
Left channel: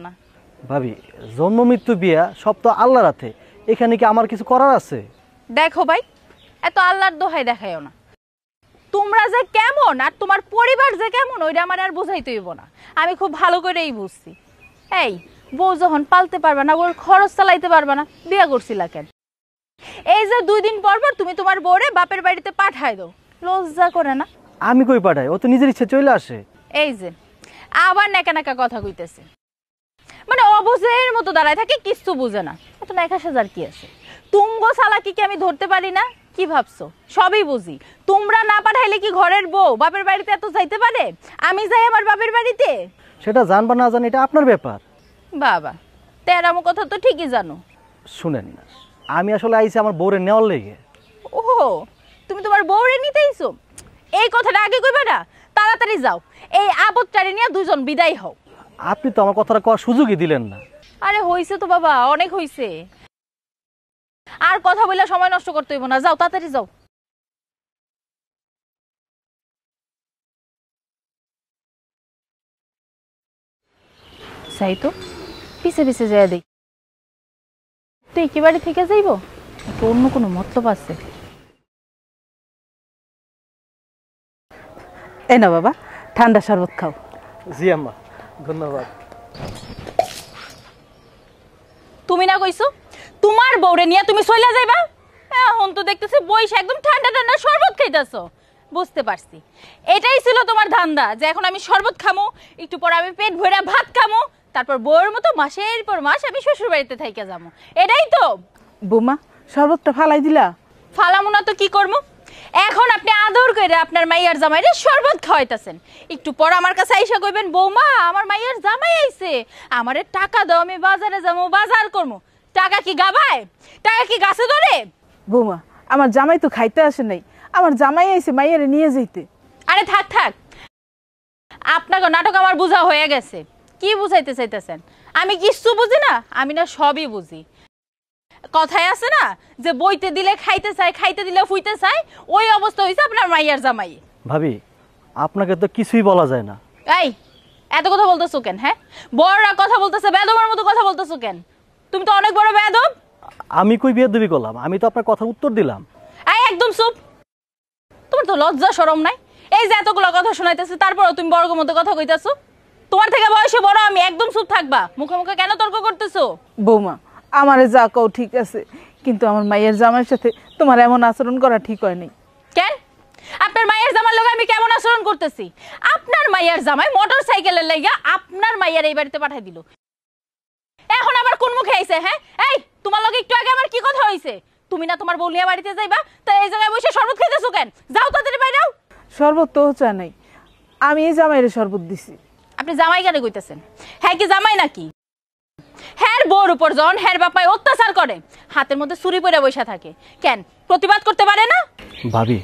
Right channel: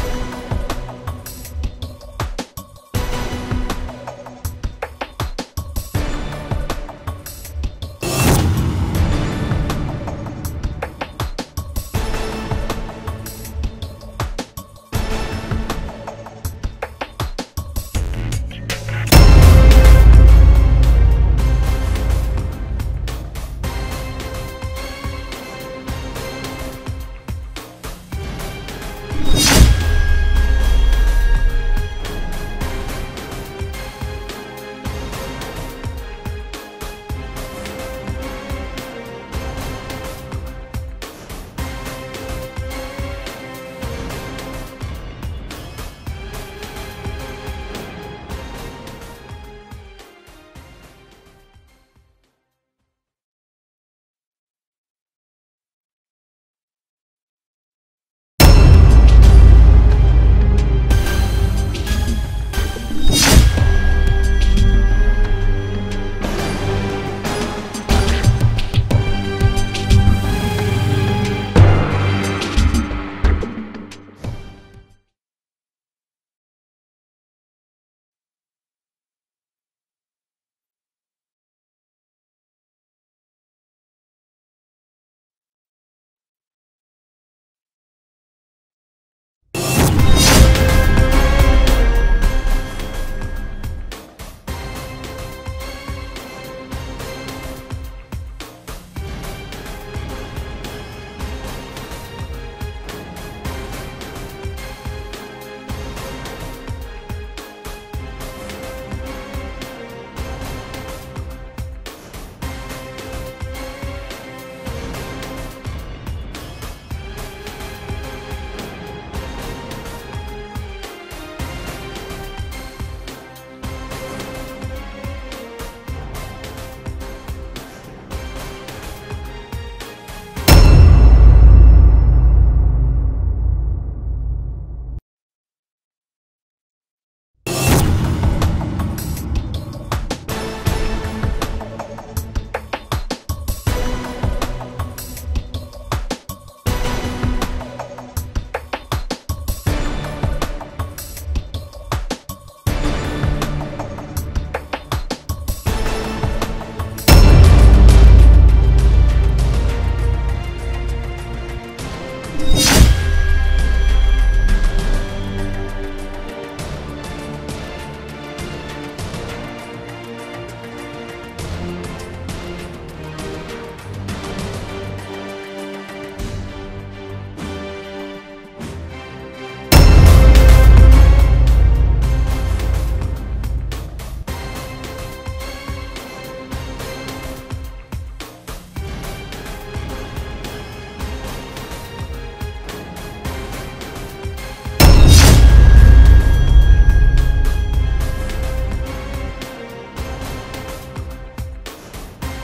ভাবি জন্ম মৃত্যু বিয়া সব তো আল্লাহর আছে, এখানে কি আমার কিছু করার আছে? দেখো ভাই, এত আল্লাহর দোহাই দেখাইও না। তোমরা যে কেমন আর তোমার পরিবার যে কেমন ওইটা আমার আর বুঝাইতে হইব, আমি খুব ভালো করেই বুঝছি। এই বউ যখন পালতে পারবে না, ওর খরচ চালাইতে পারবে না, বিয়া করছিল কেন? এই যে 2 দিন পর পর তুমি তোমার বউরে বাপের বাড়িতে পাঠাই দাও, লজ্জা করে না? আমি কই পাঠাই, ও তো নিজের ইচ্ছে চলে আসে। এই যে আবার নাকা নাকা কথা কইতেছে, মানে অবুঝের মতো দাঁড়ায় থাকে, কিছু বুঝে না। দেখা হাজার কি তুঙ্গ চালাকি কি আমি ধরতে পারি না? কি ভাবছো? সবই বুঝি। তোমরা না পাঠাইলে কি ঘরের বউ বাপের বাড়িতে এত যাইতে পারে? আমি যাই আমার বাপের বাড়িতে? সেটা জানবা না জান এটা আপনার ব্যাপার। বাবা, তেরামো কথা তো ঠিকই জানো। শুনেন, আমি আসলে আইছি আমার বউরে নেওয়ার লেগে। ও, তুমি তোমার বউরে নিতেইছো? এই কথাটা আগে কইবা না? তাড়াতাড়ি যাও, এই আপদটারে নিয়ে দুজন বিদায় হও। আপনি তো আমার কথাটা করার সুযোগই দিলেন। আরে হইছে তো বাবা, অনেক হইছে, আর কথা বলে সময় নষ্ট করতে হইব না। যাও তাড়াতাড়ি যাও। যাই তো, পিছে পিছে যায় দেই। তুই কি বাড়ি থেকে যাইব, একটু অন্য কোনো মতলব আছে। এই না বাবা, ঠান্ডা শরবত খাও। জি আম্মা, ধন্যবাদ। তুমি না কইছো তোমার বউরে নিয়ে তুমি চলে যাইবা, এখন তো দেখতেছি বইসা একদম ঠান্ডা ঠান্ডা শরবত খাইতেছো। বুঝতে পারছি, এটাই ছিল তোমার ধান্দা, যে এখন আমি শরবত খামো, একটু পর আমি পেট ভরে ভাত খামো, তারপর বউয়ের মতো মাসের পর মাস আমি শ্বশুর বাড়িতে থাইকা যাবো। এটাই তো? বৌমা, শরবতটা ফালাই দিলাম। ফালামো না তো কি করবো? এখন আপনি আদর করে আপনার মাইয়ার জামাইরে শরবত খাওয়াইতেছেন, একটু পর আমার কাছে আইসা কইবেন বৌমা আমার মাইয়ার জামাই আইছে, আমারে টাকা দাও, আমি বাজারে যাবো, বাজার করবো। টাকা কি গাবায়? টাকা কি গাছে ধরে? বৌমা, আমার জামাই তো খাইতে আসে নাই, আমার জামাই আইছে মাইয়ারে নিয়ে যাইতে। আরে থাক থাক, আপনাকে নাটক আমার বুঝা হয়ে গেছে। কি বুঝাইতে চাইতেছেন? আমি কিচ্ছু বুঝি না? আমি না সবই বুঝি। কথায় আছে না যে বইতে দিলে খাইতে চায়, খাইতে দিলে ফুইতে চায়, ওই অবস্থা হইছে আপনার মাইয়ার জামাই। ভাবি আপনাকে তো কিছুই বলা যায় না। এই এত কথা বলতেছো কেন? হ্যাঁ, বড়রা কথা বলতেছে, বেদবার মতো কথা বলতেছো কেন? তুমি তো অনেক বড় বেদব। আমি কই বেয়াদবি করলাম? আমি তো আপনার কথা উত্তর দিলাম। এই একদম চুপ, তোমার তো লজ্জা শরম নাই? এই যে এতগুলো কথা শোনাইতেছি তারপরও তুমি বড় মতো কথা কইতাছো। তোমার থেকে বয়সে বড় আমি, একদম চুপ থাকবা। মুখে মুখে কেন তর্ক করতেছো? বৌমা, আমারে যা কও ঠিক আছে, কিন্তু আমার মাইয়ের জামাইয়ের সাথে তোমার এমন আচরণ করা ঠিক হয়নি। কেন? আপনার মায়ের জামার লগে আমি কেমন আচরণ করতেছি? আপনার মায়ের জামাই মোটর সাইকেলের লাগা আপনার মায়ের এই বাড়িতে পাঠাই দিল, এখন আবার কোন মুখে আইছে? হ্যাঁ, এই তোমার লগে একটু আগে আমার কি কথা হইছে? তুমি না তোমার বউলিয়া বাড়িতে যাইবা, তো এই জায়গায় বসে শরবত খেতেছো কেন? যাও তাড়াতাড়ি বাইরে যাও। শরবত তো চা নেই, আমি এই জামাইয়ের শরবত দিছি। আপনি জামাই কেন কইতেছেন? হ্যাঁ কি জামাই নাকি? হ্যার বউর উপর যখন হ্যার বাপাই অত্যাচার করে, হাতের মধ্যে ছুরি পরে বসে থাকে, কেন প্রতিবাদ করতে পারে না? ভাবি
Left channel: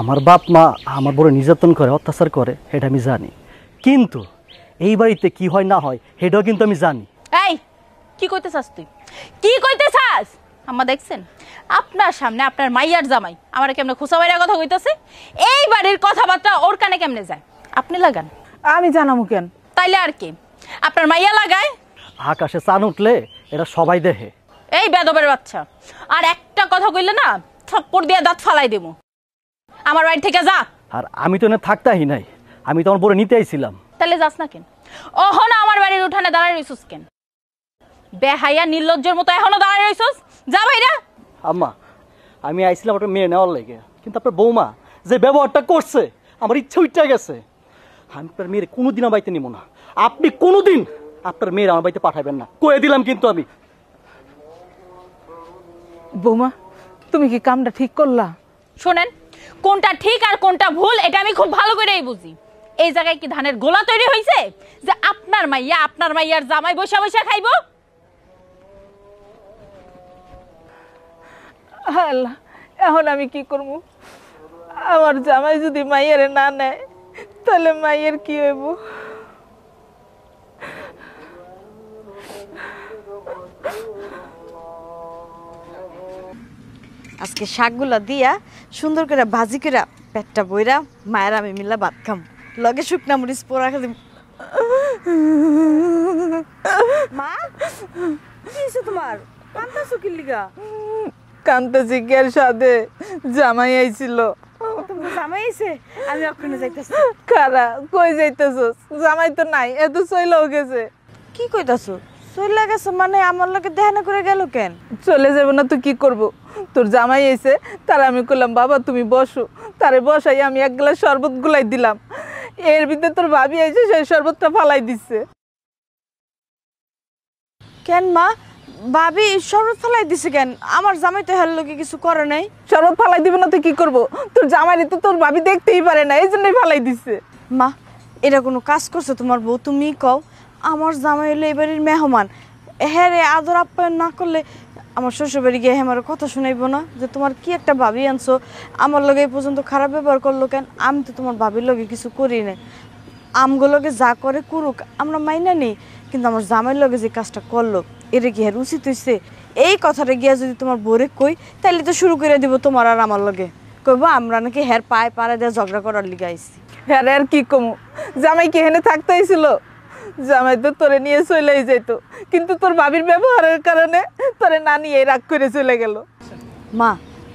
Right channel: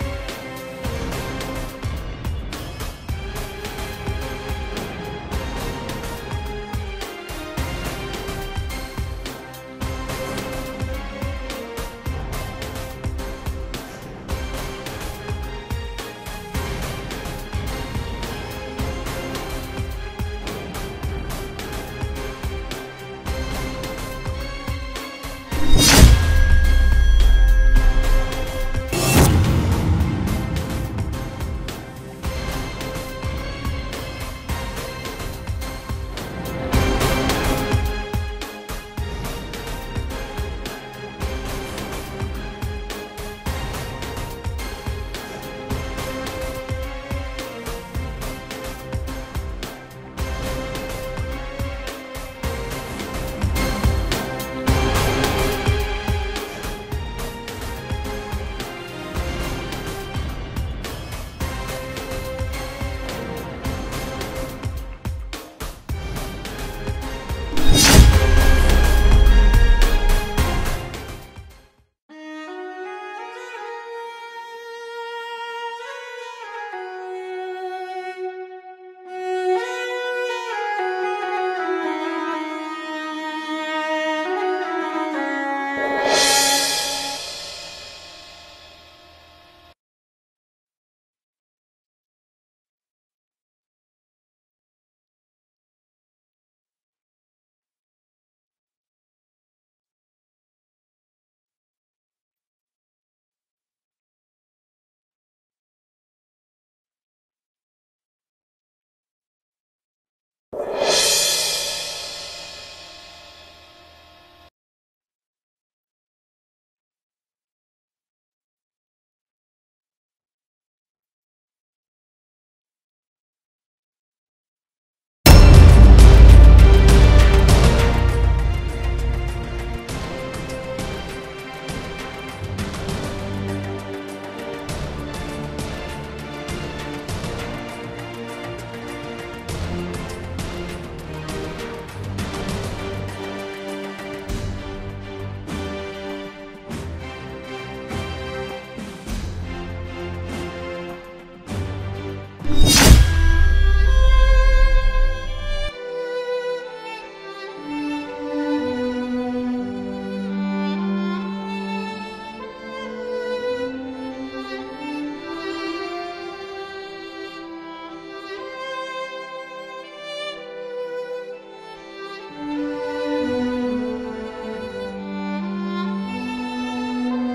আমার বাপ মা আমার বড় নির্যাতন করে, অত্যাচার করে, এটা আমি জানি, কিন্তু এই বাড়িতে কি হয় না হয় সেটাও কিন্তু আমি জানি। এই কি কইতে চাস তুই? কি কইতে চাস? আম্মা দেখছেন আপনার সামনে আপনার মাইয়ার জামাই আমার কেমনে খোসা বাইরা কথা কইতেছে? এই বাড়ির কথাবার্তা ওর কানে কেমনে যায়? আপনি লাগান। আমি জানামু কেন? তাইলে আর কি আপনার মাইয়া লাগায়? আকাশে চান উঠলে এরা সবাই দেখে। এই বেদবের বাচ্চা, আর একটা কথা কইলে না ছপ্পর দিয়ে দাঁত ফালাই দেব। আমার বাড়ি থেকে যা। আর আমি তো এনে থাকতাই নাই, আমি তোমার পরে নিতে আইছিলাম। তাহলে যাস না। ওহ না, আমার বাড়ির উঠানে দাঁড়ায় রইছ বেহাইয়া নির্লজ্জের মতো এখনো দাঁড়ায় রইছ। যা বাইরা। আম্মা, আমি আইছিলাম একটা মেয়ে নেওয়ার লাগে, কিন্তু আপনার বৌমা যে ব্যবহারটা করছে আমার ইচ্ছে উঠে গেছে। আমি তার মেয়ের কোনোদিন আমার বাড়িতে নিব না। আপনি কোনোদিন আপনার মেয়ের আমার বাড়িতে পাঠাবেন না, কয়ে দিলাম কিন্তু আমি। বৌমা, তুমি কি কামটা ঠিক করলা? শোনেন, কোনটা ঠিক আর কোনটা ভুল এটা আমি খুব ভালো করেই বুঝি। এই জায়গায় কি ধানের গোলা তৈরি হয়েছে যে আপনার মাইয়া আপনার মাইয়ার জামাই বসে বসে খাইব? আল্লাহ, এখন আমি কি করব? আমার জামাই যদি মাইয়ারে না নেয় তাহলে মাইয়ের কি হইব? আজকে শাকগুলা দিয়া সুন্দর করে ভাজি করে পেটটা বইরা মায়ের আমি মিলা ভাত খাম, লগে শুকনা মরিচ পোড়া খালি। মা, কি হইছে তোমার? কান্দাছো কি লিগা? কান্তাছি কের সাথে জামাই আইছিল। তোমার জামাই আইছে? আমি ওখানে যাইতাছি। কারা কই যাইতেছস? জামাই তো নাই, এত চইলাও গেছে। কি কইতাছো? চলে গেছে মানে আমার লগে দেখা করে গেল কেন? চলে যাব না তো কি করব? তোর জামাই এসে তার আমি কইলাম বাবা তুমি বসো, তারে বসাই আমি এক গ্লাস শরবত গুলাই দিলাম। এর ভিতরে তোর ভাবি এসে সেই শরবতটা ফালাই দিচ্ছে। কেন মা? ভাবি শরবত ফালাই দিছে কেন? আমার জামাই তো হেল লগে কিছু করে নাই। শরবত ফালাই দিব না তো কি করব? তোর জামাই তো তোর ভাবি দেখতেই পারে না, এই জন্যই ফালাই দিচ্ছে। মা, এটা কোনো কাজ করছে তোমার বউ? তুমি কও, আমার জামাই হলে এবারের মেহমান, হ্যাঁ রে আদর আপ্যায়ন না করলে আমার শ্বশুর বাড়ি গিয়ে আমার কথা শুনাইবো না যে তোমার কি একটা ভাবি আনছো, আমার লগে এই পর্যন্ত খারাপ ব্যবহার করলো কেন? আমি তো তোমার ভাবির লগে কিছু করি নাই। আমগুলোকে যা করে করুক আমরা মাইনা নেই, কিন্তু আমার জামাইয়ের লগে যে কাজটা করলো এটা কি হের উচিত হইছে? এই কথাটা গিয়া যদি তোমার বোরে কই তাইলে তো শুরু করে দিব তোমার আর আমার লগে, কইবো আমরা নাকি হের পায়ে পাড়া দিয়ে ঝগড়া করার লিগে আইছি। হ্যাঁ আর কি কমু? জামাই কি এখানে থাকতেই ছিল? জামাই তো তোরে নিয়ে চলেই যেত, কিন্তু তোর ভাবির ব্যবহারের কারণে তোরে না নিয়ে রাগ করে চলে গেল। মা,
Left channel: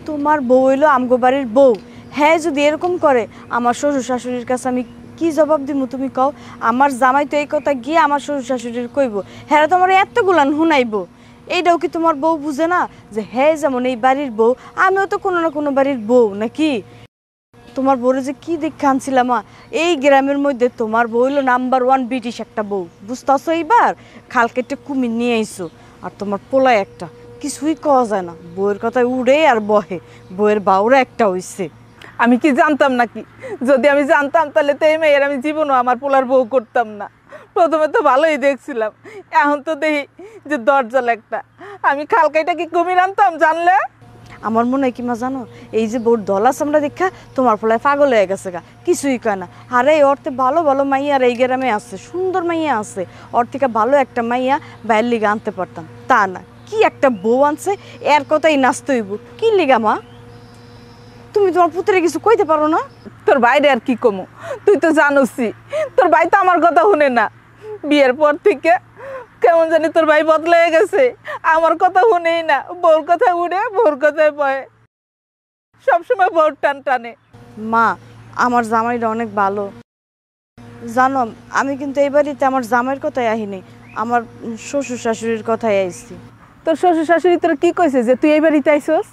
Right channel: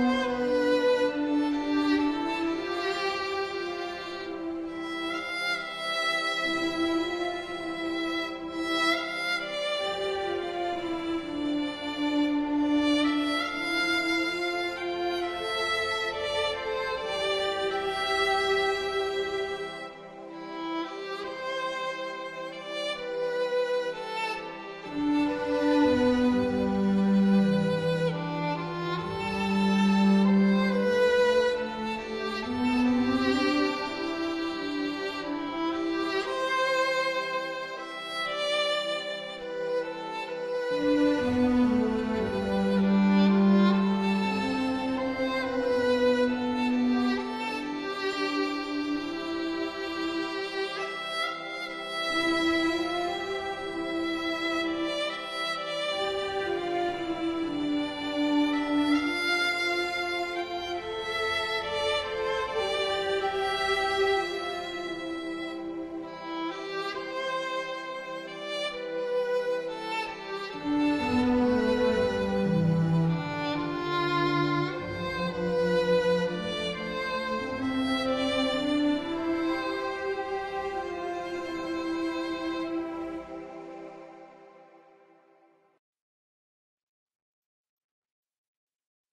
তোমার বউ হইলো আমগো বাড়ির বউ, হ্যাঁ যদি এরকম করে আমার শ্বশুর শাশুড়ির কাছে আমি কি জবাব দিব তুমি কও? আমার জামাই তো এই কথা গিয়ে আমার শ্বশুর শাশুড়ির কইব, হ্যাঁ তোমার এতগুলান শুনাইব। এইটাও কি তোমার বউ বুঝে না যে হ্যাঁ যেমন এই বাড়ির বউ আমিও তো কোনো না কোনো বাড়ির বউ নাকি? তোমার বউরে যে কি দেখে আনছিলাম মা, এই গ্রামের মধ্যে তোমার বউ হইলো নাম্বার 1 ব্রিটিশ একটা বউ, বুঝতেছো? এইবার খাল কেটে কুমির নিয়ে আইসো, আর তোমার পোলায় একটা, কিছুই কওয়া যায় না, বউয়ের কথায় উড়ে আর বহে, বউয়ের বাউরা একটা হইছে। আমি কি জানতাম নাকি? যদি আমি জানতাম তাহলে তো এই মেয়ের আমি জীবনও আমার পোলার বউ করতাম না। প্রথমে তো ভালোই দেখছিলাম, এখন তো দেখি যে দরজাল একটা। আমি খাল কেটে কি কুমির আনতাম জানলে? আমার মনে হয় কি মা জানো, এই যে বউর দলা চামড়া দেখা তোমার পোলায় পাগল হয়ে গেছে গা, কিছুই কয় না। আরে ওর তো ভালো ভালো মাইয়া আর এই গ্রামে আছে, সুন্দর মাইয়া আছে, ওর থেকে ভালো একটা মাইয়া বাইরের লিগে আনতে পারতাম, তা না কি একটা বউ আনছে, এর কথাই নাচতে হইব। কি লিগা মা? তুমি তোমার পুত্রে কিছু কইতে পারো না? তোর বাইরে আর কি কমু? তুই তো জানোসই তোর ভাই তো আমার কথা শুনে না। বিয়ের পর থেকে কেমন জানি তোর ভাই বদলে গেছে, আমার কথা শুনেই না, বউর কথা উড়ে বউর কথায় পড়ে, সবসময় বউর টান টানে। মা, আমার জামাইটা অনেক ভালো জানো, আমি কিন্তু এই বাড়িতে আমার জামাইয়ের কথাই আহিনি, আমার শ্বশুর শাশুড়ির কথাই আইছি। তোর শ্বশুর শাশুড়ি তোর কি কইছে যে তুই এই বাড়িতে আইছস?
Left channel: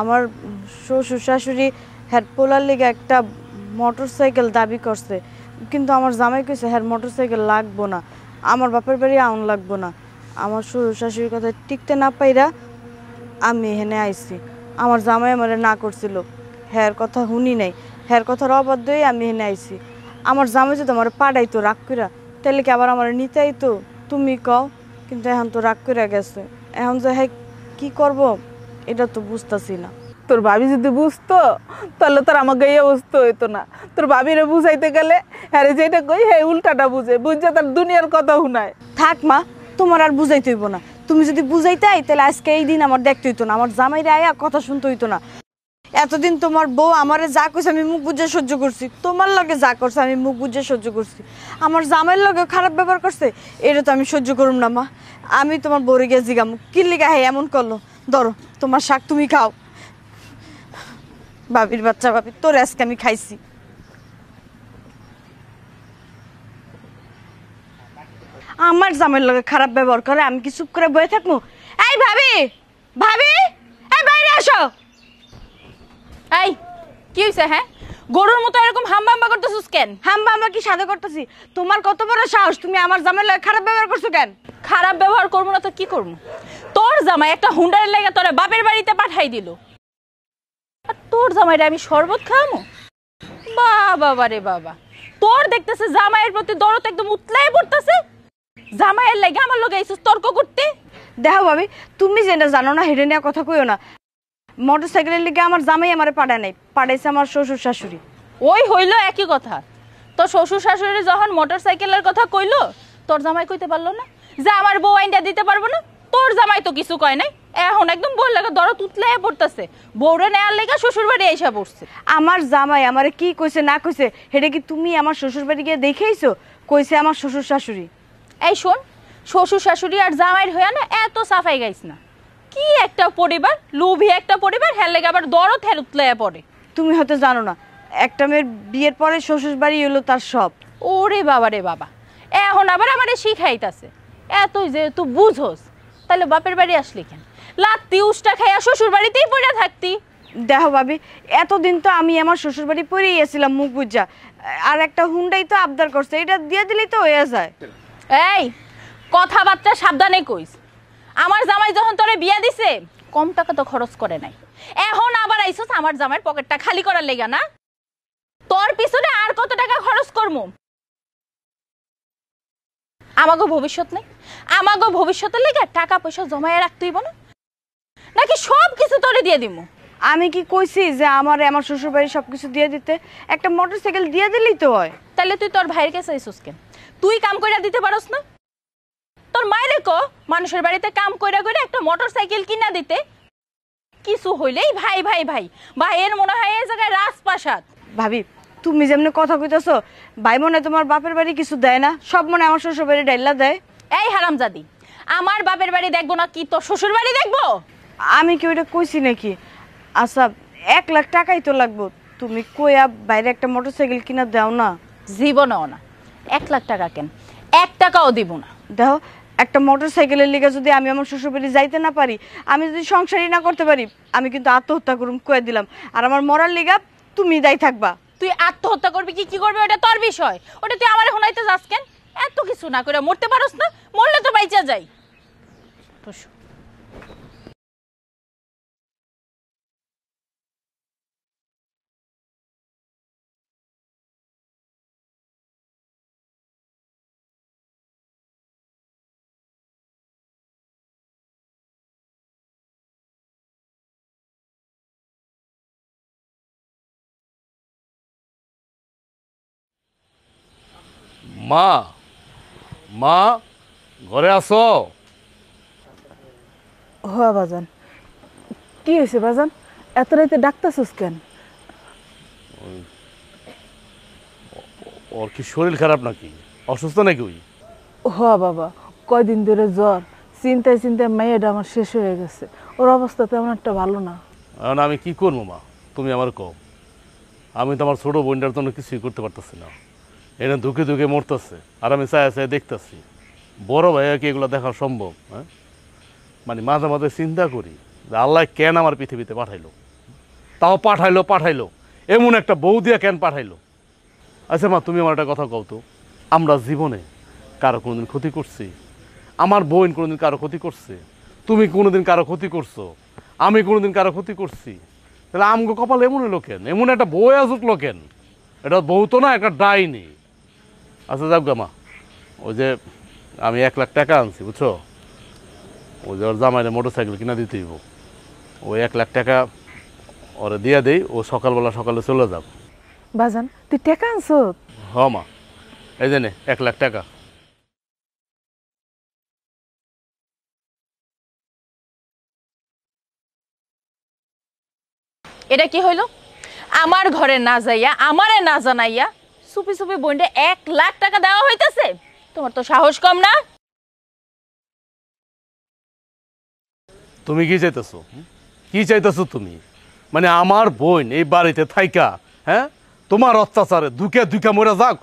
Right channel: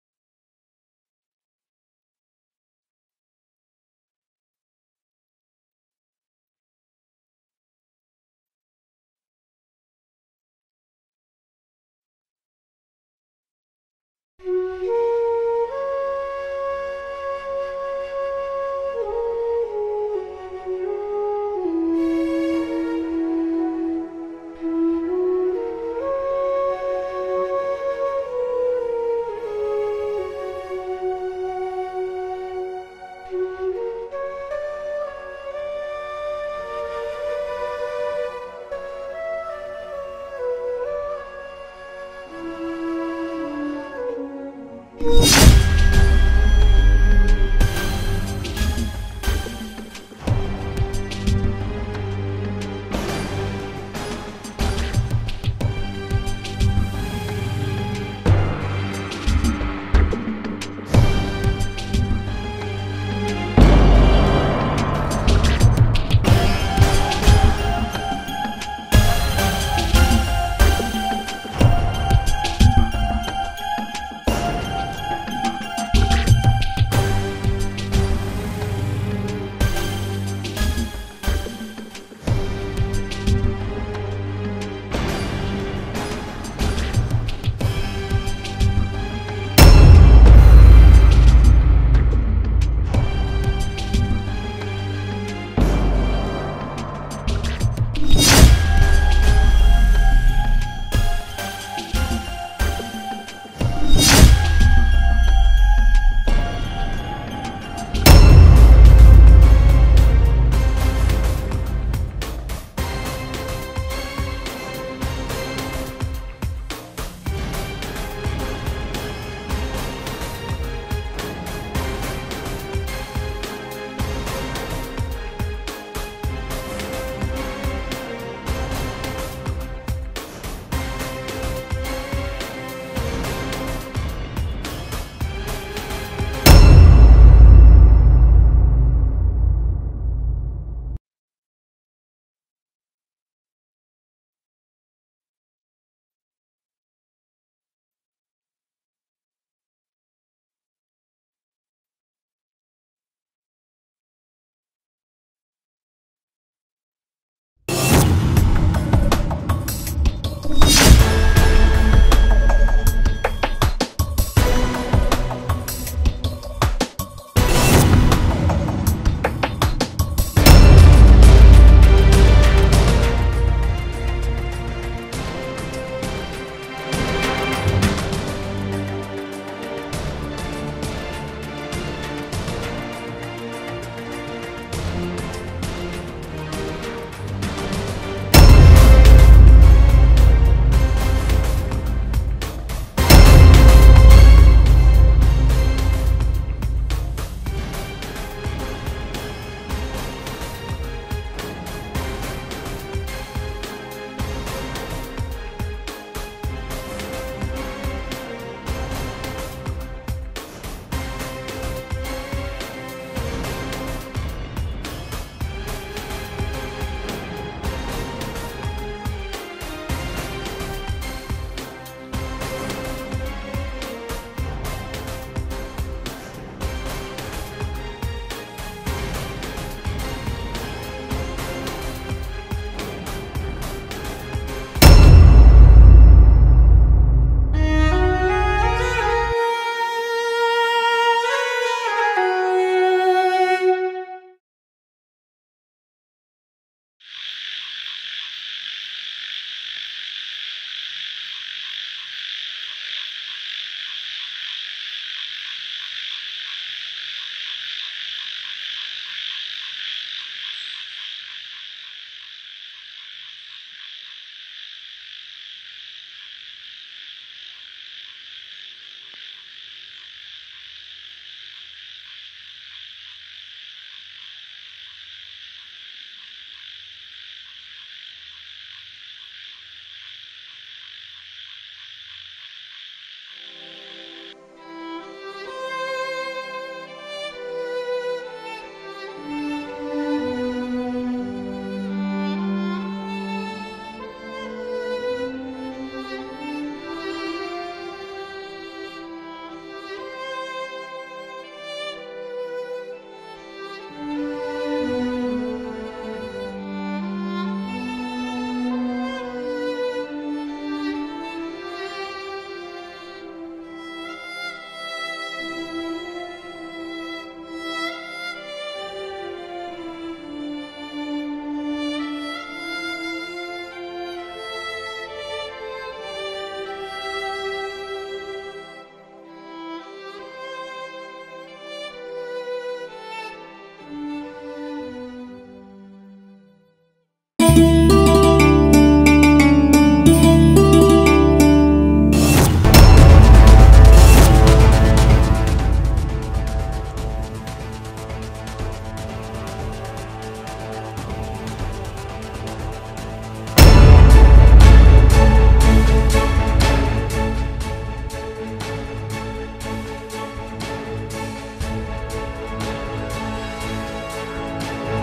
আমার শ্বশুর শাশুড়ি হ্যার পোলার লেগে একটা মোটরসাইকেল দাবি করছে, কিন্তু আমার জামাই কইছে হ্যার মোটরসাইকেল লাগবো না, আমার বাপের বাড়ি আউন লাগবো না। আমার শ্বশুর শাশুড়ির কথা টিকতে না পাইরা আমি এখানে আইছি। আমার জামাই আমারে না করছিল, হ্যার কথা শুনি নাই, হ্যার কথার অবাধ্য হয়ে আমি এখানে আইছি। আমার জামাই যদি আমার পাড়াইতো রাগ কইরা তাহলে কি আবার আমার নিতে আইতো? তুমি কও, কিন্তু এখন তো রাগ কইরা গেছে, এখন যে হ্যাঁ কি করব এটা তো বুঝতেছি না। তোর ভাবি যদি বুঝতো তাহলে তোর আমাকে এই অবস্থা হইতো না। তোর ভাবিরে বুঝাইতে গেলে হ্যাঁ যেটা কই হ্যাঁ উল্টাটা বুঝে বুঝে তার দুনিয়ার কথা শুনায়। থাক মা, তোমার আর বুঝাইতে হইব না, তুমি যদি বুঝাইতে তাহলে আজকে এই দিন আমার দেখতে হইতো না, আমার জামাইরে আয়া কথা শুনতে হইতো না। এতদিন তোমার বউ আমারে যা করছে আমি মুখ বুঝে সহ্য করছি, তোমার লগে যা করছে আমি মুখ বুঝে সহ্য করছি। আমার জামাইয়ের লগে খারাপ ব্যবহার করছে, এটা তো আমি সহ্য করুম না মা। আমি তোমার বউরে গিয়ে জিগাম কি লিগা হে এমন করলো। ধরো তোমার শাক তুমি খাও। বাবির বাচ্চা বাবি, তোর আজকে আমি খাইছি। আমার জামাইয়ের লগে খারাপ ব্যবহার করে আমি কি চুপ করে বসে থাকবো? এই ভাবি, ভাবি, এই বাইরে আসো। এই কি হইছে? হ্যাঁ, গরুর মতো এরকম হাম্বা হাম্বা করতেছিস কেন? হাম্বা আমরা কি সাথে করতেছি? তোমার কত বড় সাহস, তুমি আমার জামাইয়ের লগে খারাপ ব্যবহার করছো কেন? খারাপ ব্যবহার করবো না তো কি করবো? তোর জামাই একটা হুন্ডারের লেগে তোরে বাপের বাড়িতে পাঠাই দিল, আর তোর জামাইরে আমি শরবত খাওয়ামো? বাবা রে বাবা, তোর দেখতেছে জামাইয়ের প্রতি দরদ একদম উতলাই পড়তেছে, জামাইয়ের লেগে আমার লগে আইছিস তর্ক করতে। দেখো ভাবি, তুমি যেটা জানো না হেরে নেওয়া কথা কইও না। মোটরসাইকেলের লিগে আমার জামাই আমারে পাঠায় নাই, পাঠাইছে আমার শ্বশুর শাশুড়ি। ওই হইলো একই কথা। তোর শ্বশুর শাশুড়ি যখন মোটরসাইকেলের কথা কইলো, তোর জামাই কইতে পারলো না যে আমার বউ আইনটা দিতে পারবো না? তোর জামাই তো কিছু কয় নাই, এখন একদম বল লাগে দরদ উতলাই পড়তেছে, বউরে নেয়ার লেগে শ্বশুর বাড়ি আইসা বসছে। আমার জামাই আমারে কি কইছে না কইছে সেটা কি তুমি আমার শ্বশুর বাড়ি গিয়ে দেখেইছো? কইছে আমার শ্বশুর শাশুড়ি। এই শোন, শ্বশুর শাশুড়ি আর জামাইয়ের হইয়া না এত সাফাই গাইছে। কি একটা পরিবার, লোভী একটা পরিবার, হের লেগে আবার দরদ হের উতলাইয়া পড়ে। তুমি হয়তো জানো না, একটা মেয়ের বিয়ের পরে শ্বশুর বাড়ি হলো তার সব। ওরে বাবা রে বাবা, এখন আবার আমারে শিখাইতাছে। এতই যেহেতু বুঝোস, তাহলে বাপের বাড়ি আসলি কেন? লাত্তি উষ্টা খাইয়া শ্বশুর বাড়িতেই পড়ে থাকতি। দেখো ভাবি, এতদিন তো আমি আমার শ্বশুর বাড়ি পরেই গেছিলাম মুখ বুঝা, আর একটা হুন্ডাই তো আবদার করছে, এটা দিয়ে দিলেই তো হয়ে যায়। এই কথাবার্তা সাবধানে কই। আমার জামাই যখন তোরে বিয়া দিছে কম টাকা তো খরচ করে নাই, এখন আবার আইছস আমার জামাইয়ের পকেটটা খালি করার লেগা না? তোর পিছনে আর কত টাকা খরচ করবো? আমাগো ভবিষ্যৎ না, আমাগো ভবিষ্যতের লেগে টাকা পয়সা জমায়ে রাখতেই বল, নাকি সব কিছু তোরে দিয়ে দিব? আমি কি কইছি যে আমারে আমার শ্বশুর বাড়ি সবকিছু দিয়ে দিতে? একটা মোটরসাইকেল দিয়ে দিলেই তো হয়। তাহলে তুই তোর ভাইয়ের কাছে আইছস কেন? তুই কাম কইরা দিতে পারস না? তোর মায়েরে কো মানুষের বাড়িতে কাম কইরা কইরা একটা মোটরসাইকেল কিনা দিতে। কিছু হইলেই ভাই ভাই ভাই, ভাইয়ের মনে হয় এই জায়গায় রাজপ্রাসাদ। ভাবি, তুমি যেমনি কথা কইতেছো, ভাই মনে তোমার বাপের বাড়ি কিছু দেয় না, সব মনে আমার শ্বশুর বাড়ি ডাইলা দেয়। এই হারামজাদি, আমার বাপের বাড়ি দেখবো না কি তোর শ্বশুর বাড়ি দেখবো? আমি কি ওইটা কইছি নাকি? আচ্ছা, 1 লাখ টাকাই তো লাগবো, তুমি কইয়া বাইরে একটা মোটরসাইকেল কিনা দাও না। জীবনও না, 1 লাখ টাকা কেন, 1 টাকাও দিব না। দেখো, একটা মোটরসাইকেলের লিগে যদি আমি আমার শ্বশুর বাড়ি যাইতে না পারি, আমি যদি সংসারই না করতে পারি, আমি কিন্তু আত্মহত্যা করুম কয়ে দিলাম। আর আমার মরার লিগা তুমি যাই থাকবা। তুই আত্মহত্যা করবি কি করবি ওটা তোর বিষয়, ওটা তুই আমারে শুনাইতে যাস কেন? এত কিছু না করে মরতে পারস না? মরলে তো বাইচা যায়। মা, মা, ঘরে আসো। হ্যাঁ বাজান, কি হয়েছে বাজান? এত রাইতে ডাকতেছিস কেন? ওর কি শরীর খারাপ নাকি? অসুস্থ নাকি ওই? হ্যাঁ বাবা, কয়দিন ধরে জ্বর, চিন্তায় চিন্তায় মেয়েটা আমার শেষ হয়ে গেছে, ওর অবস্থা তেমন একটা ভালো না। এখন আমি কি করবো মা, তুমি আমার কও। আমি তো আমার ছোট বোনটার জন্য কিছুই করতে পারতেছি না, এটা ধুকে ধুকে মরতেছে, আর আমি চায় চায় দেখতেছি। বড় ভাইয়া কি এগুলো দেখা সম্ভব? হ্যাঁ, মানে মাঝে মাঝে চিন্তা করি যে আল্লাহ কেন আমার পৃথিবীতে পাঠাইলো, তাও পাঠাইলো এমন একটা বউ দিয়া কেন পাঠাইলো? আচ্ছা মা, তুমি আমার একটা কথা কও তো, আমরা জীবনে কারো কোনোদিন ক্ষতি করছি? আমার বোন কোনোদিন কারো ক্ষতি করছে? তুমি কোনোদিন কারো ক্ষতি করছো? আমি কোনোদিন কারো ক্ষতি করছি? তাহলে আমগো কপাল এমন হলো কেন? এমন একটা বউ আসুকলো কেন? এটা বউ তো না, একটা ডাইনি। আচ্ছা যাক গা মা, ওই যে আমি 1 লাখ টাকা আনছি বুঝছো, ওই যে ওর জামাইরে মোটরসাইকেল কিনা দিতেই, ওই 1 লাখ টাকা ওরা দিয়ে দেই, ও সকালে চলে যাও। বাজান, তুই টাকা আনছো? হ মা, এই যে নে 1 লাখ টাকা। এটা কি হইল? ঘরে না যাইয়া আমারে না জানাইয়া চুপি চুপি বোনরে 1 লাখ টাকা দেওয়া হইতাছে? তোমার তো সাহস কম না? তুমি কি চাইতেছো? কি চাইতেছো তুমি? মানে আমার বোন এই বাড়িতে থাইকা, হ্যাঁ, তোমার অত্যাচারে দুকে দুকে মরে যাক,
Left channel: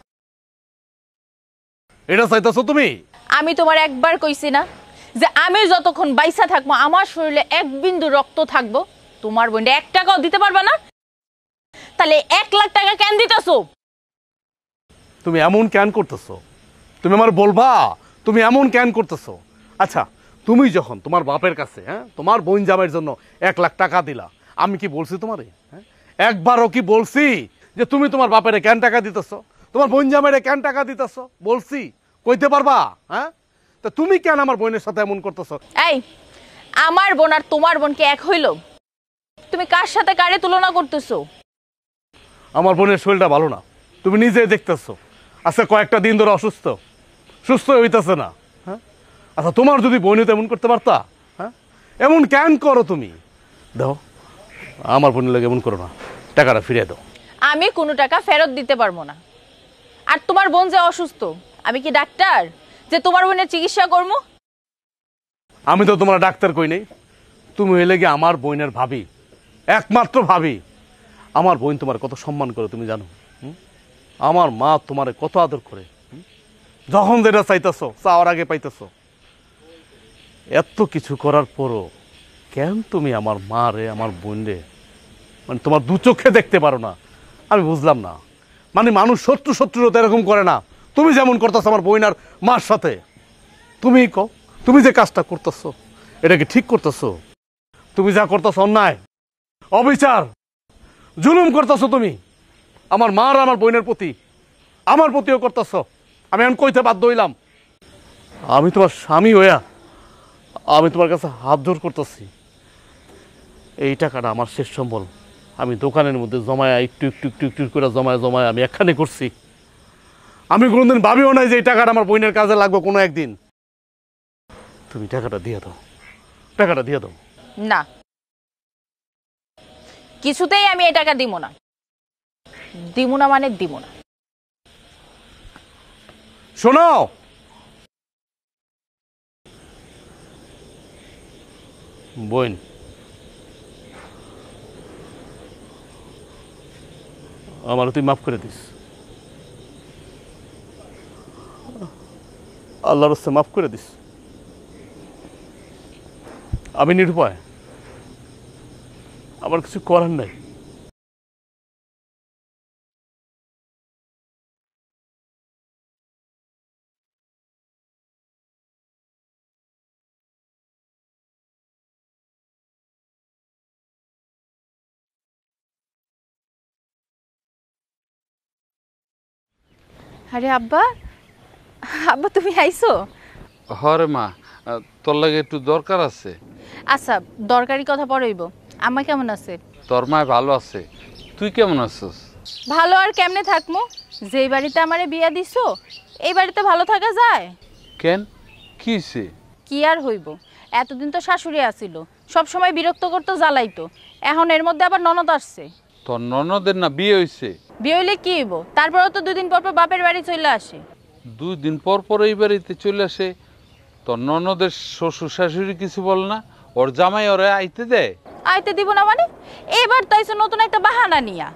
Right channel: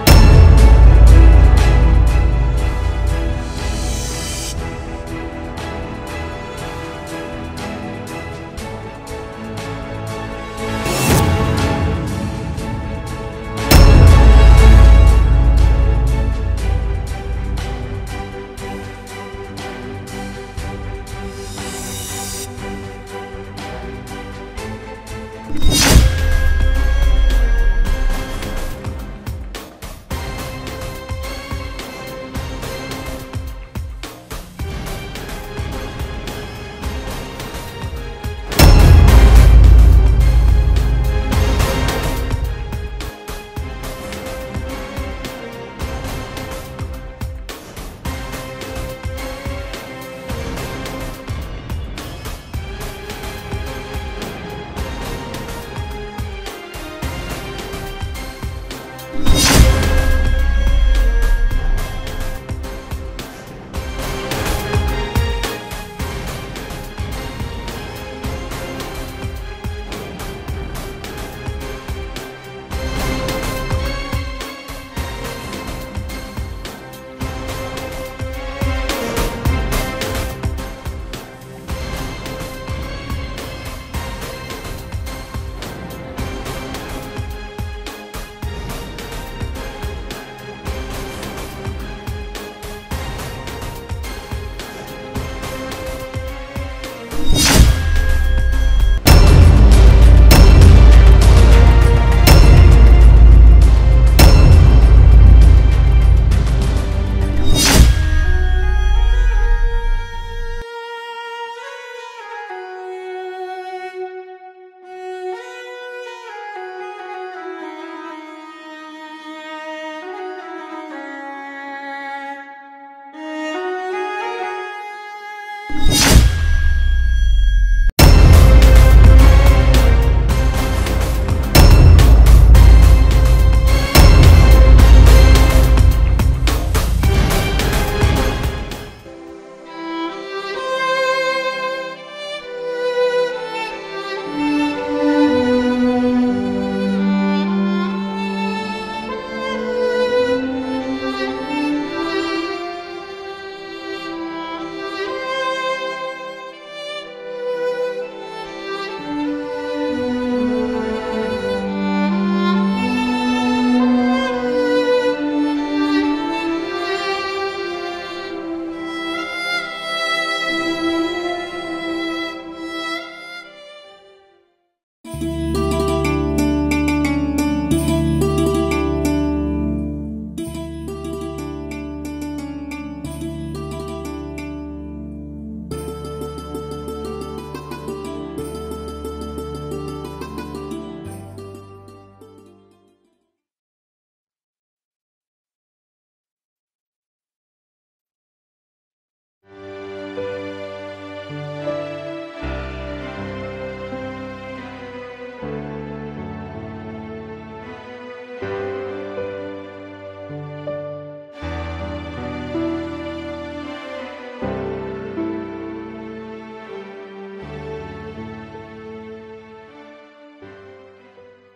এটা চাইতেছো তুমি? আমি তোমার একবার কইছি না যে আমি যতক্ষণ বাইসা থাকবো আমার শরীরে 1 বিন্দু রক্ত থাকবো, তোমার বোনরে 1 টাকাও দিতে পারবা না? তাহলে 1 লাখ টাকা কেন দিতেছো? তুমি এমন কেন করতেছো? তুমি আমার বলবা তুমি এমন কেন করতেছো? আচ্ছা, তুমি যখন তোমার বাপের কাছে, হ্যাঁ, তোমার বোন জামাইয়ের জন্য 1 লাখ টাকা দিলা, আমি কি বলছি তোমার? একবারও কি বলছি যে তুমি তোমার বাপেরে কেন টাকা দিতেছো, তোমার বোন জামাইরে কেন টাকা দিতেছো? বলছি? কইতে পারবা? হ্যাঁ, তা তুমি কেন আমার বোনের সাথে এমন করতেছো? এই, আমার বোন আর তোমার বোন কি এক হইল? তুমি কার সাথে কারে তুলনা করতেছো? আমার বোনের শরীরটা ভালো না, তুমি নিজেই দেখতেছো। আচ্ছা, কয়েকটা দিন ধরে অসুস্থ, সুস্থ হইতেছে না। আচ্ছা, তোমার যদি বোন তেমন করতে পারতা, হ্যাঁ, এমন কেন করো তুমি? দেখো, আমার বোনের লাগে এমন করো না, টাকাটা ফিরিয়ে দাও। আমি কোনো টাকা ফেরত দিতে পারবো না। আর তোমার বোন যে অসুস্থ, আমি কি ডাক্তার যে তোমার বোনের চিকিৎসা করবো? আমি তো তোমার ডাক্তার কই নেই, তুমি হইলে কি আমার বোনের ভাবি, একমাত্র ভাবি। আমার বোন তোমার কত সম্মান করে তুমি জানো? আমার মা তোমার কত আদর করে, যখন যেটা চাইতেছ তার আগে পাইতেছ। এত কিছু করার পরও কেন তুমি আমার মা রে, আমার বোনরে মানে তোমার দু চোখে দেখতে পারো না? আমি বুঝলাম না। মানে মানুষ শত্রু শত্রুর তো এরকম করে না, তুমি যেমন করতেছো আমার বোন আর মার সাথে। তুমি তুমি যে কাজটা করতেছো এটা কি ঠিক করতেছো? তুমি যা করতেছো অন্যায়, অবিচার, জুলুম করতেছো তুমি আমার মা আর আমার বোনের প্রতি, আমার প্রতিও করতেছো। আমি এখন কইতে বাধ্য হইলাম, আমি তোমার স্বামী হইয়া আমি তোমার কাছে হাত জোর করতেছি। এই টাকাটা আমার শেষ সম্বল, আমি দোকানের মধ্যে জমায় একটু একটু একটু একটু করে জমায় আমি একখানে করছি। আমি কোনোদিন ভাবিও নাই যে এই টাকাটা আমার বোনের কাজে লাগবে কোনো একদিন। তুমি টাকাটা দিয়ে দাও, টাকাটা দিয়ে দাও। না, কিছুতেই আমি এই টাকা দিব না। দিব না মানে দিব না। শোনো, বোন, আমার তুই মাফ করে দিস, আল্লাহর রাস্তায় মাফ করে দিস। আমি নিরুপায়, আমার কিছু করার নাই। আরে আব্বা, আব্বা তুমি আইছো? হরে মা, তোর লাগে একটু দরকার আছে। আচ্ছা, দরকারি কথা পরেইব। আম্মা কেমন আছে? তোর মায় ভালো আছে, তুই কেমন আছিস? ভালো আর কেমনে থাকমু? যেই বাড়িতে আমারে বিয়া দিছো এই বাড়িতে ভালো থাকা যায়? কেন, কি হইছে? কি আর হইব, এতদিন তো শাশুড়ি আছিল, সব সময় বিরক্ত করতে জ্বালাইতো। এখন এর মধ্যে আবার ননদ আসছে। তোর ননদের না বিয়ে হইছে? বিয়ে হইলে কি হইব? তারপরে তো 2 দিন পর পর বাপের বাড়ি চলে আসে। 2 দিন পর পর এই বাড়িতে চলে আসে? তোর ননদের শ্বশুর শাশুড়ি কিছু বল না? ওর জামাই ওরে আইতে দেয়? আইতে দিব না মানে? এবার তাইছে নতুন একটা বাহানা নিয়া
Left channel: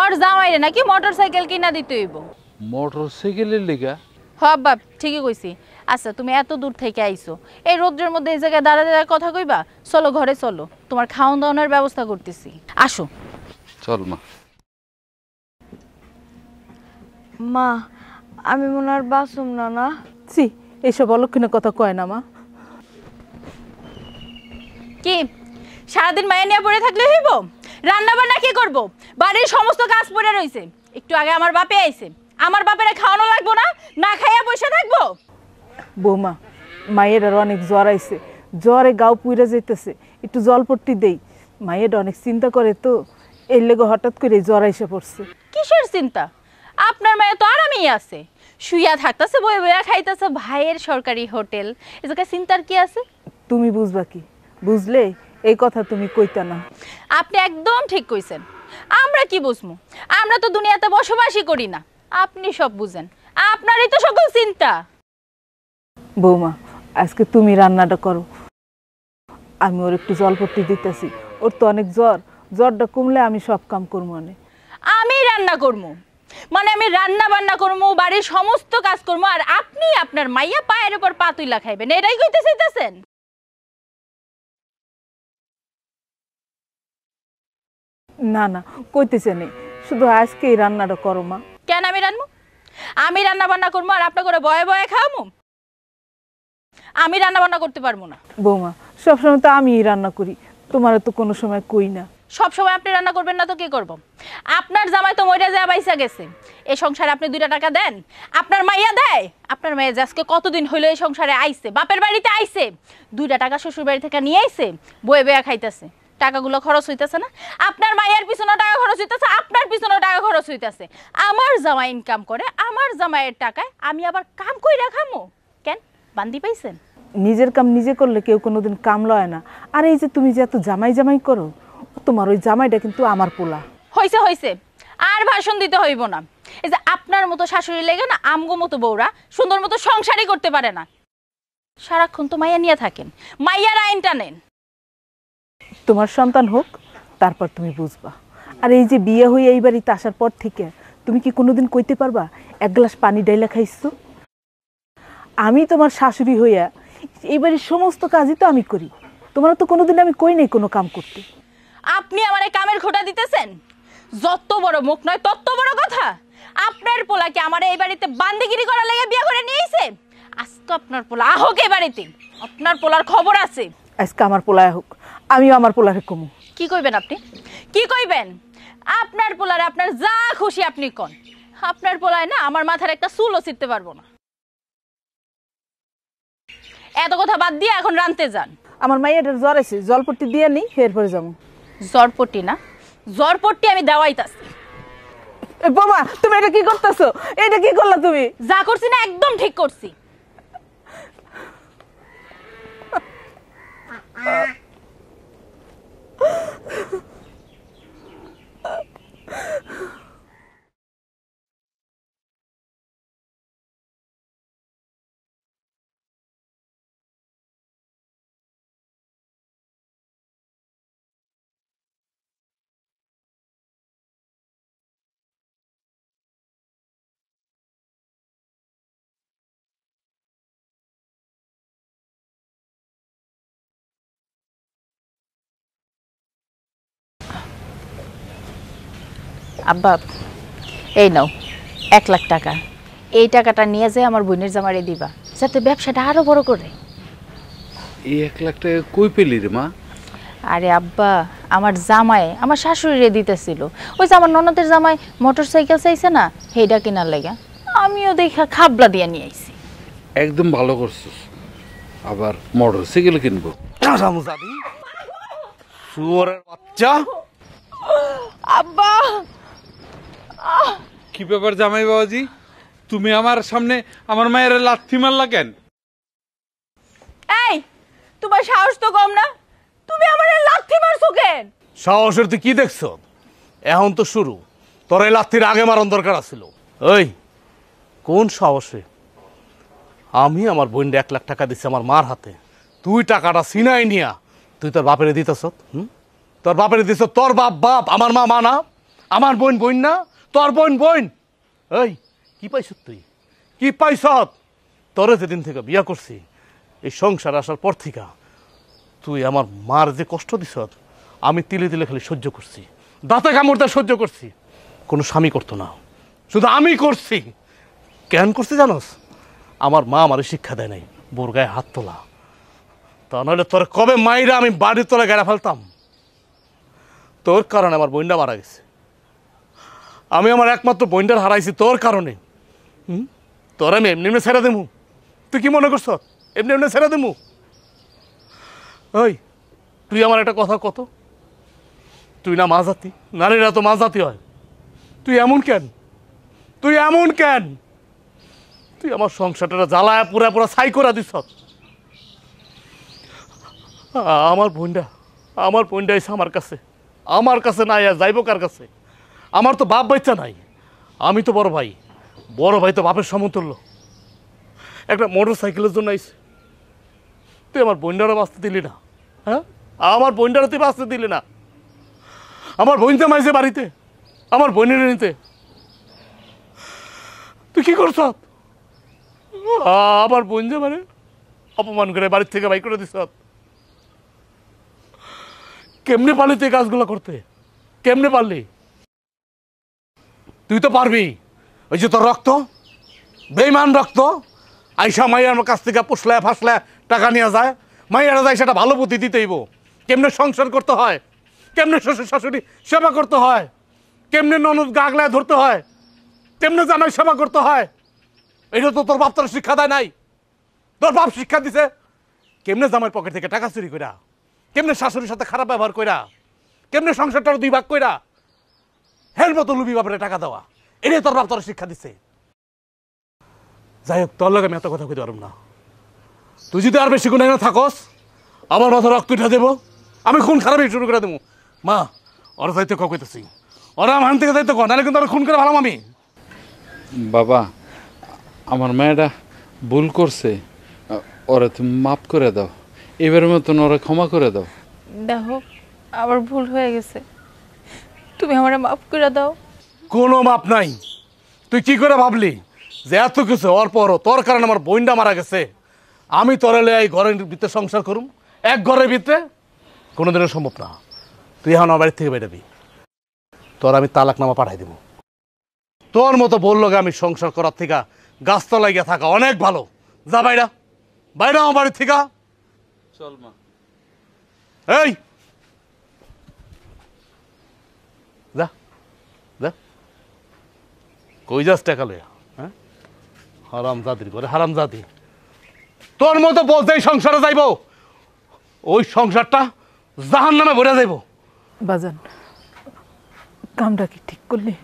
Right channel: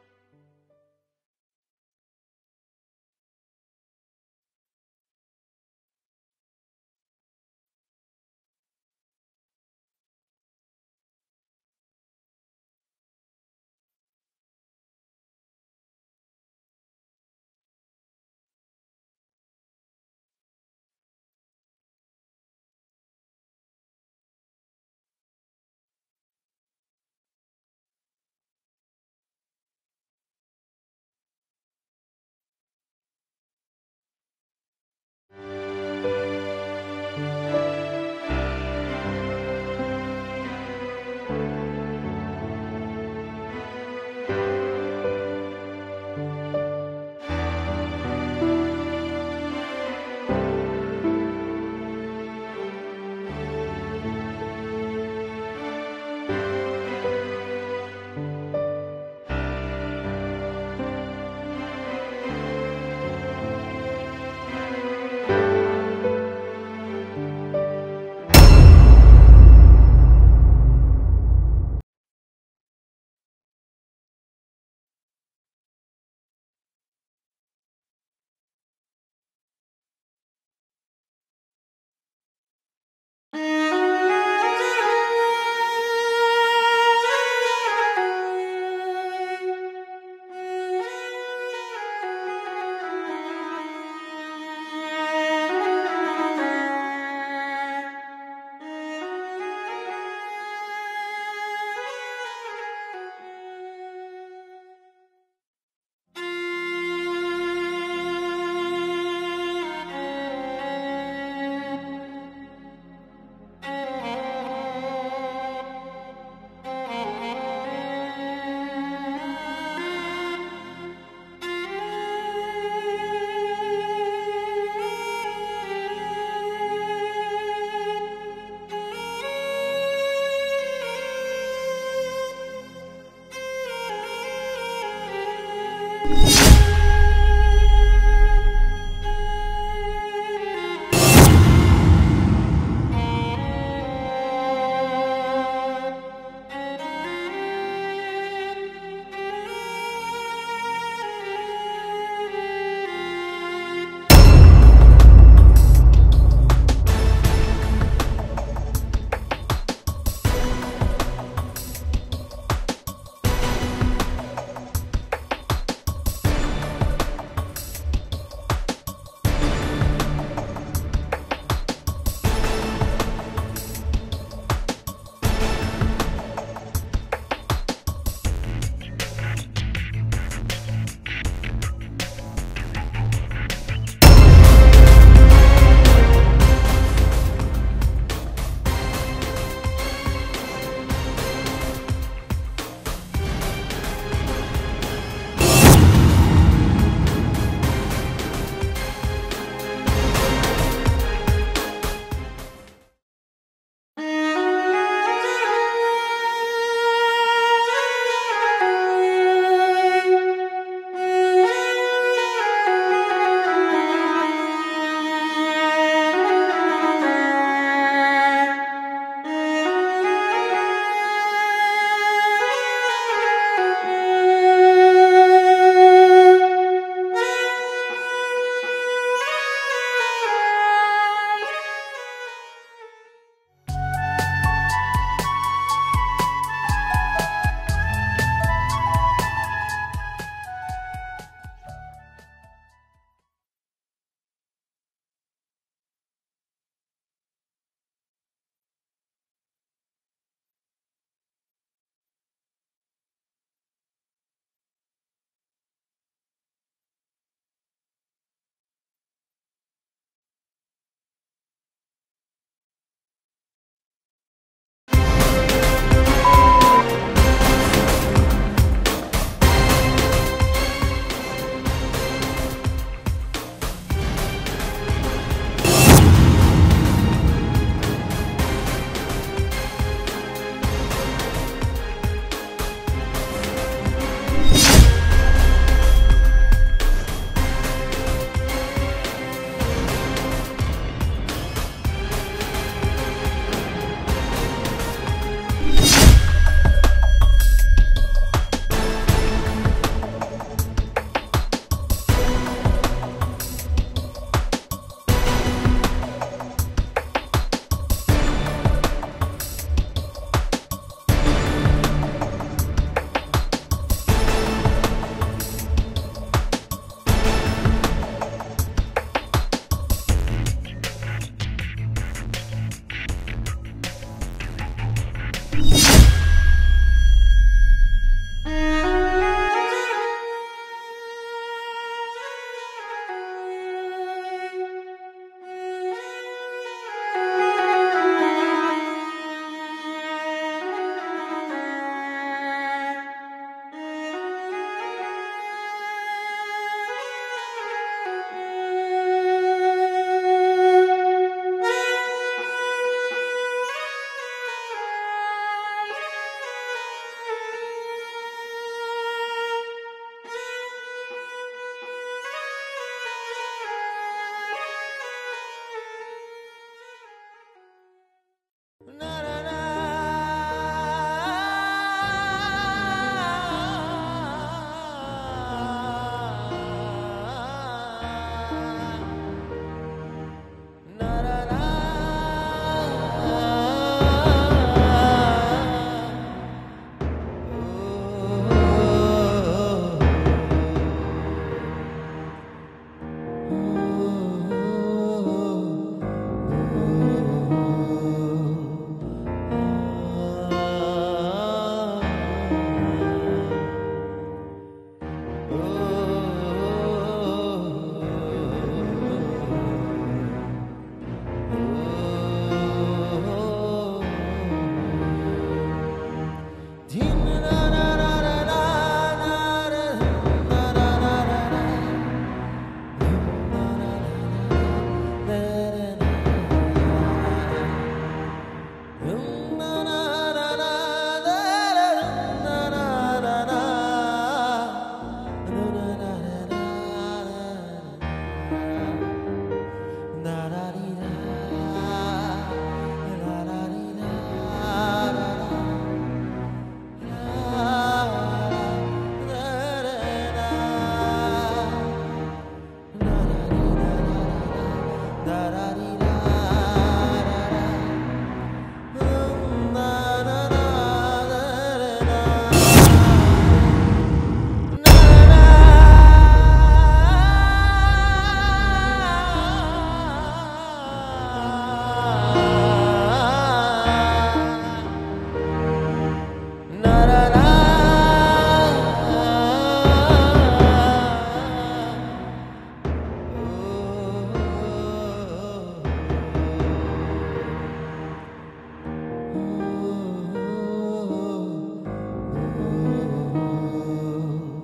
ওর জামাইরে নাকি মোটরসাইকেল কিনা দিতে হইব। মোটরসাইকেলের লেগা? হ বাপ, ঠিকই কইছি। আচ্ছা, তুমি এত দূর থেকে আইছো, এই রোদ্রের মধ্যে এই জায়গায় দাঁড়া দাঁড়া কথা কইবা? চলো ঘরে চলো, তোমার খাওন দাওয়ানোর ব্যবস্থা করতেছি। আসো। চল মা। মা, আমি মনে আর বাসুম না। না ছি, এইসব অলক্ষণের কথা কয় না মা। কি সারাদিন মায়া নিয়ে পড়ে থাকলে হইব? রান্না বান্না কি করব? বাড়ির সমস্ত কাজ পড়ে রইছে। একটু আগে আমার বাপে আইছে, আমার বাপেরে খাওয়ানো লাগবো না? না খাইয়া বসে থাকবো? বৌমা, মায়ের আর অনেক জ্বর আইছে, জ্বরে গাও পুইরা যেতেছে, একটু জলপট্টি দেই। মায়ের অনেক চিন্তা করে তো, এর লেগে হঠাৎ করে জ্বর আইসে পড়ছে। কিসের চিন্তা? আপনার মায়ে তো আরামই আছে, শুইয়া থাকতেছে, বয়ে বইয়া খাইতেছে ভাইয়ের সরকারি হোটেল। এ জায়গায় চিন্তার কি আছে? তুমি বুঝবা কি? বুঝলে এই কথা তুমি কইতা না। আপনি একদম ঠিক কইছেন। আমরা কি বুঝবো? আমরা তো দুনিয়াতে বসবাসই করি না, আপনি সব বুঝেন, আপনারই তো সকল চিন্তা। বৌমা আজকে তুমি রান্নাটা করো, আমি ওর একটু জলপট্টি দিতেছি, ওর তো অনেক জ্বর, জ্বরটা কমলে আমি সব কাম করবো। আমি রান্না করবো মানে আমি রান্না বান্না করবো, বাড়ির সমস্ত কাজ করবো, আর আপনি আপনার মাইয়া পায়ের উপর পা তুইলা খাইবেন, এটাই কইতে চাইতেছেন? না না কইতেছে নেই, শুধু আজকে এই রান্নাটা করো মা। কেন আমি রান্না? আমি রান্না বান্না করবো আর আপনার করে বয়ে বয়ে খাওয়াবো? আমি রান্না বান্না করতে পারবো না। বৌমা সবসময় তো আমি রান্না করি, তোমার তো কোনো সময় কই না। সব সময় আপনি রান্না করবেন না তো কি করব? আপনার জামাই তো মইরা যায় বাইসা গেছে, এই সংসারে আপনি 2 টাকা দেন? আপনার মাইয়া দেয়? আপনার মাইয়া যে আজকে কতদিন হইলো এই সংসারে আইছে, বাপের বাড়িতে আইছে, 2 টাকা শ্বশুর বাড়ি থেকে নিয়ে আইছে, বয়ে বয়ে খাইতেছে, টাকাগুলো খরচ হইতেছে না? আপনার মায়ের পিছনে টাকা খরচ হইতেছে, আপনার পিছনে টাকা খরচ হইতেছে। আমার জামাই ইনকাম করে, আমার জামাইয়ের টাকায় আমি আবার কাম কইরা খামু? কেন বান্দি পাইছেন? নিজের কাম নিজে করলে কেউ কোনোদিন কাম লয় না। আর এই যে তুমি যে এত জামাই জামাই করো, তোমার ওই জামাইটা কিন্তু আমার পোলা। হইছে হইছে, আর ভাষণ দিতে হইব না। এই যে আপনার মতো শাশুড়ি লেগে না আমগো মতো বউরা সুন্দর মতো সংসারই করতে পারে না, সারাক্ষণ তো মাইয়া নিয়ে থাকে, মাইয়ার আইন টানে। তোমার সন্তান হোক, তারপর তুমি বুঝবা। আর এই যে বিয়ে হয়ে এই বাড়িতে আসার পর থেকে তুমি কি কোনোদিন কইতে পারবা 1 গ্লাস পানি ডাইলা খাইছো? আমি তোমার শাশুড়ি হইয়া এই বাড়ির সমস্ত কাজই তো আমি করি, তোমার তো কোনোদিন আমি কই নাই কোনো কাম করতে। আপনি আমারে কামের খোঁটা দিতেছেন? যত বড় মুখ নয় তত বড় কথা। আপনার পোলাকে আমার এই বাড়িতে বান্দিগিরি করার লাগে বিয়ে করে নিয়ে আইছে, আজকে আপনার পোলা আহক এই বাড়িতে, আপনার পোলার খবর আছে। আজকে আমার পোলায় হোক, আমিও আমার পোলাকে কমু। কি কইবেন আপনি? কি কইবেন? আপনার পোলারে আপনার যা খুশি আপনি কর, আপনার পোলায় না আমার মাথার একটা চুলও ছিঁড়তে পারবো। এত কথা বাদ দিয়ে এখন রানতে যান। আমার মায়ের জ্বর আছে, জলপট্টি দিয়ে নেই, ফের হয়ে যাবে। জ্বরপট্টি না, জ্বরপট্টি আমি দেওয়াইতাছি। বাবা তুমি এটা কি করতেছো? এটা কি করলা তুমি? যা করছি না একদম ঠিক করছি। আব্বা এই নাও 1 লাখ টাকা, এই টাকাটা নিয়ে যায় আমার বোনের জামারে দিবা, যাতে ব্যবসাটা আরো বড় করে। এই 1 লাখ টাকা কই পেলি রে মা? আরে আব্বা, আমার জামাই আমার শাশুড়িরে দিতেছিল, ওই যে আমার ননদের জামাই মোটরসাইকেল চাইছে না, সেইটা কেনার লাগা আমিও দেখা খাবলা দিয়ে নিয়ে আইছি। একদম ভালো করছিস, আবার মোটরসাইকেল কিনবো। যা আব্বা কি ব্যাপার জামাই বাবাজি, তুমি আমার সামনে আমার মায়ের লাথি মারলা কেন? এই তোমার সাহস তো কম না, তুমি আমারে লাথি মারছো কে? সাহসের তুই কি দেখছো? এখন তো শুরু, তোর এই লাথির আগে মারণ দরকার আছে। ওই কোন সাহস? আমি আমার বোনকে 1 লাখ টাকা দিচ্ছি আমার মার হাতে, তুই টাকাটা সিনাই নিয়া তুই তোর বাপেরে দিতেছ। তোর বাপেরে দিছ, তোর বাপ বাপ, আমার মা মা না, আমার বোন বোন না, তোর বোন বোন। এই কি পাইছ? তোরে যেদিন থেকে বিয়া করছি, এই সংসার আসার পর থেকে তুই আমার মার যে কষ্ট দিছ আমি তিলে দিলে করে সহ্য করছি, দাঁতে কামড়তে সহ্য করছি, কোনো স্বামী করতো না, শুধু আমি করছি। কেন করছি জানোস? আমার মা আমার শিক্ষা দেয় নাই বোর গায়ে হাত তোলা, তা নাহলে তোর কবে মাইরা আমি বাড়ির তোলা গেড়া ফেলতাম। তোর কারণে আমার বোনটা মারা গেছে, আমি আমার একমাত্র বোনটার হারাইছি তোর কারণে। তোর আমি এমনি এমনি ছেড়ে দেবো? তুই কি মনে করছ এমনি এমনি ছেড়ে দেবো? ওই তুই আমার একটা কথা কত, তুই না মা জাতি, নারীরা তো মা জাতি হয়, তুই এমন কেন? তুই এমন কেন? তুই আমার সংসারটা জ্বালায় পুরা পুরা ছাই করে দিস। আমার বোনটা এসে আমার কাছে না যাইব কার কাছে? আমার তো বাপ বাচ্চা নাই, আমি তো বড় ভাই, বড় ভাই তো বাপের সমতুল্য। একটা মোটর সাইকেলের জন্য আইসি, তুই আমার বোনটারও বাঁচতে দিলি না। হ্যাঁ, আমার বোনটারও তুই বাঁচতে দিলি না। আমার বোনটা মাইছে বাড়িতে, আমার বোনের নিতে তুই কি করছ? আমার বোন যে মানে অপমান করে বাড়ির থেকে বাই করে দিস। কেমনে পারলি তুই কাজগুলো করতে? কেমনে পারলি? তুই তো পারবি। ওই যে তোর রক্ত, বেইমান রক্ত, আইসা মাইয়ার কাছ থেকে পুষলে ফাসলে টাকা নিয়ে যায়, মাইয়ারা যায় সেটা ভালো বুদ্ধি দিতেইব। কেমনে সংসার করতে হয়, কেমনে শ্বশুর শাশুড়ি সেবা করতে হয়, কেমনে ননদ গাগলায় ধরতে হয়, কেমনে জামাই সেবা করতে হয়, এটা তো তোর বাপ তোর শিক্ষা দেয় নাই। তোর বাপ শিক্ষা দিছে কেমনে জামাই পকেট থেকে টাকা চুরি কইরা, কেমনে শাশুড়ির সাথে খারাপ ব্যবহার কইরা, কেমনে সংসারটা দুই ভাগ কইরা হের মতো লুবি বাপরে টাকা দেওয়া, এটাই তোর বাপ তোর শিক্ষা দিছে। যাই হোক, তোর লগে আমি এত কথা বলি পারবো না। তুই যদি আর বেশি গুণ এনে থাকস, আমার মাথা রক্ত উঠা দেবো, আমি খুন খারাপই শুরু করে দেবো। মা, ওরা যাইতে কবে দিচ্ছে, ওরা আমার থেকে যাইতে কো, নাহলে কিন্তু আমি খুন করে ভালো আমি। বাবা, আমার মেয়েটা ভুল করছে, ওরা তুমি মাফ করে দাও, এবারের মতন ওরা ক্ষমা করে দাও। দেখো, আবার ভুল হয়ে গেছে, তুমি আমারে মাফ করে দাও। কোনো মাপ নাই। তুই কি করে ভাবলি যে এত কিছু ওর পরও তোর কারণে আমার বোনটা মারা গেছে, আমি তোরে এই ঘরের ভিতরে সংসার করুম, এক ঘরের ভিতরে কোনোদিনের সম্ভব না। তুই এখন আমার বাড়ির থেকে বেরোবি, তোর আমি তালাকনামা পাঠাই দিবি। তোর মতো বললো আমি সংসার করার থেকে গাছতলায় গিয়ে থাকা অনেক ভালো। যা বাইরা, বাইরা আমার বাড়ির থেকে। এই ওই যাস টাকালো হারামজাদি বলে, হারামজাদি। তোর মতো বলতে এই সংসারে যাইব, ওই সংসারটা জাহান্নামে ভরে যাইব। বাজান, কামটা কি ঠিক করলি?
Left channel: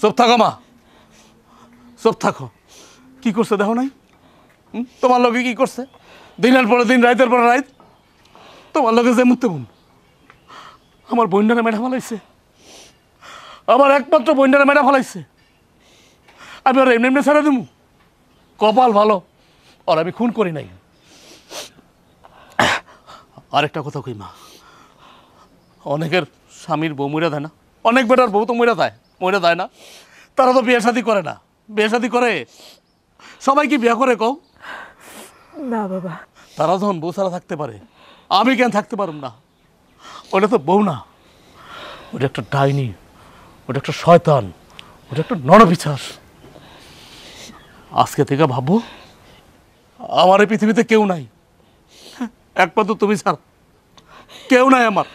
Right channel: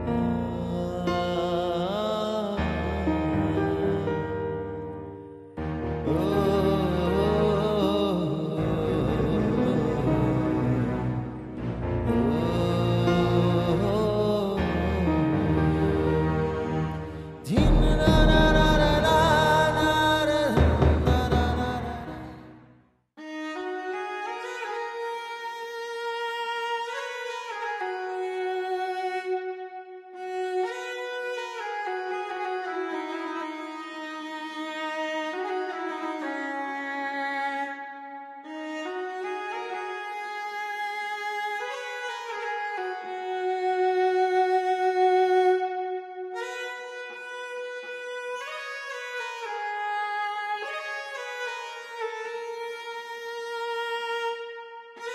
চুপ থাকো মা, চুপ থাকো। কি করছে দেখো নাই? তোমার লগে কি করছে? দিনের পরে দিন, রাতের পরে রাত তোমার লগে যে মুক্ত আমার বন্ডারে মেডা ফেলাইছে, আমার একমাত্র বন্ডারে মেডা ফেলাইছে। আমি ওরা এমনি এমনি ছেড়ে দেব? কপাল ভালো আর আমি খুন করি না। আরেকটা কথা কই মা, অনেকের স্বামীর বউ মরে দেয় না, অনেক বেটার বউ তো মরে দেয় না। তারা তো বিয়ে শাদী করে না। বিয়ে শাদী করে সবাই কি বিয়ে করে কও? না বাবা, তারা যখন বউ ছাড়া থাকতে পারে, আমি কেন থাকতে পারব না? ওটা তো বউ না, ওটা একটা ডাইনি, ওটা একটা শয়তান, ওটা একটা নরপিশাচ। আজকে থেকে ভাববো আমার এই পৃথিবীতে কেউ নাই, একমাত্র তুমি ছাড়া কেউ নাই আমার।